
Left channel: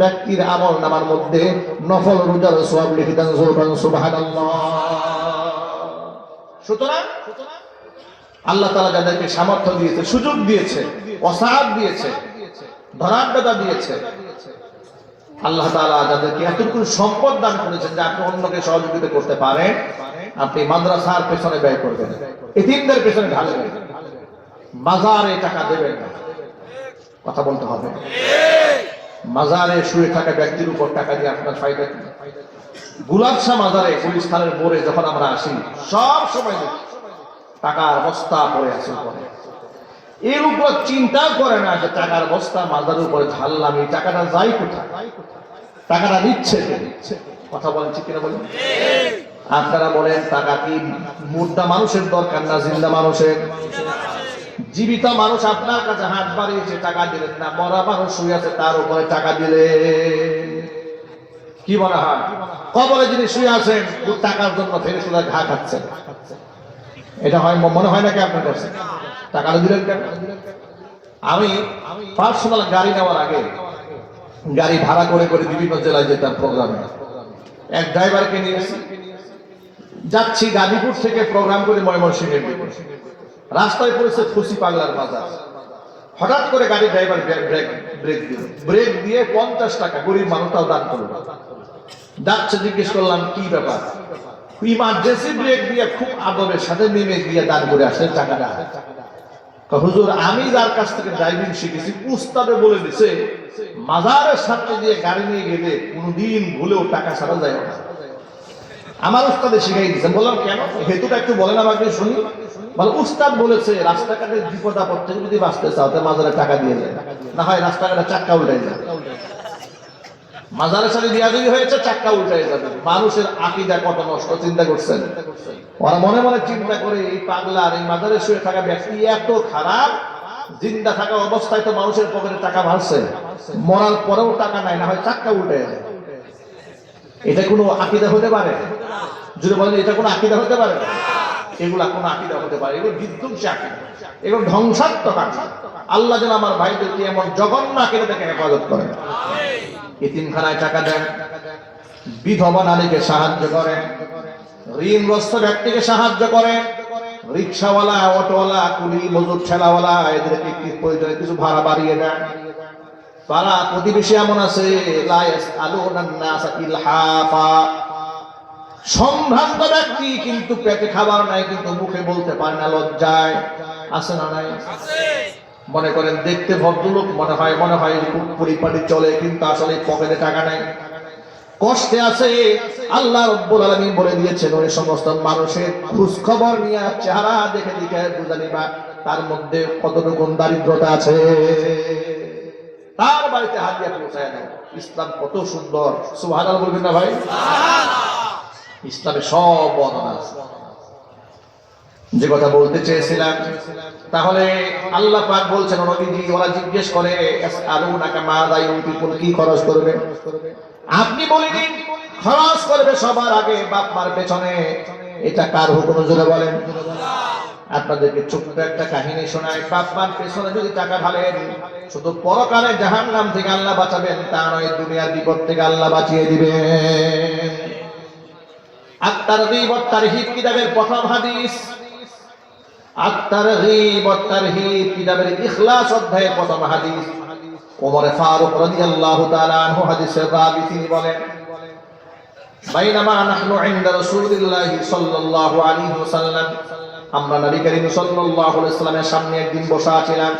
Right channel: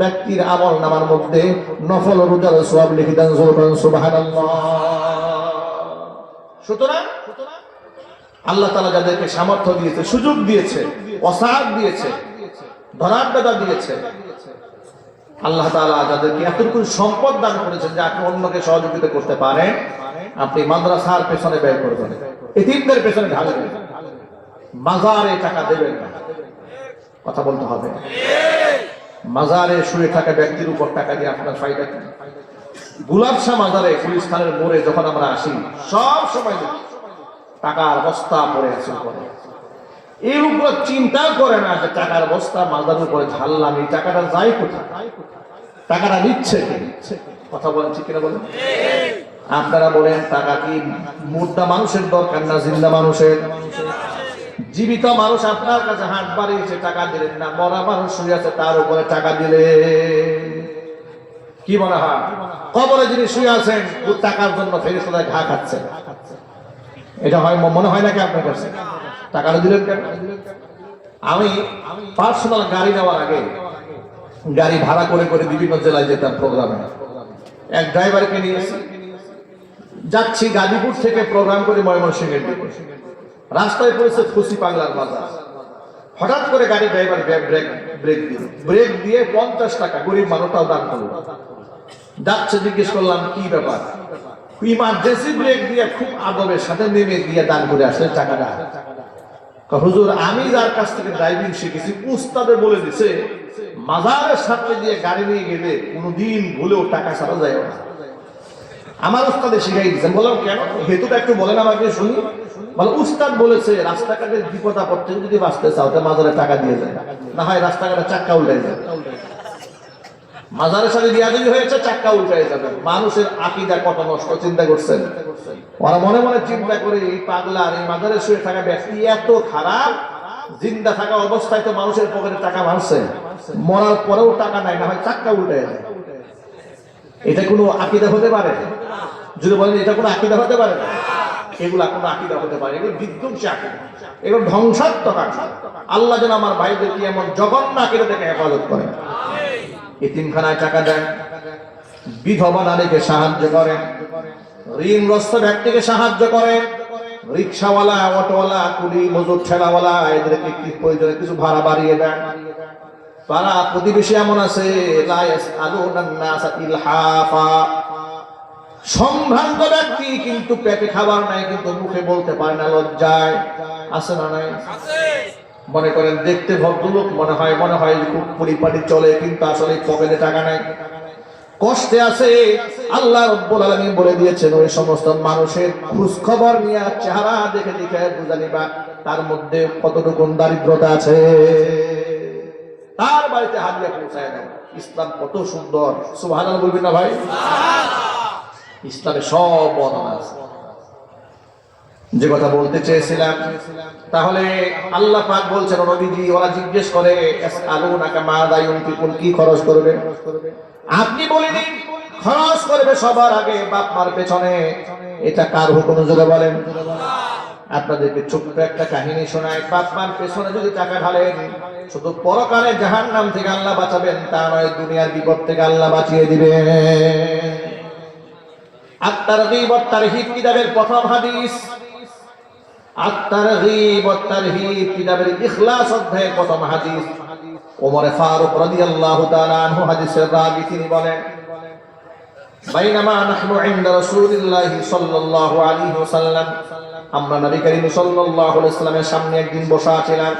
ব্যক্তির আমল নামার মধ্যে নফল রোজার সওয়াব লিখে দেন। সুবহানাল্লাহ। সুতরাং আল্লাহ তাআলা যাদেরকে সামর্থ্য দিয়েছে, সুযোগ দিয়েছে, ওসাআত দিয়েছে, ধনাঢ্যতা দিয়েছে, আল্লাহ তাআলা যাদেরকে এতটুকু সম্পদ দান করেছেন যে আপনি অন্যকে সহযোগিতা করতে পারেন, আপনি মাদ্রাসার পেছনে ব্যয় করবেন, এতিমদের পেছনে ঢালবেন, মাজারে টাকা দেবেন না। কথা বলতে হবে। মাজারে শুয়ে থাকা ব্যক্তির উপর টাকা দিয়ে আপনার ফায়দা কি? গুলাবশা মাজারে গুলিস্তানের মোড়ে যখন আমরা আসি সব সময় টাকার বস্তা পড়ে আছে উপরে। এর উপর চিন্তা করে না যে টাকার বস্তা মাজারের উপরে ঢাললাম, এই টাকাটা যায় কোথায়, টাকাটা নিচ্ছে কে? কথা বলেন ঠিক কিনা বলেন? আপনারা বলেন টাকা কি মুর্দা মানুষের দরকার না জিন্দা মানুষের? জীবিত মানুষ আপনার কাছে হাত বাড়িয়েছে, টাকা দিলেন না, মরা মানুষ শুয়ে আছে তার উপরে টাকা দিলে কি মনে হয়? কবরে যিনি শুয়ে আছেন টাকার জন্য ফেরেশতা ঘা খাচ্ছেন, এটা হয় মনে হয় নাকি আপনার কাছে? টাকা দিলেন কেন? আমি পার্সোনাল গাড়ি নেওয়ার আগে গাড়ি ভাড়া করে করে বিভিন্ন জেলায় যেতাম প্রোগ্রামে। এক ড্রাইভারকে নিয়ে যাচ্ছি গাজীপুর থেকে প্রোগ্রাম করে ময়মনসিংহের দিকে। রাস্তায় পড়েছে খুশি পাগলার বাজার। হঠাৎ করে গাড়ি ড্রাইভার ব্রেক দিয়ে 50 টাকা গরিব মানুষটাও দান করল। যাচ্ছে, জিজ্ঞেস করলাম কি ব্যাপার? ইমার্জেন্সি ব্রেক দিয়ে খুব আদবের সাথে নেমে গিয়ে দান করে আসলে টাকাটা। হুজুর আমি যার কাছ থেকে ড্রাইভিং শিখেছি উস্তাদে বলে দিছে মাজারের সামনে দিয়ে গাড়ি নিয়ে গেলে কোনোদিন ভুলেও টাকা ছাড়া যায় না। আমার উস্তাদে শিখাই দিচ্ছেন। বললাম কেন? হেতুটা একটু বলেন আমাকে শুনি। বলে উস্তাদ বলেছে রাস্তাঘাটের বিপদ আপদ থেকে যদি বাঁচতে চাও তাহলে মাজারে টাকা দিয়ে যায়, না হয় রাস্তাঘাটে চাক্কা উল্টে যায়। মাজারের সাথে বিয়াদবি হয়েছে, চাক্কা উল্টে যাবে। মানুষের আকীদা কত নষ্ট, চিন্তা করছেন? ওরা মনে মনে চিন্তা করে এই পাগলার এই মাজারে শুয়ে থাকা ব্যক্তি এত খারাপ, জিন্দা থাকা অবস্থায় তো মানুষের পকেটে টাকা মারছে, মরার পরেও টাকা নাই, না হয় চাক্কা উল্টে যায়। এটা কোনো আকীদা হতে পারে? যদি বলেন এটা কোনো আকীদা হতে পারে না, এগুলা কোনো আকীদা হতে পারে? এগুলো বিধ্বংসী আকীদা, এগুলো ধ্বংসাত্মক আকীদা। আল্লাহ যেন আমার ভাইদেরকে এমন জঘন্য আকীদা থেকে হেফাজত করেন। এতিমখানায় টাকা দেন, বিধবা নারীকে সাহায্য করেন, ঋণগ্রস্ত ব্যক্তিকে সাহায্য করেন, রিক্সাওয়ালা, অটোওয়ালা, কুলি, মজুর, ঠেলাওয়ালা এদেরকে কি প্রয়োজনে কিছু ভাড়া বাড়িয়ে দেন। পাড়া প্রতিবেশী এমন আছে লা ইয়াসআলুনান নাসা ইলহাফা, সম্ভ্রান্ত ব্যক্তি কিন্তু পেটে খাবার নাই, কিন্তু মুখে বলতে পারে না লজ্জায়। আছে না নাই? মনে করেন দেখতে ভদ্রলোক মনে হয় খুব পরিপাটি চলে, কিন্তু আসলে পকেটে টাকা নাই, কষ্টে আছে। আল্লাহ রাব্বুল আলামিন বলে দিয়েছেন ওই সমস্ত মানুষের খোঁজ খবর নিয়ে চেহারা দেখে দেখে বুঝে নিবা তার মধ্যে কতটুকু দারিদ্রতা আছে। তার বাড়িতে হাদিয়া পৌঁছায় দেন। ইসলাম কত সুন্দর, সুবহানাল্লাহ বলবেন না ভাই? ইসলামে সব বর্ণনা আছে। যে কথা বলতে চেয়েছিলাম, তাহলে আল্লাহ পাক বলছেন নবীজি ওরা জিজ্ঞেস করে আসআলুনাকা মাযা ইউনফিকুন, কি খরচ করবে? আপনি বলে দিন খরচ করবে সবার আগে বাপ মার পেছনে। এটা কার হুকুম জোরে বলেন? আপনাদেরকে ছোট্ট একটা কাহিনী শোনায়। বাপ মার পেছনে যদি টাকা ঢালেন শুধু পরকালে জাহান্নাম থেকে আল্লাহ বাঁচাবেন তা নয়, দুনিয়ার বিপদ থেকে আল্লাহ বাঁচিয়ে দিবেন। আত-তারগীব ওয়াত তারহীব কিতাবের প্রথম হাদিস, আত-তারগীব ওয়াত তারহীব কিতাবের ইখলাস অধ্যায়ের প্রথম হাদিস। ওমর ফারুক রাদিয়াল্লাহু তাআলা আনহু হাদিসের রাবী তিনি বলেন, বাইনামা নাহনু ইনদা রাসূলিল্লাহি সাল্লাল্লাহু আলাইহি ওয়াসাল্লাম, আমরা নবী করিম সাল্লাল্লাহু আলাইহি ওয়াসাল্লামের সামনে একদিন বসা ছিলাম।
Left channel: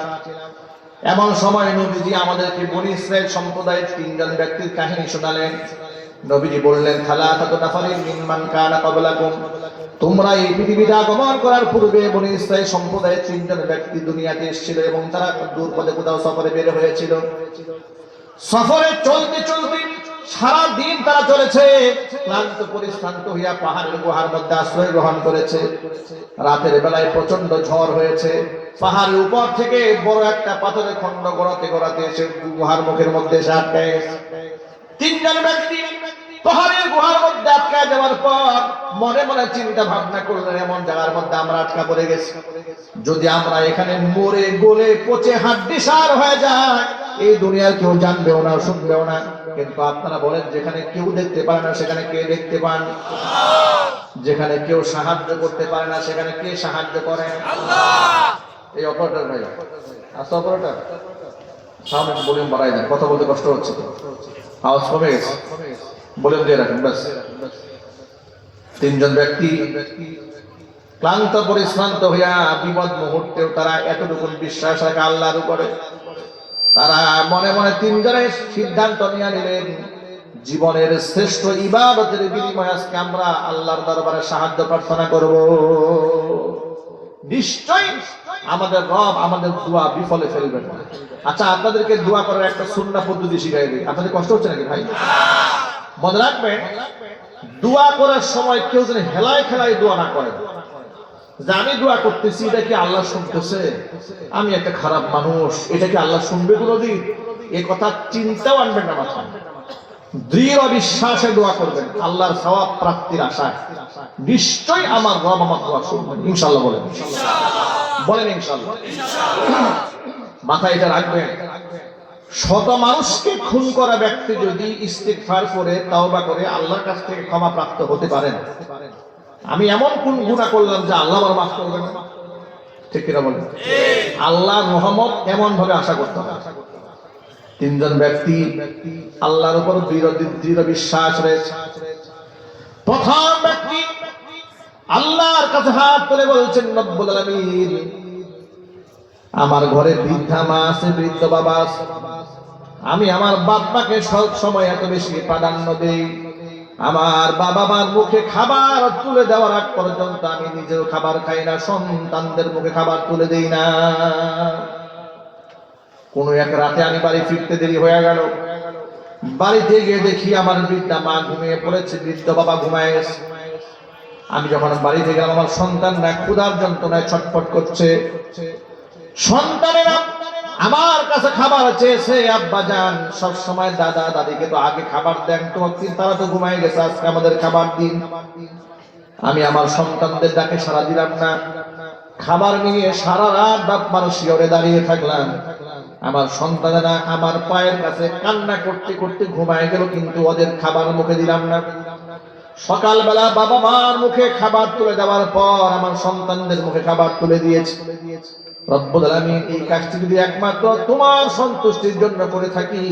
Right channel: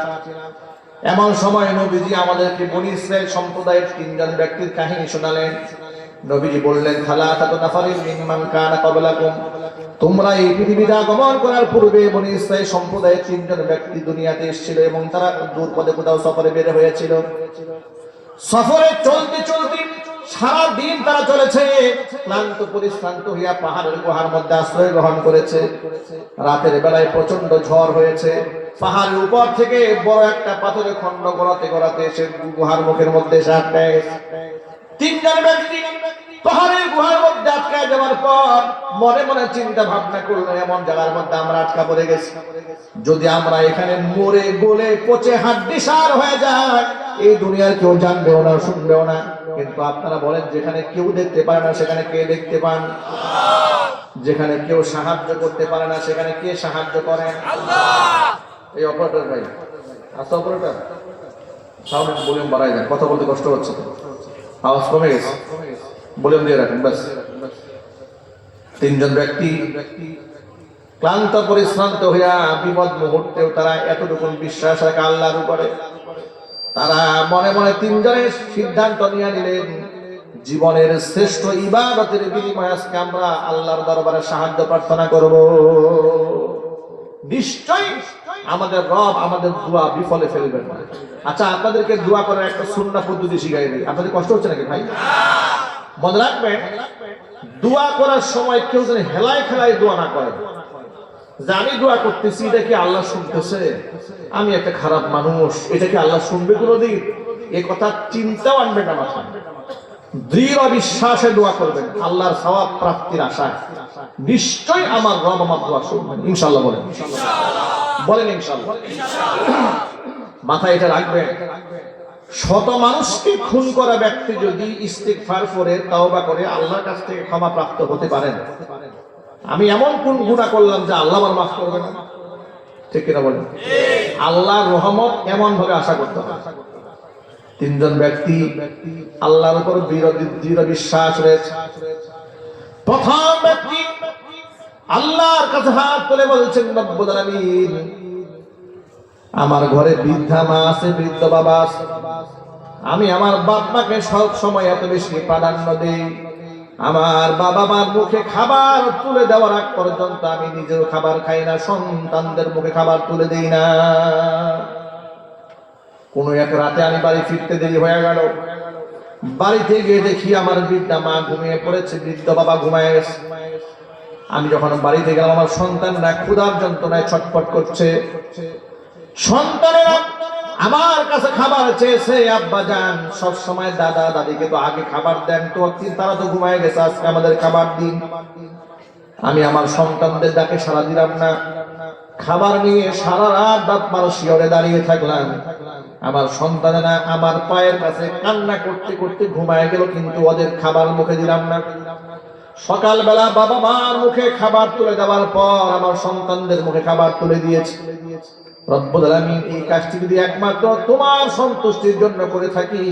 এমন সময় নবীজি আমাদেরকে বনী ইসরাইল সম্প্রদায়ের 3 জন ব্যক্তির কাহিনী শোনালেন। নবীজি বললেন, সালাসাতু নাফারিন মিম্মান কানা ক্বাবলাকুম, তোমরা এই পৃথিবীতে আগমন করার পূর্বে বনী ইসরাইল সম্প্রদায়ের 3 জন ব্যক্তি দুনিয়াতে এসেছিল এবং তারা দূর পথে কোথাও সফরে বের হয়েছিল। সফরে চলতে চলতে সারা দিন তারা চলেছে, ক্লান্ত পরিশ্রান্ত হইয়া পাহাড়ের গুহার মধ্যে আশ্রয় গ্রহণ করেছে। রাতের বেলায় প্রচন্ড ঝড় হয়েছে, পাহাড়ের উপর থেকে বড় একটা পাথরের খণ্ড গড়াতে গড়াতে এসে গুহার মুখের মধ্যে এসে আটকে। 3 জন ব্যক্তি পাহাড়ের গুহার মধ্যে আটকায় যাওয়ার পর মনে মনে চিন্তা ভাবনা করলেন, এমন জায়গার মধ্যে আমরা আটকা পড়ে গেছি, যদি আমরা এখানে মরে গলে পচে হাড্ডিসার হয়ে যায়, এই দুনিয়ার কেউ জানবেও না, শুনবেও না। কিন্তু আপনারা বলেন, যেখানে কেউ দেখতে পারে না সেখানে কে দেখতে পান? যেখানে কেউ সাহায্য করতে পারে না সেখানে কে সাহায্য করেন? এই অপারেটর ভাই, আচ্ছা অপারেটর সামনে ভলিউম বাড়াই দেন, কথা বলতে কষ্ট হচ্ছে, আওয়াজ কমে গেছে, ভলিউম দিয়ে রাখেন ব্যাস। তিনজন ব্যক্তি ক্লান্ত পরিশ্রান্ত হইয়া বিপদ মুহূর্তেও তারা এতটুকু বিশ্বাস রাখে আল্লাহর উপরে। তারা মনে মনে তিনজনের সিদ্ধান্ত নিয়ে নিলেন, জীবনের শ্রেষ্ঠ ইবাদতের বিনিময়ে আজকে আমরা আল্লাহর দরবারে সাহায্য প্রার্থনা করব। নিশ্চয়ই আমাদের রব আমাদের দোয়া বিফলে ফেলবেন না। আচ্ছা, আপনাদেরকে দোয়া করার একটা সুন্নাহ পদ্ধতি শিখাই দিই। আপনাদের কষ্ট হচ্ছে নাকি ভাই? মনে রাখবেন, দোয়া করার সময় কেউ যেন হেলায় খেলায় দোয়া না করে, যে আমি দোয়া করতেছি এটা কি আল্লাহ শুনতেছে, আমি একটা খারাপ মানুষ, এটা কি আল্লাহ শুনবে কোনোদিন, এ কথা চিন্তাও আনবেন না মাথায়। দৃঢ় বিশ্বাসে দোয়া করবেন আল্লাহর সওয়াব প্রাপ্তির আশায়, নিশ্চয়ই আমার রব আমার দোয়া শুনবেন। ইনশাআল্লাহ বলেন, বলেন ইনশাআল্লাহ। মাথায় এটা রাখবেন, শত মানুষকে খুন করা ব্যক্তি যদি ইস্তিগফার করে তাওবা করে আল্লাহর কাছ থেকে ক্ষমা প্রাপ্ত হতে পারেন, আমি এমন কোন গুনাহ করলাম যে আল্লাহ আমার মাফ করবে না? ঠিক কিনা বলেন? আল্লাহর রহমত এমন ভাবে আশা করতে হবে। তিনজন ব্যক্তি আল্লাহর উপর দৃঢ় বিশ্বাস রয়েছে। প্রথম ব্যক্তি আল্লাহর কাছে হাত তুলে বলছেন, রব্বুল আলামিন, আমার ঘরে বৃদ্ধা মা আছে, বৃদ্ধ বাবা আছে, আমি আমার বাপ মাকে সব সময় এত বেশি প্রাধান্য দেই, আমার বাবা মার মুখে খাবার তুলে দেওয়ার আগ পর্যন্ত আমি নিজেও খাবার খাই না, সন্তানদের মুখে খাবার তুলে দেই না। কোন এক রাতে আমি বাড়ি ফিরতে দেরি হয়ে গেল, বাড়িতে গিয়ে দেখি আমার বৃদ্ধা মা ঘুমিয়ে পড়েছে, বৃদ্ধ বাবা ঘুমায় গেছে। আমি যখন বাড়িতে গেলাম, আমার সন্তানরা ক্ষুধার যন্ত্রণায় ছটফট করছে। সন্তানেরা আমার কাছে খাবার চেয়েছে, আব্বা জান সব সময় দাদা দাদিকে তো আগে খাবার দেন, তো তারা তো ঘুমায় গেছে, আজকে আমাদের খাবার দিন। আমি আমার সন্তানদের ডাকে সাড়া দিলাম না, খাবার নিয়ে সারা রাত বাপ মার শিয়রে দাঁড়িয়ে থাকলাম। আমার সন্তানেরা আমার পায়ের কাছে কান্না করতে করতে ঘুমায় গেল, কিন্তু ওদের খাবার মুখে দিলাম না। সকালবেলা বাবা মার মুখে খাবার তুলে দেওয়ার পর আমার সন্তানদের মুখে খাবার তুলে দিয়েছে। রব্বুল আলামিন, এই কাজটি যদি একমাত্র তোমার সন্তুষ্টির জন্য করে থাকি,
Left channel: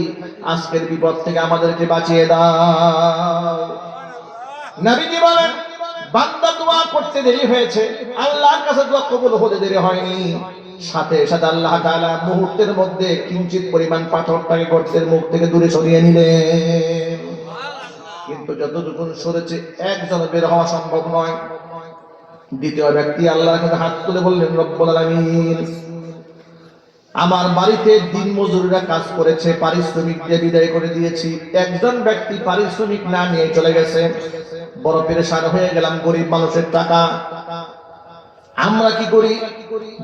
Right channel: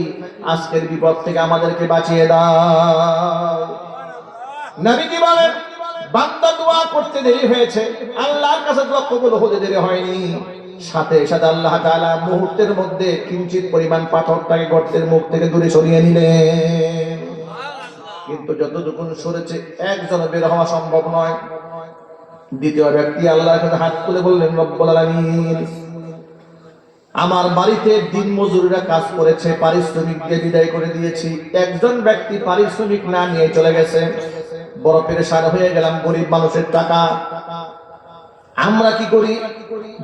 আজকের বিপদ থেকে আমাদেরকে বাঁচিয়ে দাও। নবীজি বলেন, বান্দা দোয়া করতে দেরি হয়েছে, আল্লাহর কাছে দোয়া কবুল হতে দেরি হয়নি, সাথে সাথে আল্লাহ তাআলা মুহূর্তের মধ্যে কিঞ্চিত পরিমাণ পাথরটাকে গর্তের মুখ থেকে দূরে সরিয়ে নিলেন। কিন্তু যতটুকু সরেছে একজন বের হওয়া সম্ভব নয়। দ্বিতীয় ব্যক্তি আল্লাহর কাছে হাত তুলে বললেন, রব্বুল আলামিন, আমার বাড়িতে দিন মজুররা কাজ করেছে, পারিশ্রমিক দিয়ে বিদায় করে দিয়েছি, একজন ব্যক্তি পারিশ্রমিক না নিয়ে চলে গেছে, বড় পেরেশান হয়ে গেলাম, গরিব মানুষের টাকা। আমরা কি করি,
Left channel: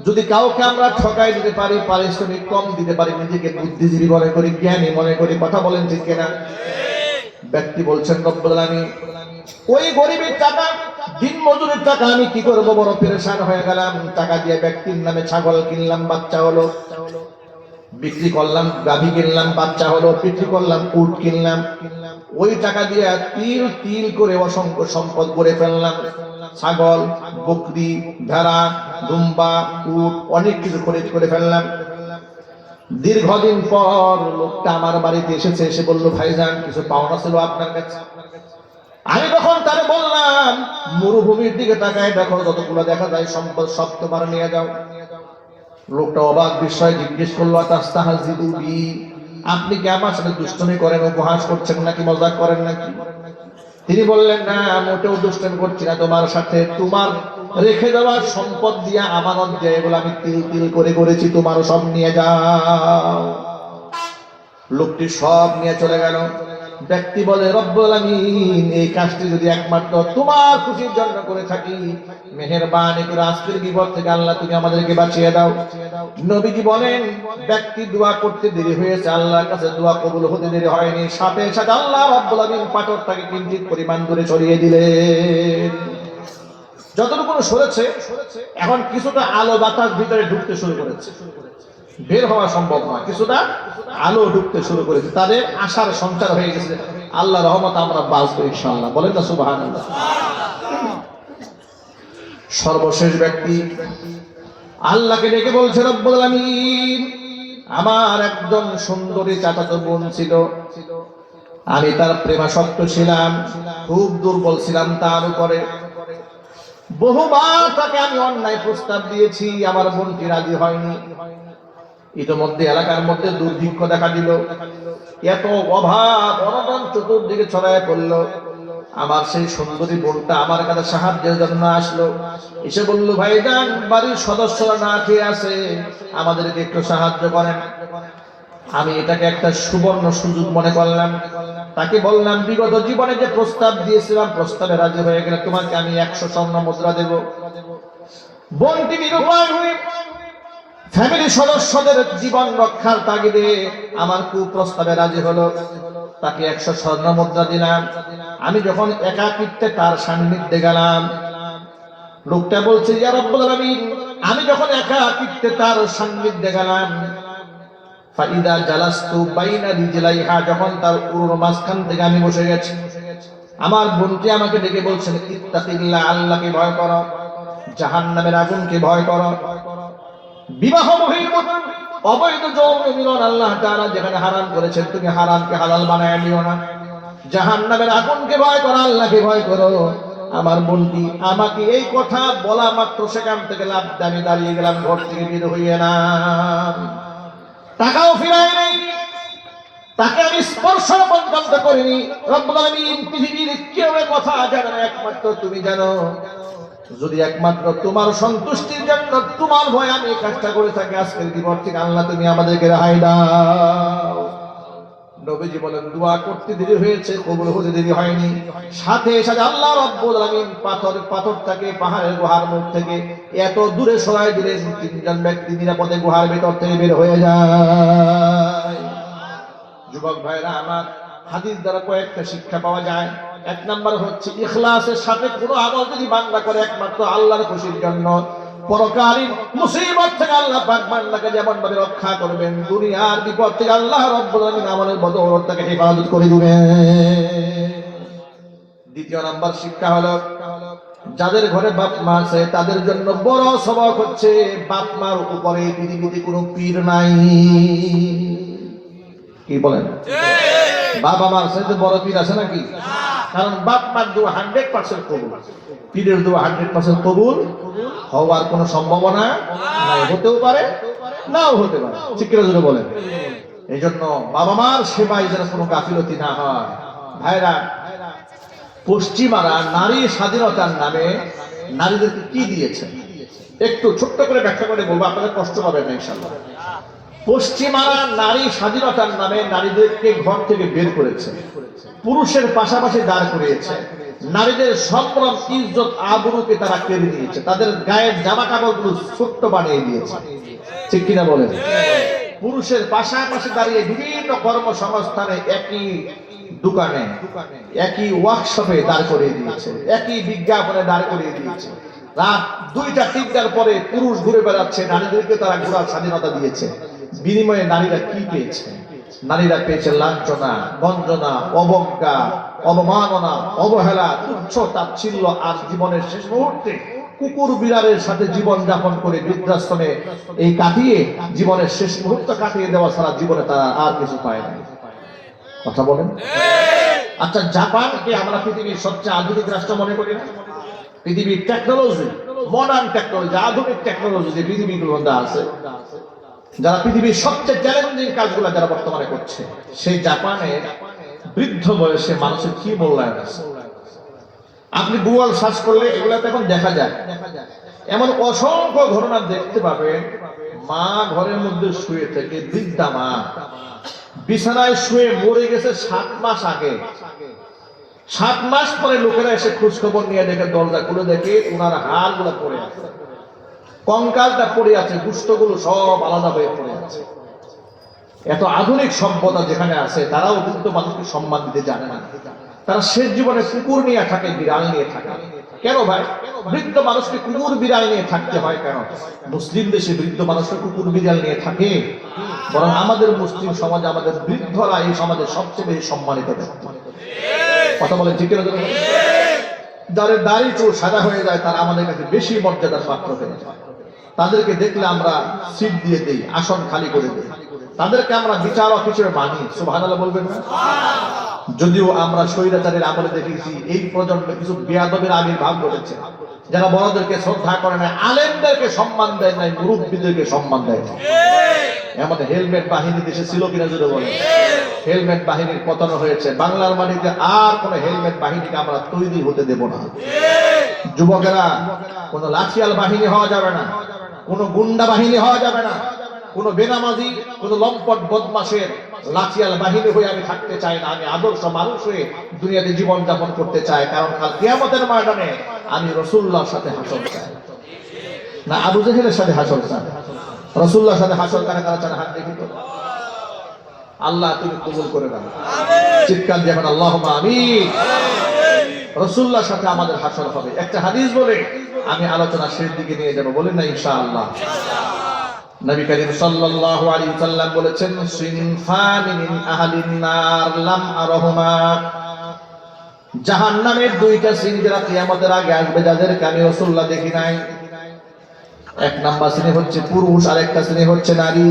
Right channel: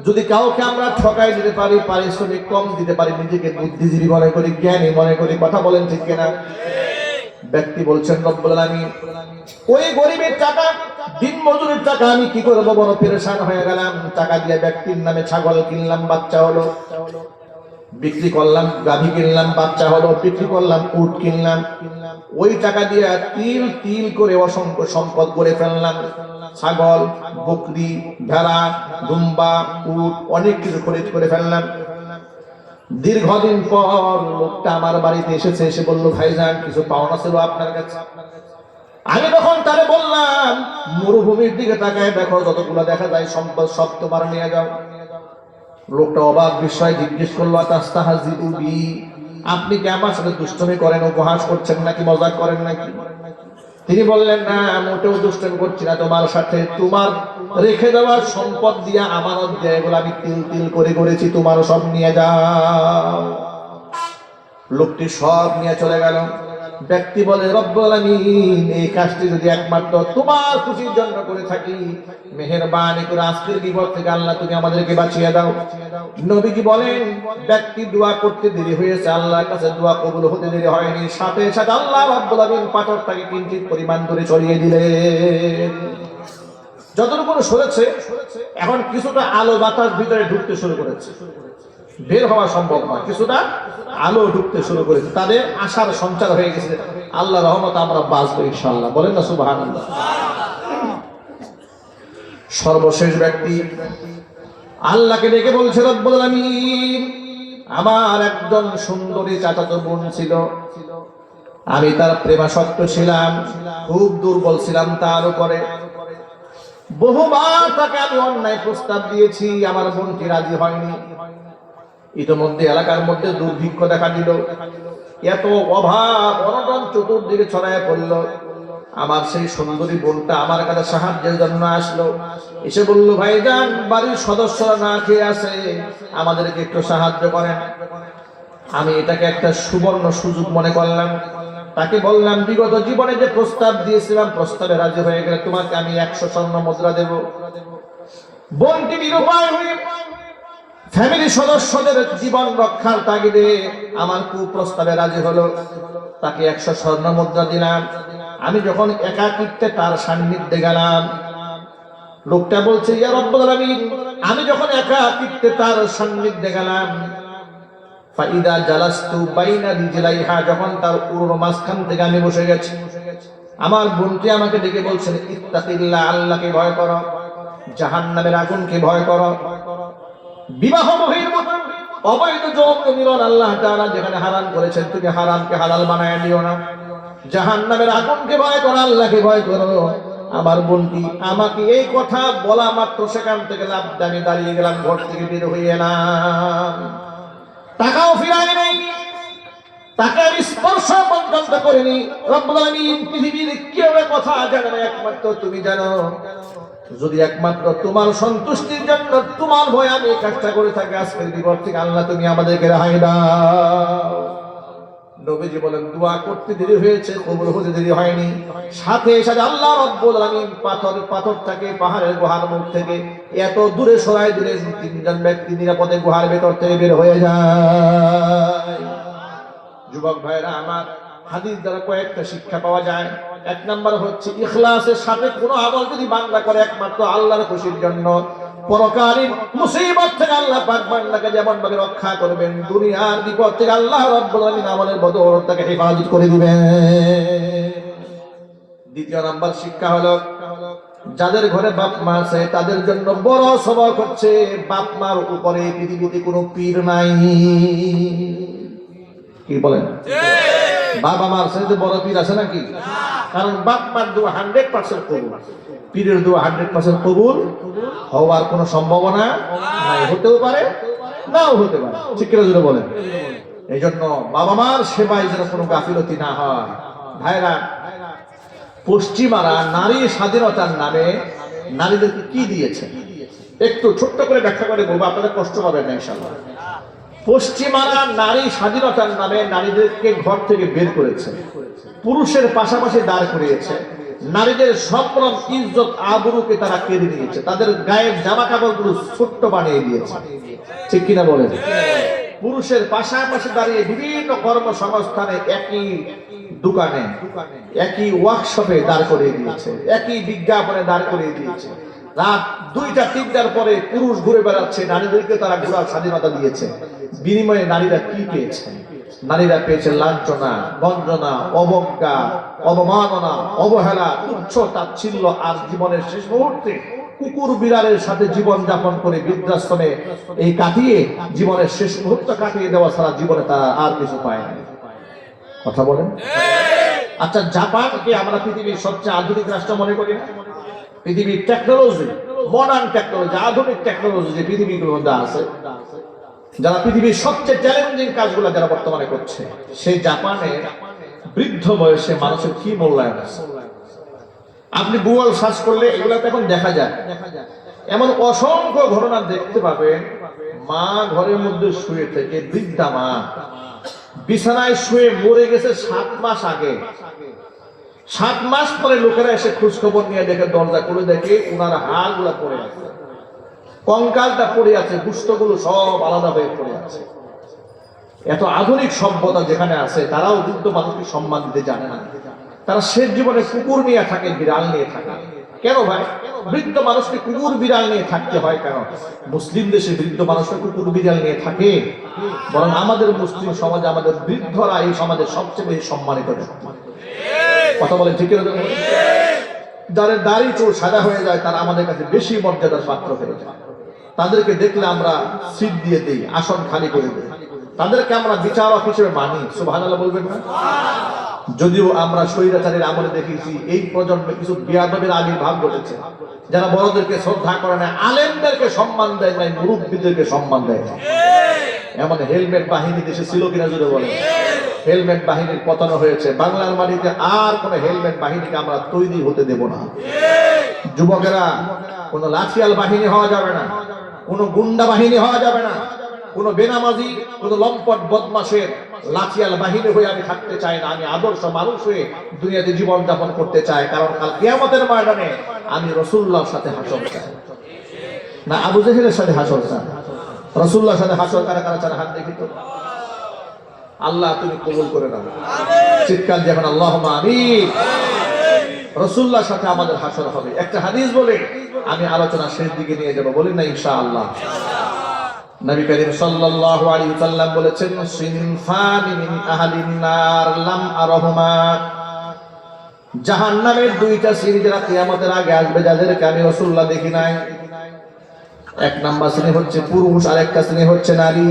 যদি কাউকে আমরা ঠকাই দিতে পারি, পারিশ্রমিক কম দিতে পারি, নিজেকে বুদ্ধিজীবী মনে করি, জ্ঞানী মনে করি, কথা বলেন ঠিক কিনা? ব্যক্তি বলছেন, রব্বুল আলামিন, ওই গরিবের টাকা, দিন মজুরের টাকা আমি কি করব, বড় পেরেশান হয়ে গেলাম। টাকা দিয়ে ব্যক্তির নামে ছাগল কিনলাম, বাচ্চা হলো, বিক্রি করলাম, গাভী কিনলাম, বাচ্চা হলো, বিক্রি করলাম, উট কিনলাম, ওই টাকা দিয়ে তিল তিল করে অসংখ্য সম্পদ গড়ে ফেললাম, ছাগল, বকরি, ভেড়া, দুম্বা, উট, অনেক কিছু খরিদ করে ফেললাম। দীর্ঘদিন পর লোকটা আমার বাড়িতে এসেছে, এসে বলল, ভাইজান কিছু পাওনা ছিল আপনার কাছে। আমি তখন তারে বললাম, মরুভূমির দিকে তাকায় দেখো, যতগুলো দেখা যায় সম্পদ সব তোমার নিয়ে যাও। লোকটা অবাক বিস্ময়ে জিজ্ঞেস করলো, তাস্তাহজিউ বি, আপনি কি আমার সাথে দুষ্টুমি করেন, উপহাস করছেন নাকি, মজাক করেন নাকি? তিনি বললেন, না, মোটেও দুষ্টুমি করছি না তোমার সাথে, তোমার রেখে দেওয়া সম্পদ দিয়ে, আমানত দিয়ে, এগুলো আমি তিল তিল করে করেছি, তোমার সব নিয়ে যাও। লোকটি সব নিয়ে চলে গেল। ব্যক্তি বলে রব্বুল আমিন এই কাজটি যদি একমাত্র তোমার খুশির জন্য করে থাকি, মেহেরবানি করে আজকের বিপদ থেকে আল্লাহ তুমি আমাদেরকে বাঁচিয়ে দাও। নবীজি বলেন ব্যক্তি দোয়া করতে দেরি হয়েছে, আল্লাহর কাছে দোয়া কবুল হতে দেরি হয়নি, সাথে সাথে আল্লাহ রাব্বুল আমিন পাথরটাকে কিঞ্চিত পরিমাণ দূরে সরিয়ে দিলেন। যতটুকু সরেছে এখন কিছুটা আলো বাতাস ভিতরে ঢুকতে শুরু করেছে, বের হওয়া সম্ভব নয়, কিছুটা আলো ঢুকতে শুরু করেছে, তাদের আশার সঞ্চার হয়ে গেছে। আল্লাহ রহমত আমরা বাঁচবো ইনশাআল্লাহ, বলেন না সুবহানাল্লাহ। সর্বশেষ ব্যক্তি আল্লাহকে ডেকে বলছে রব্বুল আমিন আমার একজন সুন্দরী চাচাতো বোন ছিল, আমি তার প্রেমাসক্ত ছিলাম, খুব দুর্বল ছিলাম, তার উপরে বহুবার তাকে আমি অন্যায় প্রস্তাব দিয়েছি, আমার বোনটি রাজি হয়নি। ইতিমধ্যে এলাকার মধ্যে দুর্ভিক্ষ দেখা দিল, এত অভাব অনটন চতুর্দিকে ছড়ায় পড়ল। আমার সেই সুন্দরী বোনটা আমার কাছে সাহায্যের জন্য আসলো, এসে বলল ভাইজান বাড়ির সদস্যরা না খেয়ে আছে, আমাদেরকে একটু সাহায্য করেন। আমি এটাকে একটা সুবর্ণ সুযোগ মনে করলাম, তাকে বললাম বিগত জীবনে যে প্রস্তাব দিয়েছিলাম প্রস্তাবে রাজি হয়ে গেলে তোমাকে আমি 100 স্বর্ণ মুদ্রা দেব। বোনটি নিরুপায় হয়ে ফ্যামিলি সদস্যদের জীবন রক্ষার তাগিদে আমার কুপ্রস্তাবে রাজি হলো, তাকে 100 স্বর্ণ মুদ্রা দিলাম। আমি যখন একাকিত্বে তার সান্নিধ্যে গেলাম, লোকটা বলছে ইয়া রব্বুল আলামিন আমি যখন একাকিত্বে তার সান্নিধ্যে গেলাম, ফাইদা জালাস্তু বাইনা রিজলাইহা যখন তার পুরো মাঝখান থেকে আমি বসে গেছি, আমার বোনটি আমাকে ডেকে বলছেন ইত্তাকিল্লাহ আল্লাহকে ভয় করো, জাহান্নামের আগুনকে ভয় করো। বিবাহ বহির্ভূত অবৈধ যৌন মিলন আল্লাহ তাআলা যেখানে হারাম করেছেন তুমি হারামকে হালাল বানায় নিও না, জাহান্নামের আগুনকে ভয় করো, আল্লাহকে ভয় করো। আমার বোনটি আমাকে এই কথা বলা মাত্র সেখান থেকে লাফ দিয়ে আমি দাঁড়িয়ে গেলাম, ঘর থেকে বের হয়ে এলাম, টাকাও ফিরাই নাই, তাকে আমি স্পর্শ পর্যন্ত করিনি। রব্বুল আমিন পৃথিবীর কেউ কথা জানে না, একমাত্র তুমি জানো। যদি একমাত্র তোমার সন্তুষ্টির জন্য তোমার ভয় আমি এই কাজটা করে থাকি, আজকের বিপদ থেকে আল্লাহ তুমি আমাদেরকে রেহাই দাও। নবীজি বলেন দোয়া করতে দেরি হয়েছে, কবুল হতে দেরি হয়নি, সাথে সাথে আল্লাহ রাব্বুল আমিন পাথরটাকে পাহাড়ের গুহার মুখ থেকে এত দূরে সরাই দিলেন, 3 জন ব্যক্তি নিরাপদে গুহার ভেতর থেকে বের হয়ে যায়। যুবক ভাইরা আমার, হাদিস দ্বারা কয়েকটা শিক্ষা পাওয়া যায়। 1 নাম্বার হচ্ছে ইখলাসের সাথে কোনো আমল যদি বান্দা করে একমাত্র আল্লাহর খুশির জন্য, পরকালীন মুসিবত থেকে আল্লাহ পাক বান্দাকে যেমন ভাবে রক্ষা করবেন, দুনিয়ার বিপদ থেকে আল্লাহ রাব্বুল আমিন আমলের বদৌলতে তাকে হেফাজত করে দিবেন। 2 নাম্বার শিক্ষা হলো যাদের ঘরে বাপ মা আছে তাদের জন্য বড় সবক হচ্ছে বাপ মার উপরে পৃথিবীতে কোনো পীর নাই। কি বলেন? বাবা মার সাথে বড় পীর আছে নাকি? কারণ বাপ মার দোয়া 100% কবুল, পীরের দোয়া 100% কবুল হওয়ার কোনো সম্ভাবনা নাই, হতেও পারে নাও হতে পারে, ঠিক করে জোরে বলেন। এই জন্য বাবা মার সেবায় যেন কোনো গাফিলতি না হয়। ভাইরা, পশ্চিমারা নারী স্বাধীনতার নামে নারীদেরকে কি দিয়েছে একটু ছোট্ট করে ব্যাখ্যা করে বলবো, আপনাদের কষ্ট হবে না ইনশাআল্লাহ। পশ্চিমারা নারী স্বাধীনতার নামে নারীদেরকে ঘর থেকে বের করেছে, পুরুষের পাশাপাশি দাঁড় করিয়েছে, নারীদের সম্ভ্রম ইজ্জত আবরুকে তারা কেড়ে নিয়েছে, তাদের গায়ের জামা কাপড়গুলো ছোট্ট বানিয়ে দিয়েছে, ঠিক কিনা বলেন? পুরুষের পাশাপাশি দাঁড়িয়ে বিভিন্ন কর্মসংস্থানে, একই দোকানে, একই ওয়ার্কশপে দাঁড় করিয়ে দিয়েছে, একই বিজ্ঞাপনে দাঁড় করিয়ে দিয়েছে। রাত 2টা-3টার পরে পুরুষ ঘুরে বেড়াচ্ছে, নারীদেরকে তারা ঘোরার স্বাধীনতা দিয়েছে। বিনিময়ে নারীরা কি পেয়েছে? নারীরা পেয়েছে লাঞ্ছনা, বঞ্চনা, অবজ্ঞা, অবমাননা, অবহেলা, তুচ্ছ তাচ্ছিল্য, আর জীবনের শেষ মুহূর্তে কুকুর বিড়ালের সাথে জীবন যাপন করে বৃদ্ধাশ্রমে এই কাটিয়ে জীবনের শেষ মুহূর্ত কাটিয়ে দেওয়া ছাড়া জীবনে তারা আর কিছু পায় না। কথা বলেন। আচ্ছা, জাপানকে আমরা পৃথিবীর সবচেয়ে আধুনিক রাষ্ট্র মনে করি না? পৃথিবীর টেকনোলজি, মডার্ন টেকনোলজি, আধুনিক টেকনোলজি যে পৃথিবীর মধ্যে আছে, যারা পৃথিবীর সবচেয়ে চ্যালেঞ্জিং কাজগুলো যারা বর্তমানে করছে, সেই জাপানে বৃদ্ধ বয়সে মানুষের কি মূল্যায়ন আছে আপনি গুগল সার্চ করলে এগুলো এখন দেখা যায়। এমন অসংখ্য ঘটনা দেখতে পাবেন, মা ঘরের মধ্যে শুয়ে থেকে, বৃদ্ধা মা বিছানায় শুয়ে মরে গেছে 7 মাস আগে। 7 মাস পরে লোকেরা এসে খোঁজ খবর নিয়ে দেখে, দরজা খুলে দেখে ওনার হাড়গুলা পড়ে আছে, কঙ্কালটা পড়ে আছে, গুস্তগুলো সব আলাদা হয়ে পড়ে আছে। এত আধুনিক সভ্যতা যেখানে আছে, তারাও বৃদ্ধ মানুষকে সম্মান দিতে জানে না। তারা শেষ জীবনে কুকুর নিয়ে থাকে, বিড়াল নিয়ে থাকে। কেন ভাই? বৃদ্ধ মানুষকে কুকুর বিড়াল নিয়ে থাকতে হয় কেন? মুসলিম দেশে বৃদ্ধ মানুষকে কুকুর বিড়াল নিয়ে থাকে? বরং আমাদের মুসলিম সমাজে আমাদের বৃদ্ধরা এই সমাজের সবচেয়ে বেশি সম্মানিত ব্যক্তি। কথা বলে ঠিক না? যাদের দাড়ি চুল সাদা হয়ে যায় তারা আমাদের কাছে বেশি মর্যাদার পাত্র হয়ে যায়। তাদেরকে দেখলে আমরা সিট দিয়ে দেই, আসন খালি করে দেই। তাদেরকে আমরা বিচারক হিসেবে মানি। সুবহানাল্লাহ বলবেন না? যদিও আমরা স্বৈরাচারের আমলে দেখেছি এই প্রজন্মে কিছু বেয়াদবের আবির্ভাব ঘটেছে, যারা বড়দেরকে শ্রদ্ধা করে না, আলেমদেরকে সম্মান দেয় না, মুরব্বীদেরকে সম্মান দেয় না। এমন হেলমেট বাহিনী দেশে ছিল কিনা যদি বলেন? হেলমেট বাহিনীর পতন হয়েছে। বাংলার মাটিতে আর কোন হেলমেট বাহিনীকে আমরা তৈরি হতে দেব না। যুবকেরা, কোন লাঠিয়াল বাহিনী হওয়া যাবে না, কোন গুন্ডা বাহিনী হওয়া যাবে না, কোন বেনামাজি, কোন লম্পট বদমাশের লাঠিয়াল বাহিনী হয়ে আমি থাকতে চাই না। আমি আদর্শ মানুষ হয়ে দুনিয়াতে জীবন যাপন করতে চাই। কারণ কাল কিয়ামতের ময়দানে আমি রাসূলুল্লাহর সাথে হাসর চাই, না আবু জেহেলের সাথে হাসর চাই। রাসূলুল্লাহর সাথে হাসর কারা কারা চান? হাত দেখি তো। আল্লাহ তুমি কবুল করে নাও। চিৎকার দিয়ে এখন আল্লাহুম্মা আমিন। রাসূলুল্লাহর সাথে আমাদের হাসর হবে। একটা হাদিস বলে আমি আলোচনা শেষ দিকে নিয়ে যাব, বলেন না ইনশাআল্লাহ? নবী করিম সাল্লাল্লাহু আলাইহি ওয়াসাল্লাম বলেছেন, সিনফানি মিন আহলিন নার লাম আরহুমা। জাহান্নামের দুইটা শ্রেণী যারা কিয়ামতের আগে আসবে, যাদেরকে আমি রাসূলুল্লাহ দেখি নাই। এক নাম্বার শ্রেণী হচ্ছে পুরুষ, আর একটা শ্রেণী হচ্ছে নারী।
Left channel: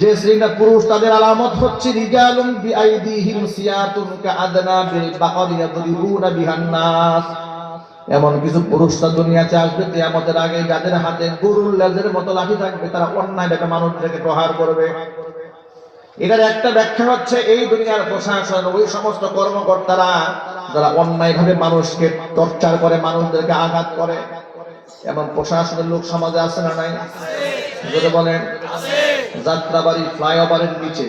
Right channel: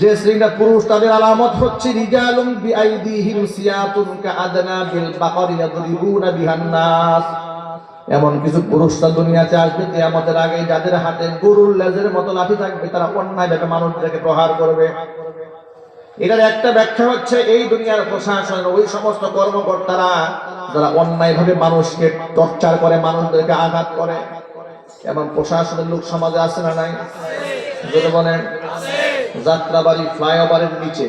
যে শ্রেণীটা পুরুষ, তাদের আলামত হচ্ছে রিজালুন বিআইদিহিম সিয়াতুন কাআদনা বিল বাকরি ইয়াদরিবুনা বিহান নাস। এমন কিছু পুরুষরা দুনিয়াতে আসবে কিয়ামতের আগে, যাদের হাতে গরুর লেজের মতো লাঠি থাকবে। তারা অন্যায়ভাবে মানুষদেরকে প্রহার করবে। এটার একটা ব্যাখ্যা হচ্ছে এই দুনিয়ার প্রশাসনের ওই সমস্ত কর্মকর্তারা যারা অন্যায়ভাবে মানুষকে টর্চার করে, মানুষদেরকে আঘাত করে। এমন প্রশাসনের লোক সমাজে আছে না নাই? যদি বলেন, যাত্রাবাড়ি ফ্লাইওভারের নিচে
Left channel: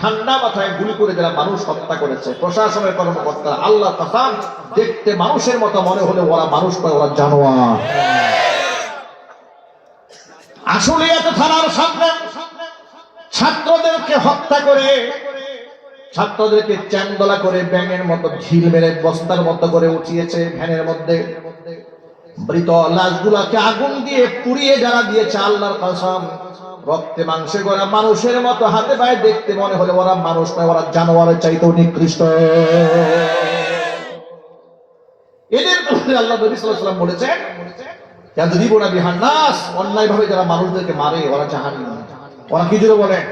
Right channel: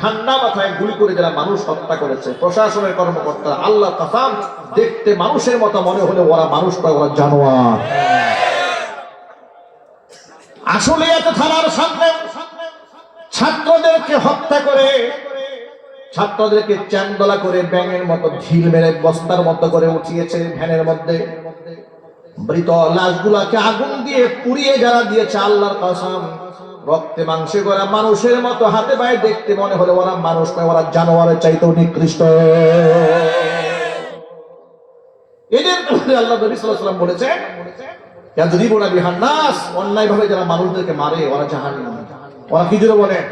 ঠান্ডা মাথায় গুলি করে যারা মানুষ হত্যা করেছে, প্রশাসনের কর্মকর্তা, আল্লাহ কসম, দেখতে মানুষের মতো মনে হলে ওরা মানুষ নয়, ওরা জানোয়ার। আসলে এত থানার সামনে ছাত্রদেরকে হত্যা করে, ছাত্রদেরকে চ্যাংদোলা করে, ব্যাঙের মতো ঢিল মেরে বস্তার মতো করে উঠিয়েছে ভ্যানের মধ্যে। মৃত লাশগুলোকে আগুন দিয়ে পুড়িয়ে যারা দিয়েছে, আল্লাহর কসম, রক্তে মাংসে গড়া মানুষের মতো হাতে পায়ে দেখতে মনে হলো ওরা মানুষ নয়, ওরা জানোয়ারের চাইতেও নিকৃষ্ট। এদের আল্লাহ নবী সাল্লাল্লাহু আলাইহি ওয়াসাল্লাম বলেছেন, ইয়াদরিবুনা বিহান নাস, অন্যায়ভাবে যারা মানুষদেরকে মারে ওরা জাহান্নামী। ওরা কি জোরে বলেন?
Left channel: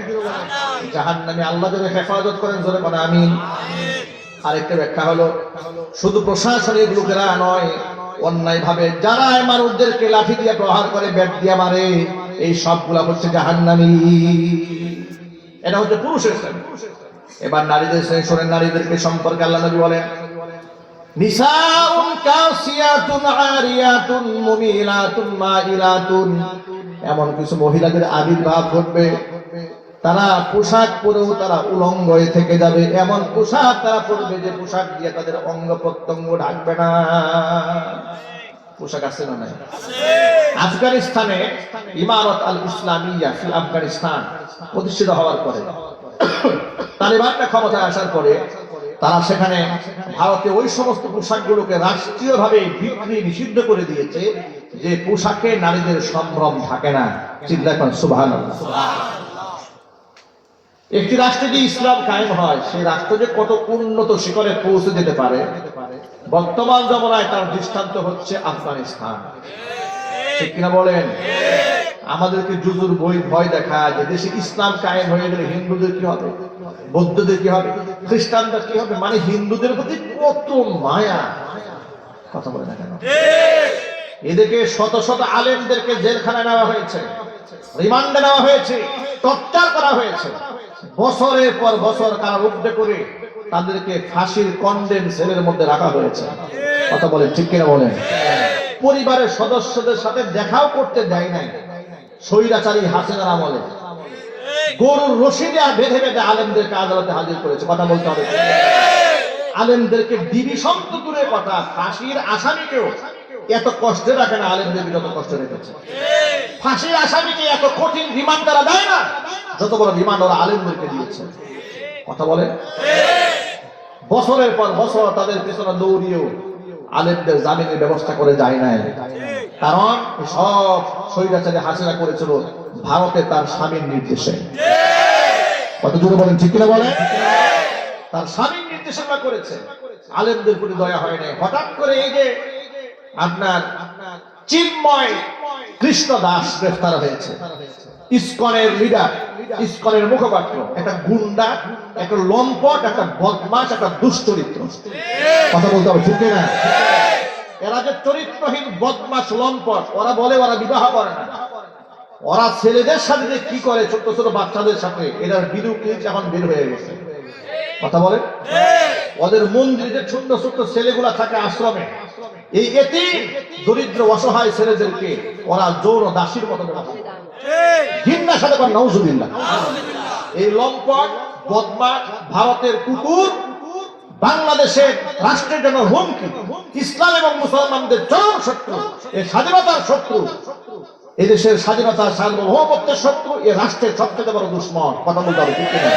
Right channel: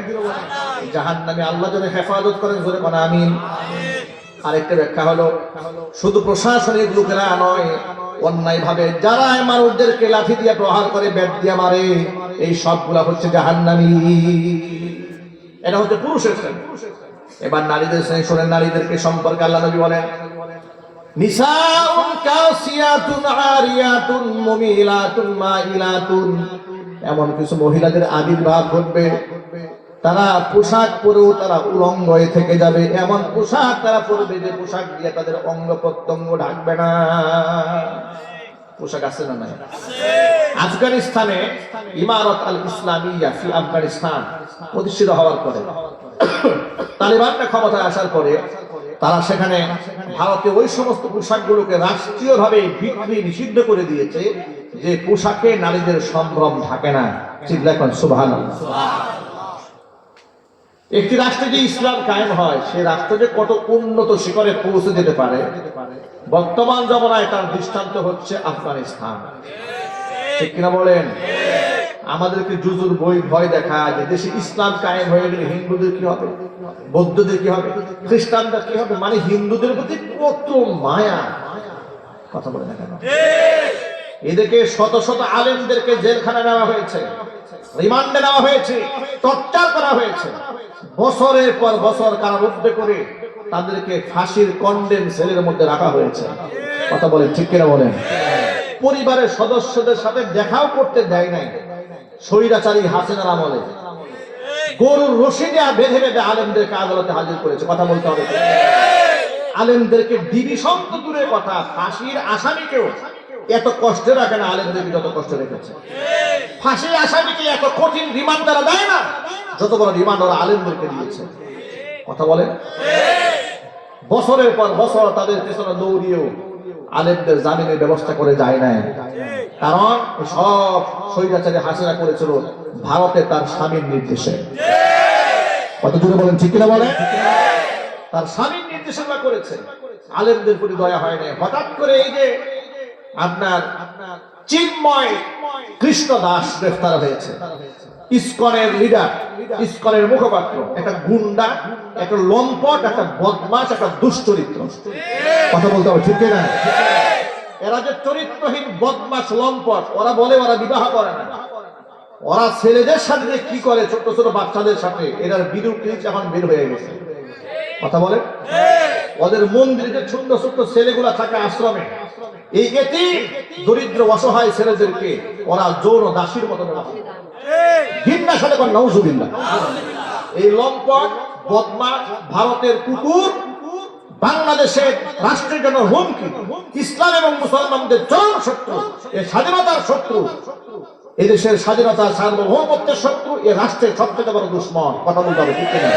জাহান্নামী। আল্লাহ যেন হেফাজত করেন, জোরে বলেন আমিন। আরেকটা ব্যাখ্যা হলো, শুধু প্রশাসনিক লোকেরা নয়, অন্যায়ভাবে যারা মানুষদেরকে লাঠি দিয়ে প্রহার করে, ব্যাট দিয়ে মারে, এই সবগুলা হচ্ছে জাহান্নামী। এটা হচ্ছে পুরুষের শ্রেণী। এবার নারীদের শ্রেণী শোনেন। নারীদেরকে সম্পর্কে আল্লাহ নবী বলেন, নিসাউন কাসিয়াতুন আরিয়াতুন মুমিলাতুন মাইলাতুন। এমন কিছু মহিলাদের আবির্ভাব ঘটবে, তারা পোশাক পরেও তারা উলঙ্গ হয়ে থেকে যাবে। এমন পোশাক তারা পরবে যে পোশাক দিয়ে তাদের অঙ্গ প্রত্যঙ্গ ঢাকবে না। পোশাক আছে না নাই? আফগানিস্তানে ইমারত আল ইসলামিয়া ফি আফগানিস্তান প্রতিষ্ঠিত হওয়ার পরে, তালিবানরা ক্ষমতায় আসার পরে, তারা সেখানে ভারতে ওই সমস্ত পোশাকগুলোকে রাষ্ট্রীয়ভাবে বিক্রি নিষিদ্ধ করে দিয়েছে, যে পোশাকে নারীদের সম্ভ্রম থাকে না। চিন্তা করেন, সুবহানাল্লাহ। একটি রাষ্ট্রে যে ইসলাম কায়েম হয়, সেই রাষ্ট্র যে কত উন্নত শিখরে পৌঁছে যেতে পারে, বর্তমান জমানায় তার দৃষ্টান্ত হচ্ছে আফগানিস্তান। ঠিক কিনা বলেন? আমাদেরকে জুজুর বই ভয় দেখায় যে দেশে ইসলাম কায়েম হয়ে গেলে হিন্দুদের কি হবে, বৌদ্ধদের কি হবে, খ্রিস্টানদের কি হবে। মানে হিন্দুদের প্রতি কত মায়া। কথা বলে না কেন? এদেরকে শত শত আলেমদেরকে জেলখানায় নেওয়া হয়েছে, রিমান্ডে নেওয়া হয়েছে, টর্চার করা হয়েছে, বছরের পর বছর কারারুদ্ধ করে তাদেরকে ফাঁসির কন্ডেম সেলের মধ্যে রাখা হয়েছে। কথা বলে ঠিক কিনা বলেন? পরিবারের সদস্যদের সাথে দেখাও করতে দেয় নাই। স্বৈরাচারী হাসিনার আমলে গরুর রশি দেওয়া বেঁধে বেঁধে আলেমদেরকে আদালতে হাজির করেছে। কথা বলতে হবে। আলেমদেরকে ডিভিশন তো দূরের কথা, ফাঁসির আসামিকেও এত কষ্টে রাখে না আলেমদেরকে যত কষ্ট রেখেছে। ফাঁসির আসামিকে এত কঠিন রিমান্ড তারা দেয় না যত বড় রিমান্ড ওরা আলেমদেরকে দিয়েছে। কথা বলে, বছরের পর বছর তাদের পেছনে দৌড়িয়েও আলেমদের জামিনের ব্যবস্থা করে যায় নাই। কারণ সব স্বৈরাচারী হাসিনা করেছিল ভারতে তার স্বামীর নির্দেশে। কত জোরে বলেন, ঠিক কিনা বলেন? তার স্বামীর নির্দেশনা করেছে, আলেমদের প্রতি দয়া হয় নাই। হঠাৎ করে এই যে আপনার চিন্ময় কৃষ্ণ দাস গ্রেফতার হয়েছে, ইসকনের লিডার, ইসকনের মুখপাত্র, একটা গুন্ডা, একটা লম্পট, একটা বদমাশ, একটা দুশ্চরিত্র। কথা বলতে হবে, ঠিক না? এরা যে চরিত্রহীন বদমাশ লম্পট, ওরা বলে ওরা বিবাহ করে না, ওরা ছেলেদের সাথে যে কি করে ছোট ছোট বাচ্চাদের সাথে, এটার ভিডিও ক্লিপ এখন বের হয়ে গেছে। কথা বলে, ওদের মন্দিরে যে ছোট্ট ছোট্ট ছেলেগুলা থাকে আশ্রমে, এই এটি দরিদ্র অসহায় ছেলেদেরকে ওরা যৌন দাসীর মতো ঘৃণার সাথে করে নাউজুবিল্লাহ। এই লম্পট বদমাশ ভারতের কুকুর বাংলাদেশের রাষ্ট্রের জন্য হুমকি, ইসলাম এবং মুসলমানদের চরম শত্রু, এই স্বাধীনতার শত্রু, এই দেশের স্বাধীনতা সার্বভৌমত্বের শত্রু, এই রাষ্ট্রের সবচেয়ে বড় দুশ্মন। কথা বলতে হবে, ঠিক না?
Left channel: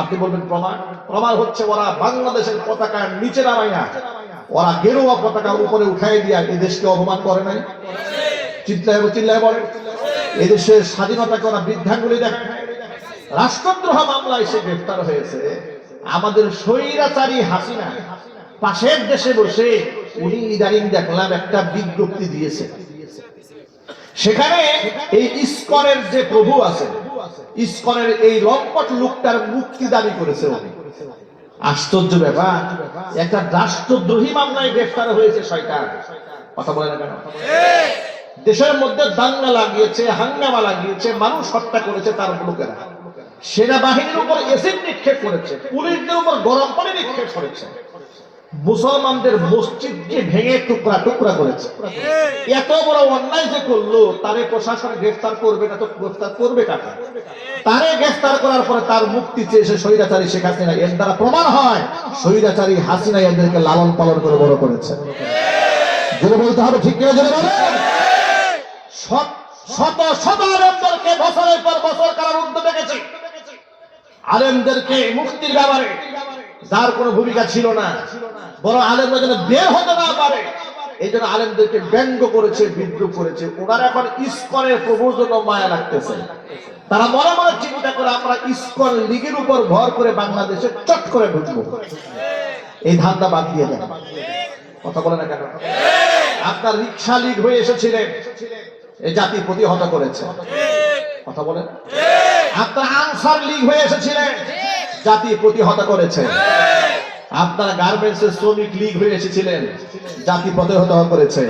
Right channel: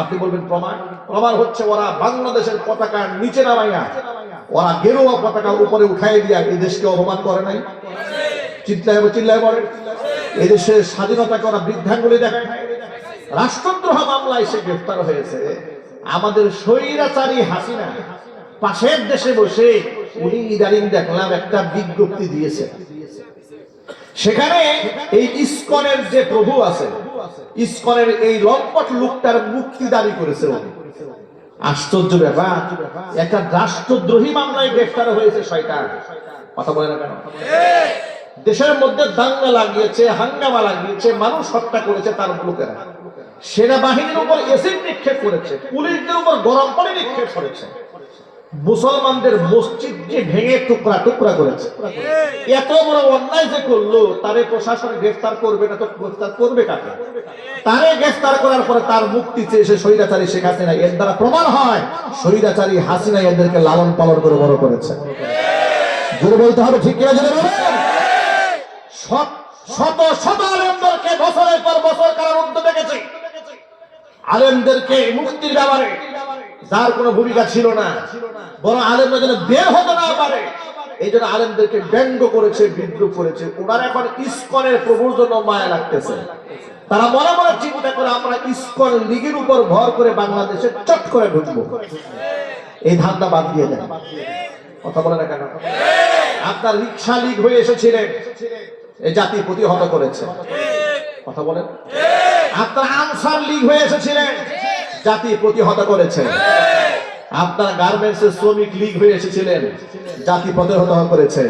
আপনি বলবেন প্রমাণ? প্রমাণ হচ্ছে ওরা বাংলাদেশের পতাকার নিচে নামাইয়া ওরা গেরুয়া পতাকা উপরে উঠাই দিয়া এই দেশকে অপমান করে নাই। চিল্লায় বলে, এই দেশের স্বাধীনতাকে ওরা বৃদ্ধাঙ্গুলি দেখে। রাষ্ট্রদ্রোহ মামলায় সে গ্রেফতার হয়েছে। আমাদের স্বৈরাচারী হাসিনা পাশের দেশে বসে উনি ইদারিং দেখলাম একটা বিজ্ঞপ্তি দিয়েছে, সেখানে এই ইসকনের যে প্রভু আছে, ইসকনের এই লম্পট লোকটার মুক্তি দাবি করেছে। আশ্চর্য ব্যাপার, একটা রাষ্ট্রদ্রোহী মামলায় গ্রেফতার হয়েছে শয়তান। কথা বলে না কেন? দেশের মধ্যে দাঙ্গা লাগিয়েছে, হাঙ্গামা লাগিয়েছে, মানুষ হত্যা করেছে তার লোকেরা, সেনাবাহিনীর উপর এসিড নিক্ষেপ করেছে, পুলিশদের উপর গরম পানি নিক্ষেপ করেছে, মুসলমানদের মসজিদকে ভেঙে টুকরা টুকরা করেছে। এত বড় অন্যায় যে করলো, তারে প্রশাসন গ্রেফতার করবে না তো গ্রেফতার করবে কাকে? তারে গ্রেফতার করার পরে তার মুক্তি চেয়েছে স্বৈরাচারী শেখ হাসিনা। এর দ্বারা প্রমাণ হয় স্বৈরাচারী হাসিনা এদেরকে লালন পালন করে বড় করেছে। গুলো বলতে হবে, ঠিক কিনা? জেনে বলেন, শত শত আলেমদেরকে বছরের পর বছর কারারুদ্ধ দেখেছে, আলেমদেরকে মুক্তির ব্যাপারে যার কোনো ভূমিকা ছিল না, বরং আলেমরা যেন বের হতে না পারে এই জন্য আলেমদেরকে ব্যঙ্গ করেছে, বিদ্রুপ করেছে। ওনারা এখন ইসকনের প্রভুর জন্য মায়া লাগতেছে। তারা মনে মনে চিন্তা করে আমরা ইসকন লীগের উপর ভর করে বাংলাদেশে চট করে ঢুকবো। এই ধান্দা বাদ দিয়ে দেন। কথা বলে না কেন? আপনার রিক্সা লীগ হয়ে এসেছিলেন, এই জাতি প্রতিহত করেছে। কথা বলেন। আপনার আনসার লীগ হয়ে এসেছিলেন, জাতি প্রতিহত করেছে। আপনার গার্মেন্টসের শ্রমিক লীগ হয়ে এসেছিলেন, জাতি প্রতিহত করেছে।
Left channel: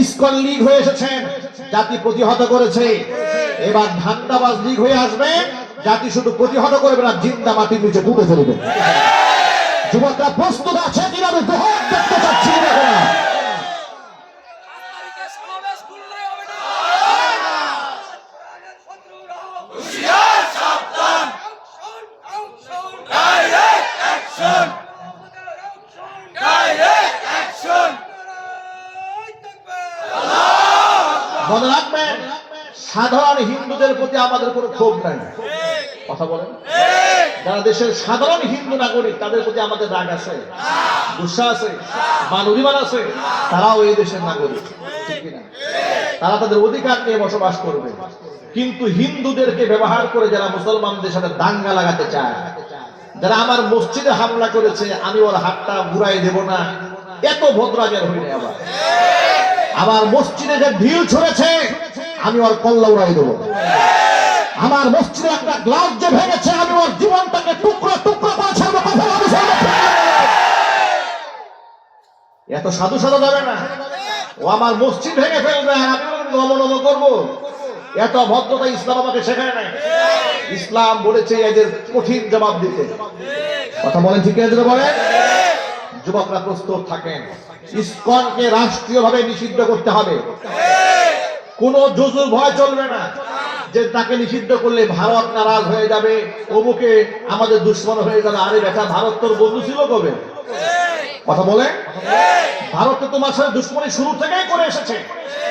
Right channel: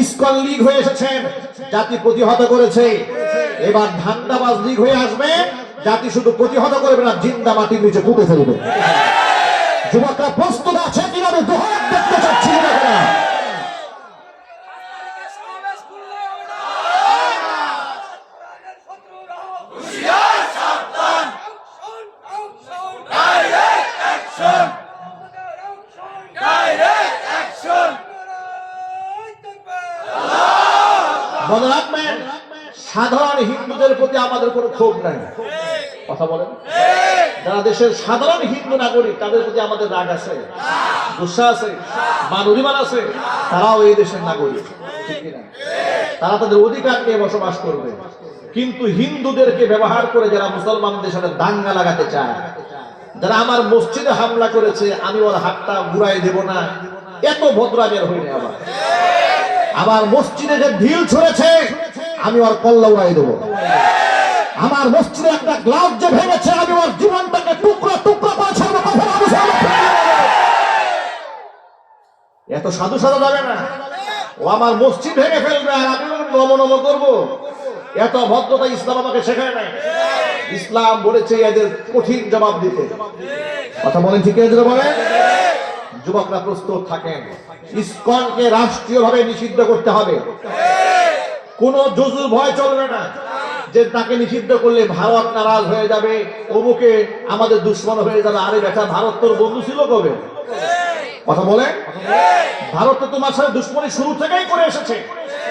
ইসকন লীগ হয়ে এসেছেন, জাতি প্রতিহত করেছে। এবার ধান্দাবাজ লীগ হয়ে আসবে, জাতি শুধু প্রতিহত করবে না, জিন্দা মাটির নিচে পুঁতে ফেলবে। যুবকরা প্রস্তুত আছে কিনা? দুহাত দেখতে চাচ্ছি না। মনে রাখবেন, সাধারণ হিন্দুদের প্রতি আমাদের কোনো ক্ষোভ নাই। কথা বলেন, যারা দেশের সাধারণ হিন্দু নাগরিক তাদের প্রতি আমাদের রাগ আছে, গুসা আছে, মান অভিমান আছে। তারাও এই দেশের নাগরিক, ঠিক কিনা? তারা তাদের অধিকার নিয়ে বসবাস করবে। কিন্তু হিন্দুদেরকে ব্যবহার করে যারা মুসলমানদের সাথে দাঙ্গা লাগাতে চায়, যারা আমার মসজিদে হামলা করেছে, আমি ওর হাতটা ঘুরাই দেব না, এত ভদ্রামের হইনি। আমার মসজিদে যে ঢিল ছড়েছে, আমি ওর কল্লা উড়াই দেবো। আমার মসজিদে একটা গ্লাস যে ভেঙেছে, আমি ওর জীবনটাকে টুকরো টুকরো করে ছাড়বো। এত সাধু সাধা যাবে না। ও আমার মসজিদ ভেঙে ফেলবে আর আমি নম নম করবো, এত ভদ্রতা ইসলাম আমাকে শেখায় না। ইসলাম বলেছে এদের কঠিন জবাব দিতে। কথা বলেন, ঠিক আছে? বলে যুবকরা প্রস্তুত থাকেন। ইসকনকে রাষ্ট্রীয়ভাবে নিষিদ্ধ করতে হবে। কোন জুজুর ভয় চলবে না। যে তাকে নিষিদ্ধ করলে ভারত নারাজ হয়ে যাবে, অমুকে আমাদের দুশ্মন হয়ে যাবে। আরে বেটা, ভারত তোর বন্ধু ছিল কবে? কথা বলে। ভারত তো তোমার সাথে দুশ্মনী শুরু থেকেই করে এসেছে।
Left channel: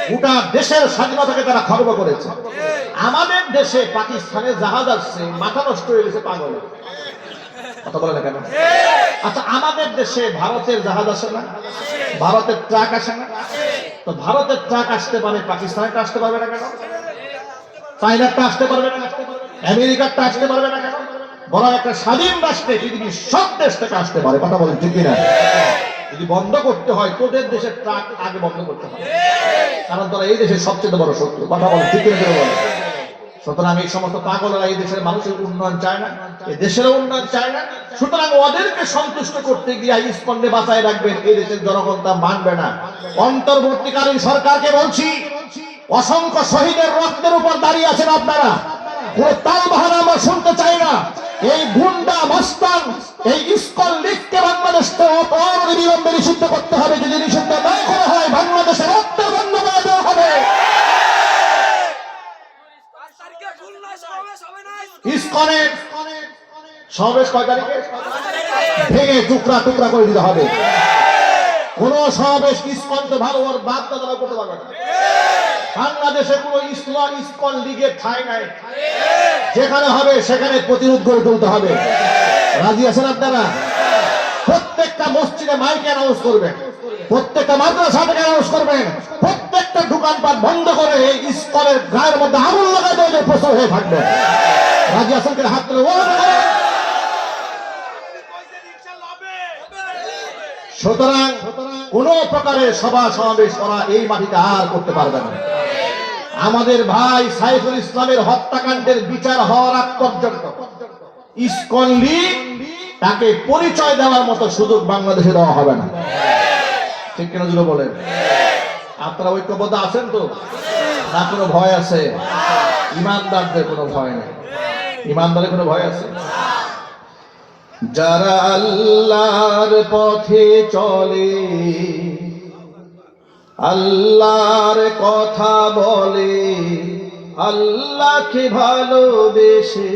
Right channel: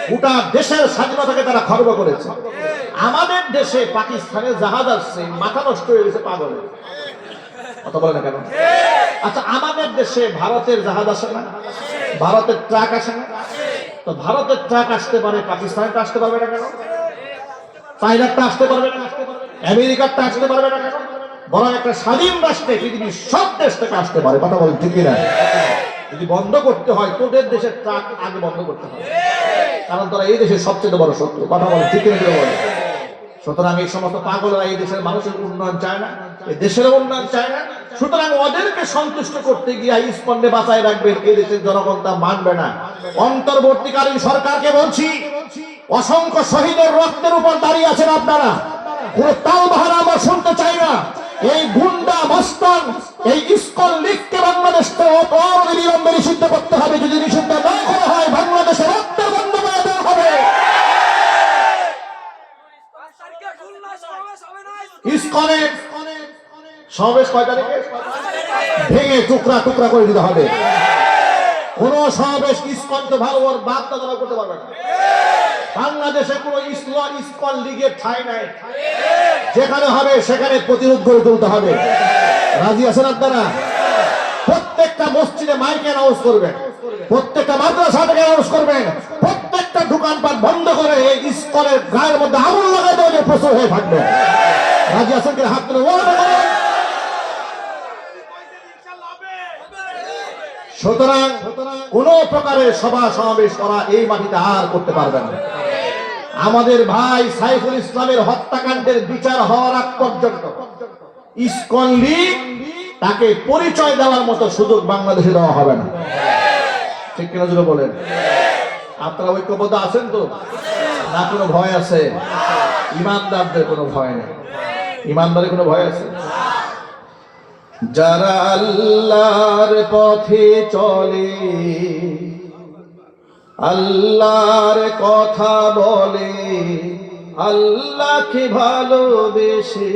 গোটা দেশের স্বাধীনতাকে তারা খর্ব করেছে। আমাদের দেশে পাকিস্তানে জাহাজ আসছে, মাথা নষ্ট হয়ে গেছে পাগল। কথা বলে না কেন? আচ্ছা, আমাদের দেশে ভারতের জাহাজ আসে না? ভারতের ট্রাক আসে না? তো ভারতের ট্রাক আসতে পারে, পাকিস্তানেরটা আসতে পারবে না কেন? চাইনারটা আসতে পারবে না? আমেরিকারটা আসতে পারবে না কেন? বরং একটা স্বাধীন রাষ্ট্রে পৃথিবীর সব দেশ থেকে আসতে পারে। কথা বলেন ঠিক কিনা? যদি বন্ধ করতে হয় তোদের দেশের ট্রাক আগে বন্ধ করতে হবে, কারণ তোরা এই দেশের সবচেয়ে বড় শত্রু। কথা বলেন ঠিক কিনা? সুতরাং এই সমস্ত পাগলরা এই দেশের মানুষের উন্নয়ন চায় না, এই দেশের উন্নয়ন চায় না। সুতরাং ওদেরকে সন্তুষ্ট করতে গিয়ে ইস্কনকে বাঁচায় রাখবেন, এই দেশের জনগণ তা মানবে না। অন্তর্বর্তীকালীন সরকারকে বলছি, অসংখ্য শহীদের রক্তের উপর দাঁড়িয়ে আছেন আপনারা, কোনো তালবাহানা আমরা শুনতে চাই না। এই গুন্ডা মস্তান, এই ইস্কন লীগকে বাংলাদেশ অবিলম্বে নিষিদ্ধ করতে হবে। যদি নিষিদ্ধ না করা হয়, বাংলাদেশের রক্তের বন্ধ করে দেওয়া হবে। ইস্কনের সমাবেশ কয় তারিখে? ভেঙে টুকরা টুকরা করে দিতে হবে। কোন সমাবেশ ইস্কনকে ভালো বাদ দাদা করতে পারবে না। বাংলাদেশে কোন ইস্কন লীগের ঠাঁই নাই। যেখানে হবে সেখানে প্রতিরোধ করে তুলতে হবে। রাজি আছেন আপনারা? প্রত্যেকটা মসজিদে মাইক অ্যানাউন্স করবেন, প্রত্যেকটা মাদ্রাসা থেকে অ্যানাউন্স করবেন, প্রত্যেকটা দোকানপাট বন্ধ করে এই ইস্কনের গায়ের মধ্যে আগুন লাগাই দেওয়া প্রচার হয়ে থাকবে। রাজি আছেন কিনা? হাত তুলে। সুতরাং কোন প্রকারের সভা সমাবেশ করা এই মাটিতে আর করতে পারবে না। আমাদের ভাই সাইফুল ইসলামের হত্যাকাণ্ডের বিচার হওয়ার আগ পর্যন্ত ইস্কন লীগ তাকে পরিচয় দেওয়ার মতো সুযোগ বাংলাদেশে দেওয়া হবে না। ঠিক কিনা জুড়ে বলেন? আপনারা ঐক্যবদ্ধ আছেন তো? না কোনো ভয় আছে? ইমানদারদের কোনো ভয় নেই। ইমানদারের কোনো ভয় আছে? যারা আল্লাহর পথে চলে, আল্লাহর কথা বলে, আল্লাহকে ভালোবেসে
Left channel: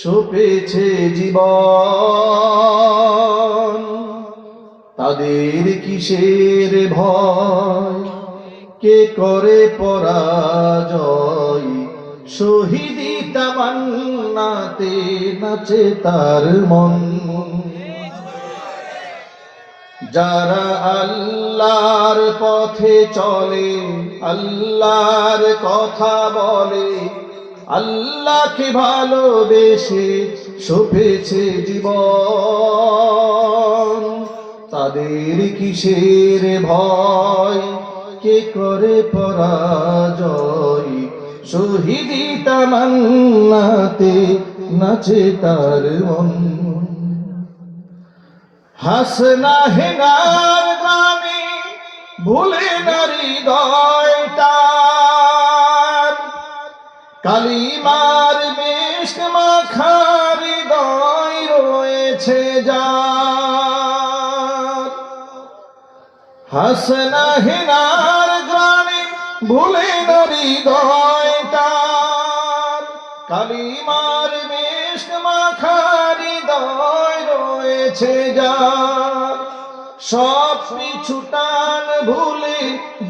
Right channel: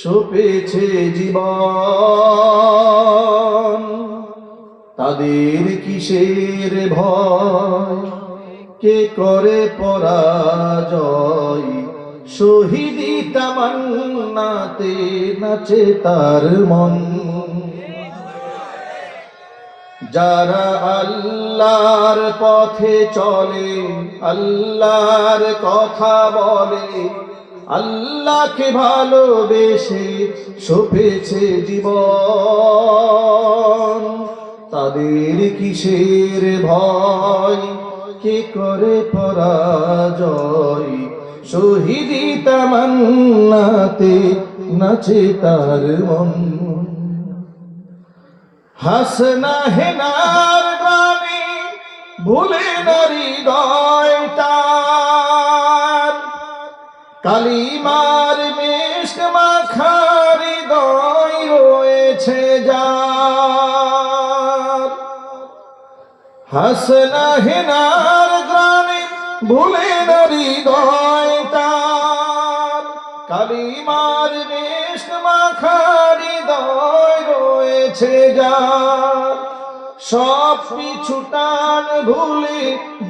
সপেছে জীবন, তাদের কিসের ভয়? কে করে পরাজয়? শহীদি তামান্নাতে নাচে তার মন। যারা আল্লাহর পথে চলে, আল্লাহর কথা বলে, আল্লাহকে ভালোবেসে সপেছে জীবন, তাদের কিসের ভয়? কে করে পরাজয়? শহীদি তামান্নাতে নাচে তার মন। হাসনা হেনার গানে ভুলে নারী হৃদয়টা, কালিমার বেশ মাখা হৃদয় রয়েছে যার। হাসনা হেনার গানে ভুলে নারী হৃদয়টা, কালিমার বেশ মাখা হৃদয় রয়েছে যার। সব পিছু টান ভুলে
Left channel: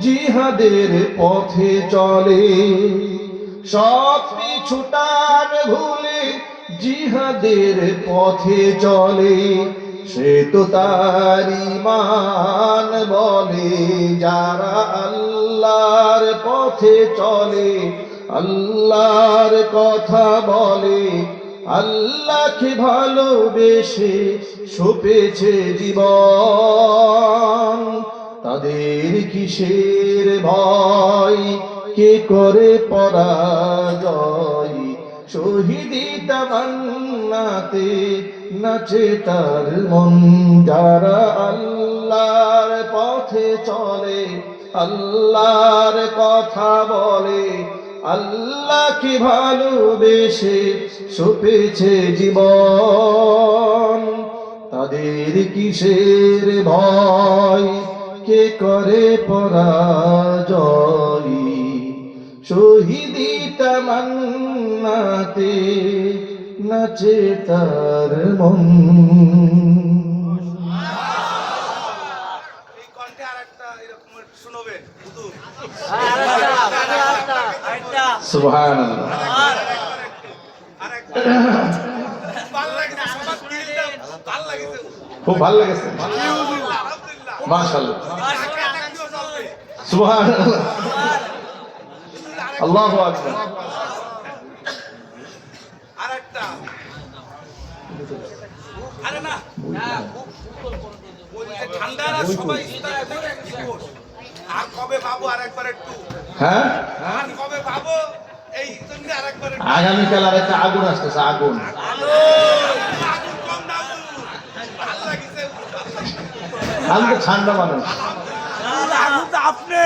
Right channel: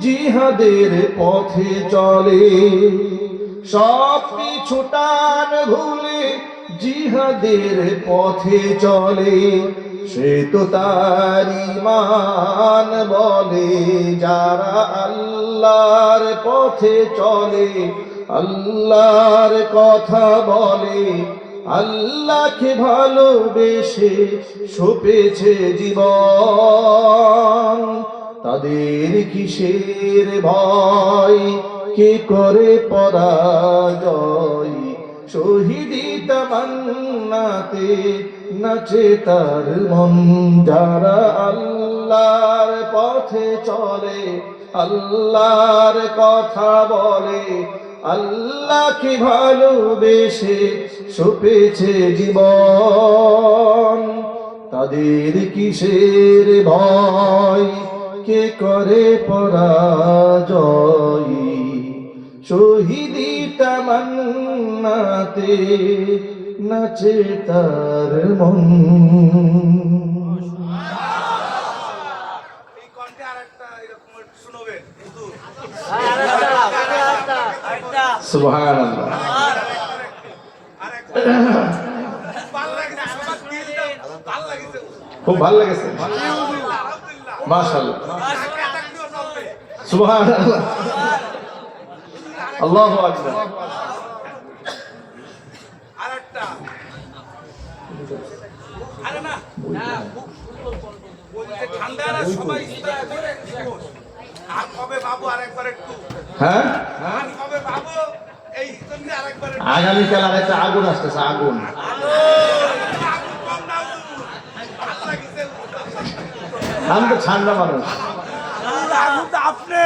জিহাদের পথে চলে, সব পিছু টান ভুলে জিহাদের পথে চলে, সে তো তার ঈমান বলে। যারা আল্লাহর পথে চলে, আল্লাহর কথা বলে, আল্লাহকে ভালোবেসে সপেছে জীবন, তাদের কিসের ভয়? কে করে পরাজয়? শহীদি তামান্নাতে নাচে তার মন। যারা আল্লাহর পথে চলে, আল্লাহর কথা বলে, আল্লাহকে ভালোবেসে সপেছে জীবন, তাদের কিসের ভয়? কে করে পরাজয়? শহীদি তামান্নাতে নাচে তার মন। সুবহানাল্লাহ। খুব ভালো লেগেছে, মাশাআল্লাহ, সুবহানাল্লাহ, আল্লাহু আকবার। হ্যাঁ, আগামীকাল আরেকটা আগুন আসতেছে, আগুন। আমি তো ঠান্ডা মানুষ। আপনি